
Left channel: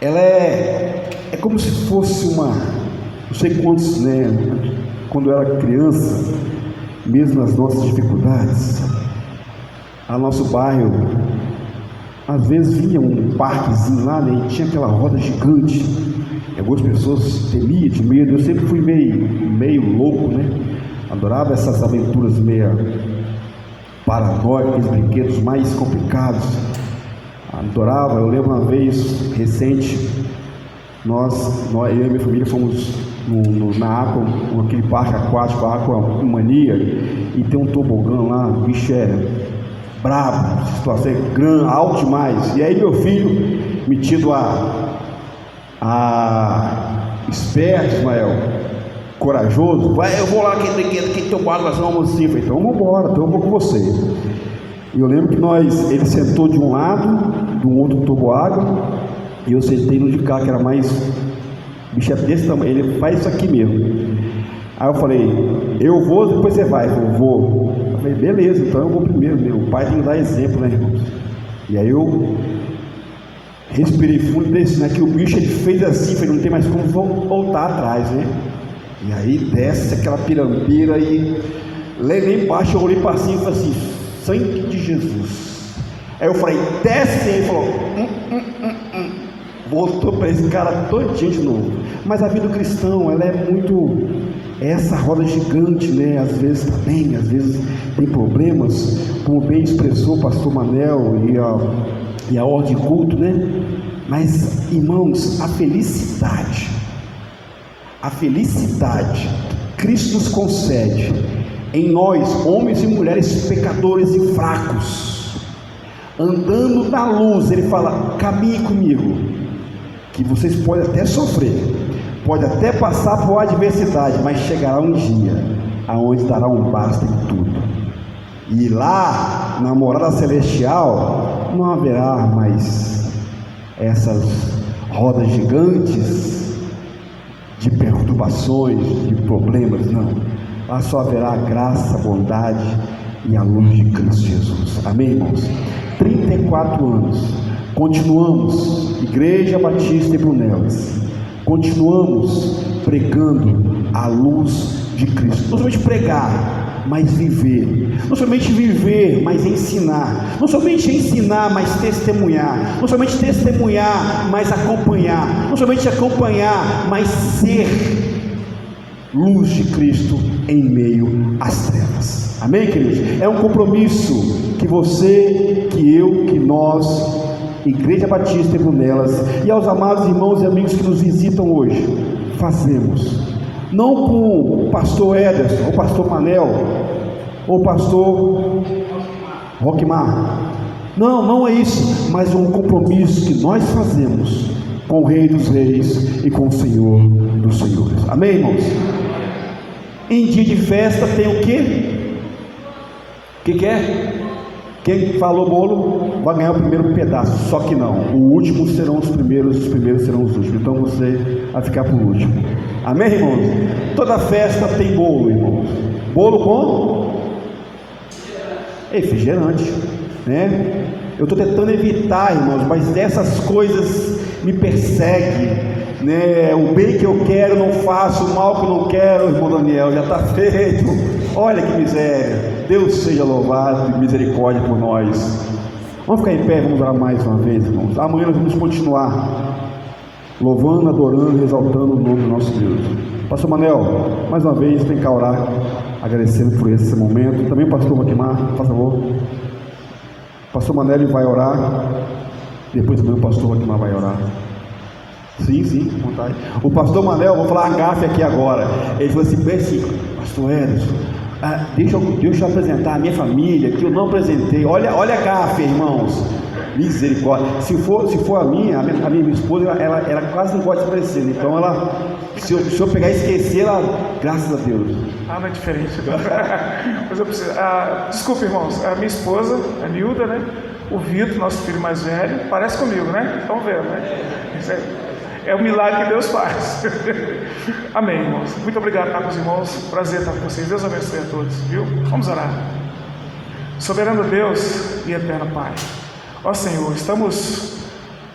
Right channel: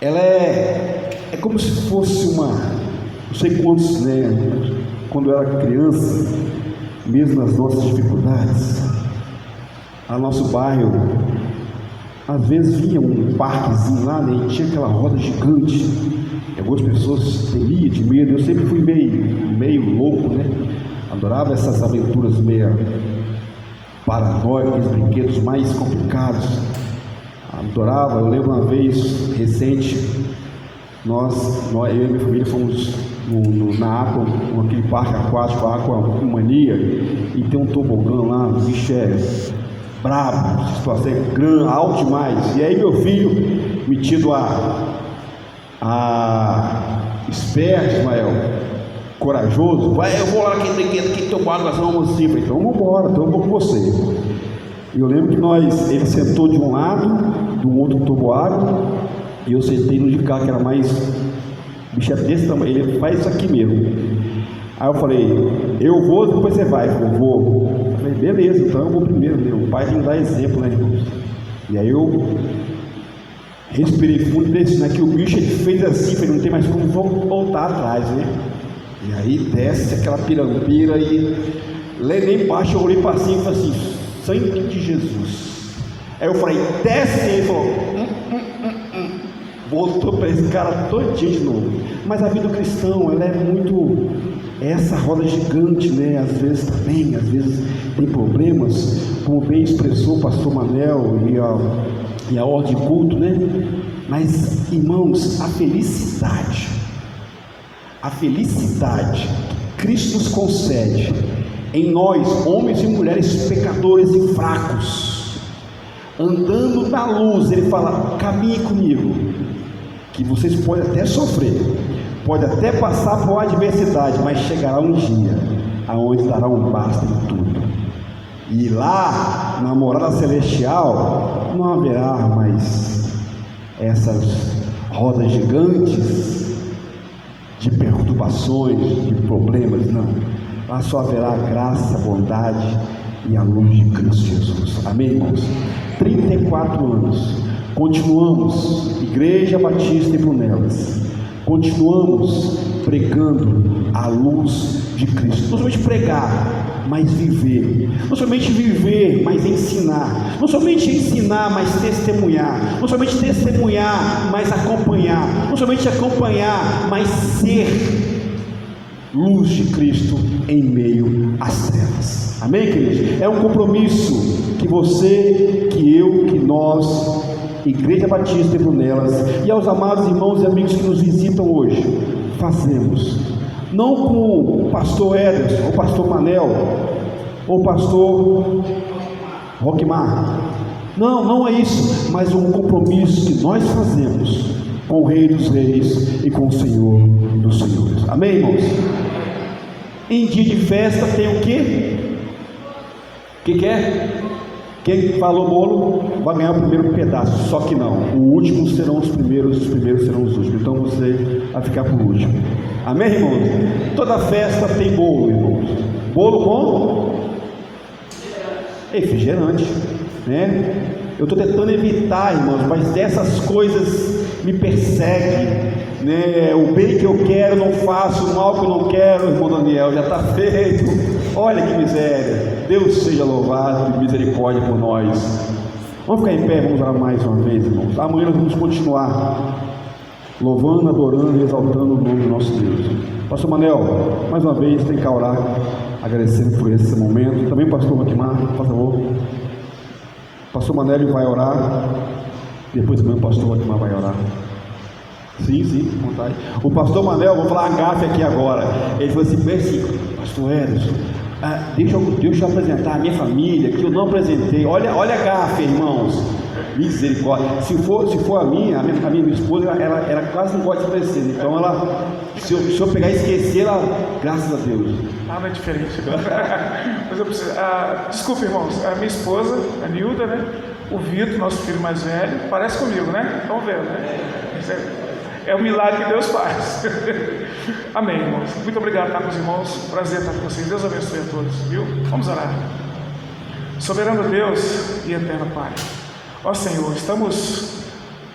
ela é como se fosse uma, não sei quantos, né? Quando eu era criança, mesmo nas nossas dificuldades, a nosso bairro, às vezes vinha um parquezinho lá, né? E tinha aquela roda gigante. Algumas pessoas temiam de medo. Eu sempre fui meio louco, né? Adorava essas aventuras meio paranoicas, brinquedos mais complicados. Adorava. Eu lembro uma vez recente, eu e minha família fomos na Aqua, naquele parque aquático, Aqua Mania, e tem um tobogã lá, o bicho é brabo, a situação é grande, alto demais. E aí meu filho, metido esperto, Ismael, corajoso, vai, eu vou lá que teu barco, nós vamos assim. Eu falei, então vamos embora, então eu vou com você. E eu lembro que ele sentou de um lado, do outro toboágua, e eu sentei no de cá, que era mais, bicho é desse tamanho, ele faz isso aqui mesmo. Aí eu falei, eu vou, depois você vai. Eu vou. Eu falei, beleza, então eu vou primeiro, o pai tem que dar exemplo, né, irmãos? E aí eu respirei fundo desse, né? Que o bicho ele fez assim, falei, não tem mais como voltar atrás, né? E aí desce aquela pirambeira e lá embaixo eu olhei para cima e falei assim, sangue de Jesus. Aí eu falei, desce, ele falou, voltou para esse cara todinho de novo. Mas a vida do cristão, ela é muito essa roda gigante, né? Às vezes tem problemas, como bem expressou o pastor Manel e a ordem de culto, né? Mas, irmãos, a felicidade que Cristo nos concede em nós, homens e mulheres pecadores e fracos, andando na luz, ele fala, caminhe comigo, que vocês podem até sofrer, pode até passar por adversidade, mas chegará um dia aonde dará um basta em tudo. E lá, na morada celestial, não haverá mais essas rodas gigantes de perturbações, de problemas, não. Lá só haverá a graça, a bondade e a luz de Cristo Jesus. Amém, irmãos? 34 anos, continuamos, Igreja Batista e Brunelas, continuamos pregando a luz de Cristo. Não somente pregar, mas viver. Não somente viver, mas ensinar. Não somente ensinar, mas testemunhar. Não somente testemunhar, mas acompanhar. Não somente acompanhar, mas ser luz de Cristo em meio às trevas. Amém, queridos? É um compromisso que você, que eu, que nós, Igreja Batista e Brunelas, e aos amados irmãos e amigos que nos visitam hoje, fazemos. Não com o pastor Ederson, o pastor Manel, ou o pastor Roquimar. Não é isso, mas um compromisso que nós fazemos com o Rei dos Reis e com o Senhor dos Senhores. Amém, irmãos? Em dia de festa tem o quê? O que é? Quem falou bolo vai ganhar o primeiro pedaço, só que não. O último serão os primeiros serão os últimos. Então você vai ficar por último. Amém, irmãos? Toda festa tem bolo, irmãos. Bolo com refrigerante, né? Eu estou tentando evitar, irmãos, mas dessas coisas me perseguem, né? O bem que eu quero não faço, o mal que eu não quero, irmão Daniel, já está feito. Olha que miséria. Deus seja louvado e misericórdia por nós. Vamos ficar em pé, vamos orar mais uma vez, irmãos. Amanhã nós vamos continuar louvando, adorando e exaltando o nome do nosso Deus. Pastor Manel, mais uma vez tem que orar, agradecendo por esse momento. Também pastor Roquimar, por favor. Pastor Manel vai orar, depois também o pastor Roquimar vai orar. Sim, vontade. O pastor Manel, vou falar a gafe aqui agora. Ele falou assim, pastor Edson, deixa eu apresentar a minha família, que eu não apresentei. Olha a gafe, irmãos. Misericórdia. Se for a minha esposa, ela quase não pode se aparecer. Então, se eu pegar e esquecer, graças a Deus. Não é diferente. Mas eu preciso. Desculpe, irmãos. A minha esposa, a Nilda, né? O Vitor, nosso filho mais velho, parece comigo, né? Estão vendo, né? É o milagre que Deus faz. Amém, irmãos. Muito obrigado, caros irmãos. Prazer estar com vocês. Deus abençoe a todos, viu? Vamos orar. Soberano Deus e eterno Pai. Ó Senhor, estamos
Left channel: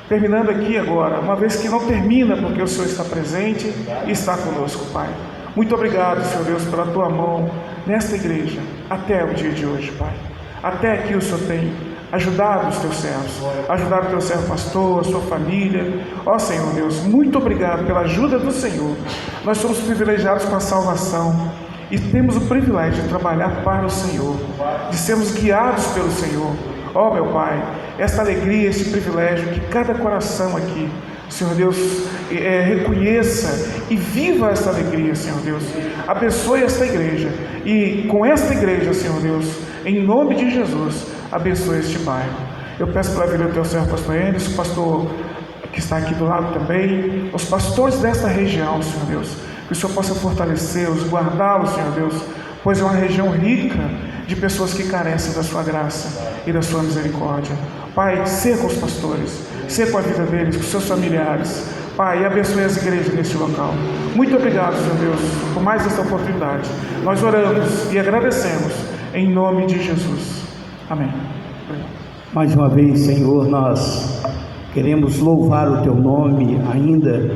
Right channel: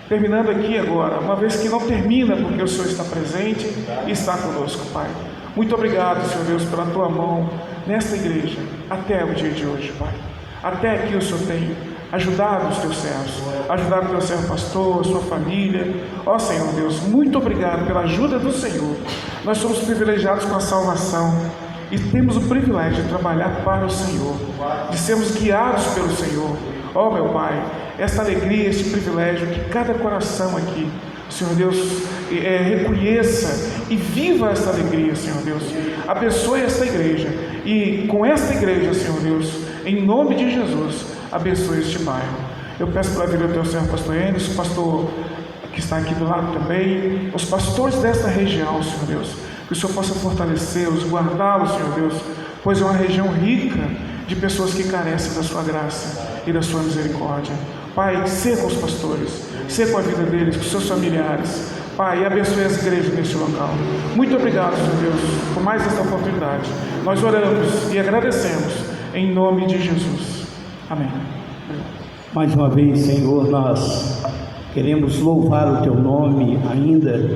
terminando aqui agora, uma vez que não termina, porque o Senhor está presente e está conosco, Pai. Muito obrigado, Senhor Deus, pela Tua mão nesta igreja, até o dia de hoje, Pai. Até aqui o Senhor tem ajudado os Teus servos, ajudado o Teu servo pastor, a sua família. Ó Senhor Deus, muito obrigado pela ajuda do Senhor. Nós somos privilegiados com a salvação e temos o privilégio de trabalhar para o Senhor, de sermos guiados pelo Senhor. Ó meu Pai, esta alegria, este privilégio, que cada coração aqui, Senhor Deus, reconheça e viva esta alegria, Senhor Deus. Abençoe esta igreja e com esta igreja, Senhor Deus, em nome de Jesus, abençoe este bairro. Eu peço para vir o Teu servo pastor Enes, o pastor que está aqui do lado também, os pastores desta região, Senhor Deus, que o Senhor possa fortalecê-los, guardá-los, Senhor Deus, pois é uma região rica de pessoas que carecem da Sua graça e da Sua misericórdia. Pai, seja com os pastores, seja com a vida deles, com os seus familiares, Pai, e abençoe as igrejas neste local. Muito obrigado, Senhor Deus, por mais esta oportunidade. Nós oramos e agradecemos em nome de Jesus. Amém. Mais uma vez, Senhor, nós queremos louvar o Teu nome ainda,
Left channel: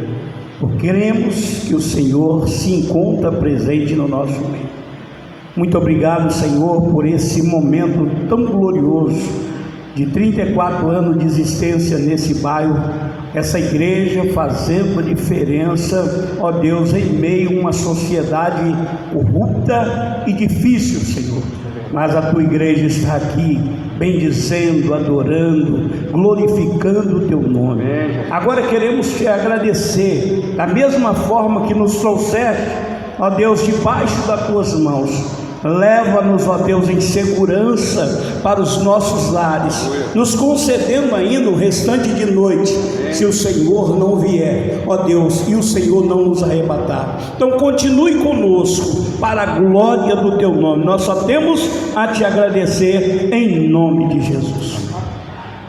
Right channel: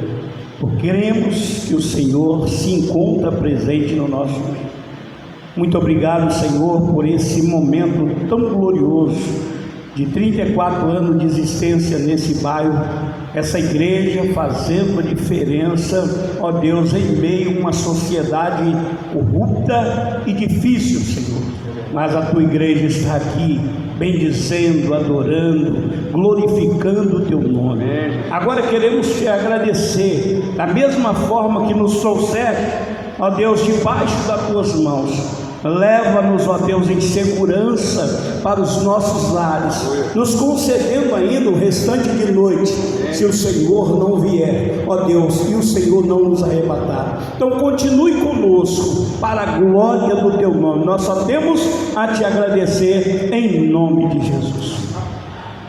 porque queremos que o Senhor se encontra presente no nosso meio. Muito obrigado, Senhor, por esse momento tão glorioso de 34 anos de existência nesse bairro, essa igreja fazendo a diferença, ó Deus, em meio a uma sociedade corrupta e difícil, Senhor. Mas a Tua igreja está aqui, bendizendo, adorando, glorificando o Teu nome. Agora queremos Te agradecer, da mesma forma que nos trouxeste, ó Deus, debaixo das Tuas mãos. Leva-nos, ó Deus, em segurança para os nossos lares, nos concedendo ainda o restante de noite, se o Senhor não vier, ó Deus, e o Senhor não nos arrebatar. Então continue conosco, para a glória do Teu nome. Nós só temos a Te agradecer, em nome de Jesus.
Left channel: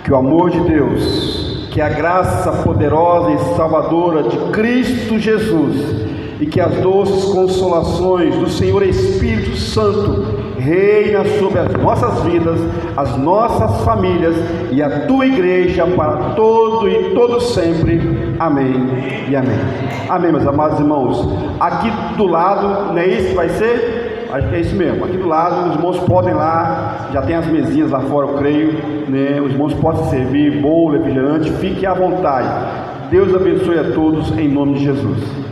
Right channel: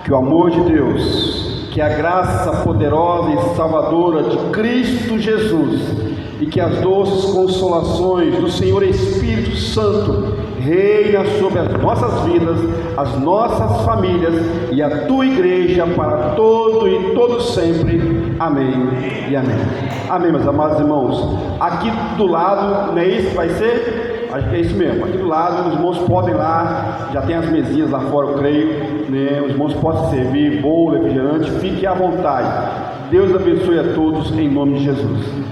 Que o amor de Deus, que a graça poderosa e salvadora de Cristo Jesus, e que as doces consolações do Senhor Espírito Santo reina sobre as nossas vidas, as nossas famílias e a Tua igreja para todo e todo sempre. Amém e amém. Amém, meus amados irmãos. Aqui do lado, não é isso que vai ser? Acho que é isso mesmo. Aqui do lado, os irmãos podem lá, já tem as mesinhas lá fora, eu creio, né? Os irmãos podem servir bolo, refrigerante, fique à vontade. Deus abençoe a todos em nome de Jesus.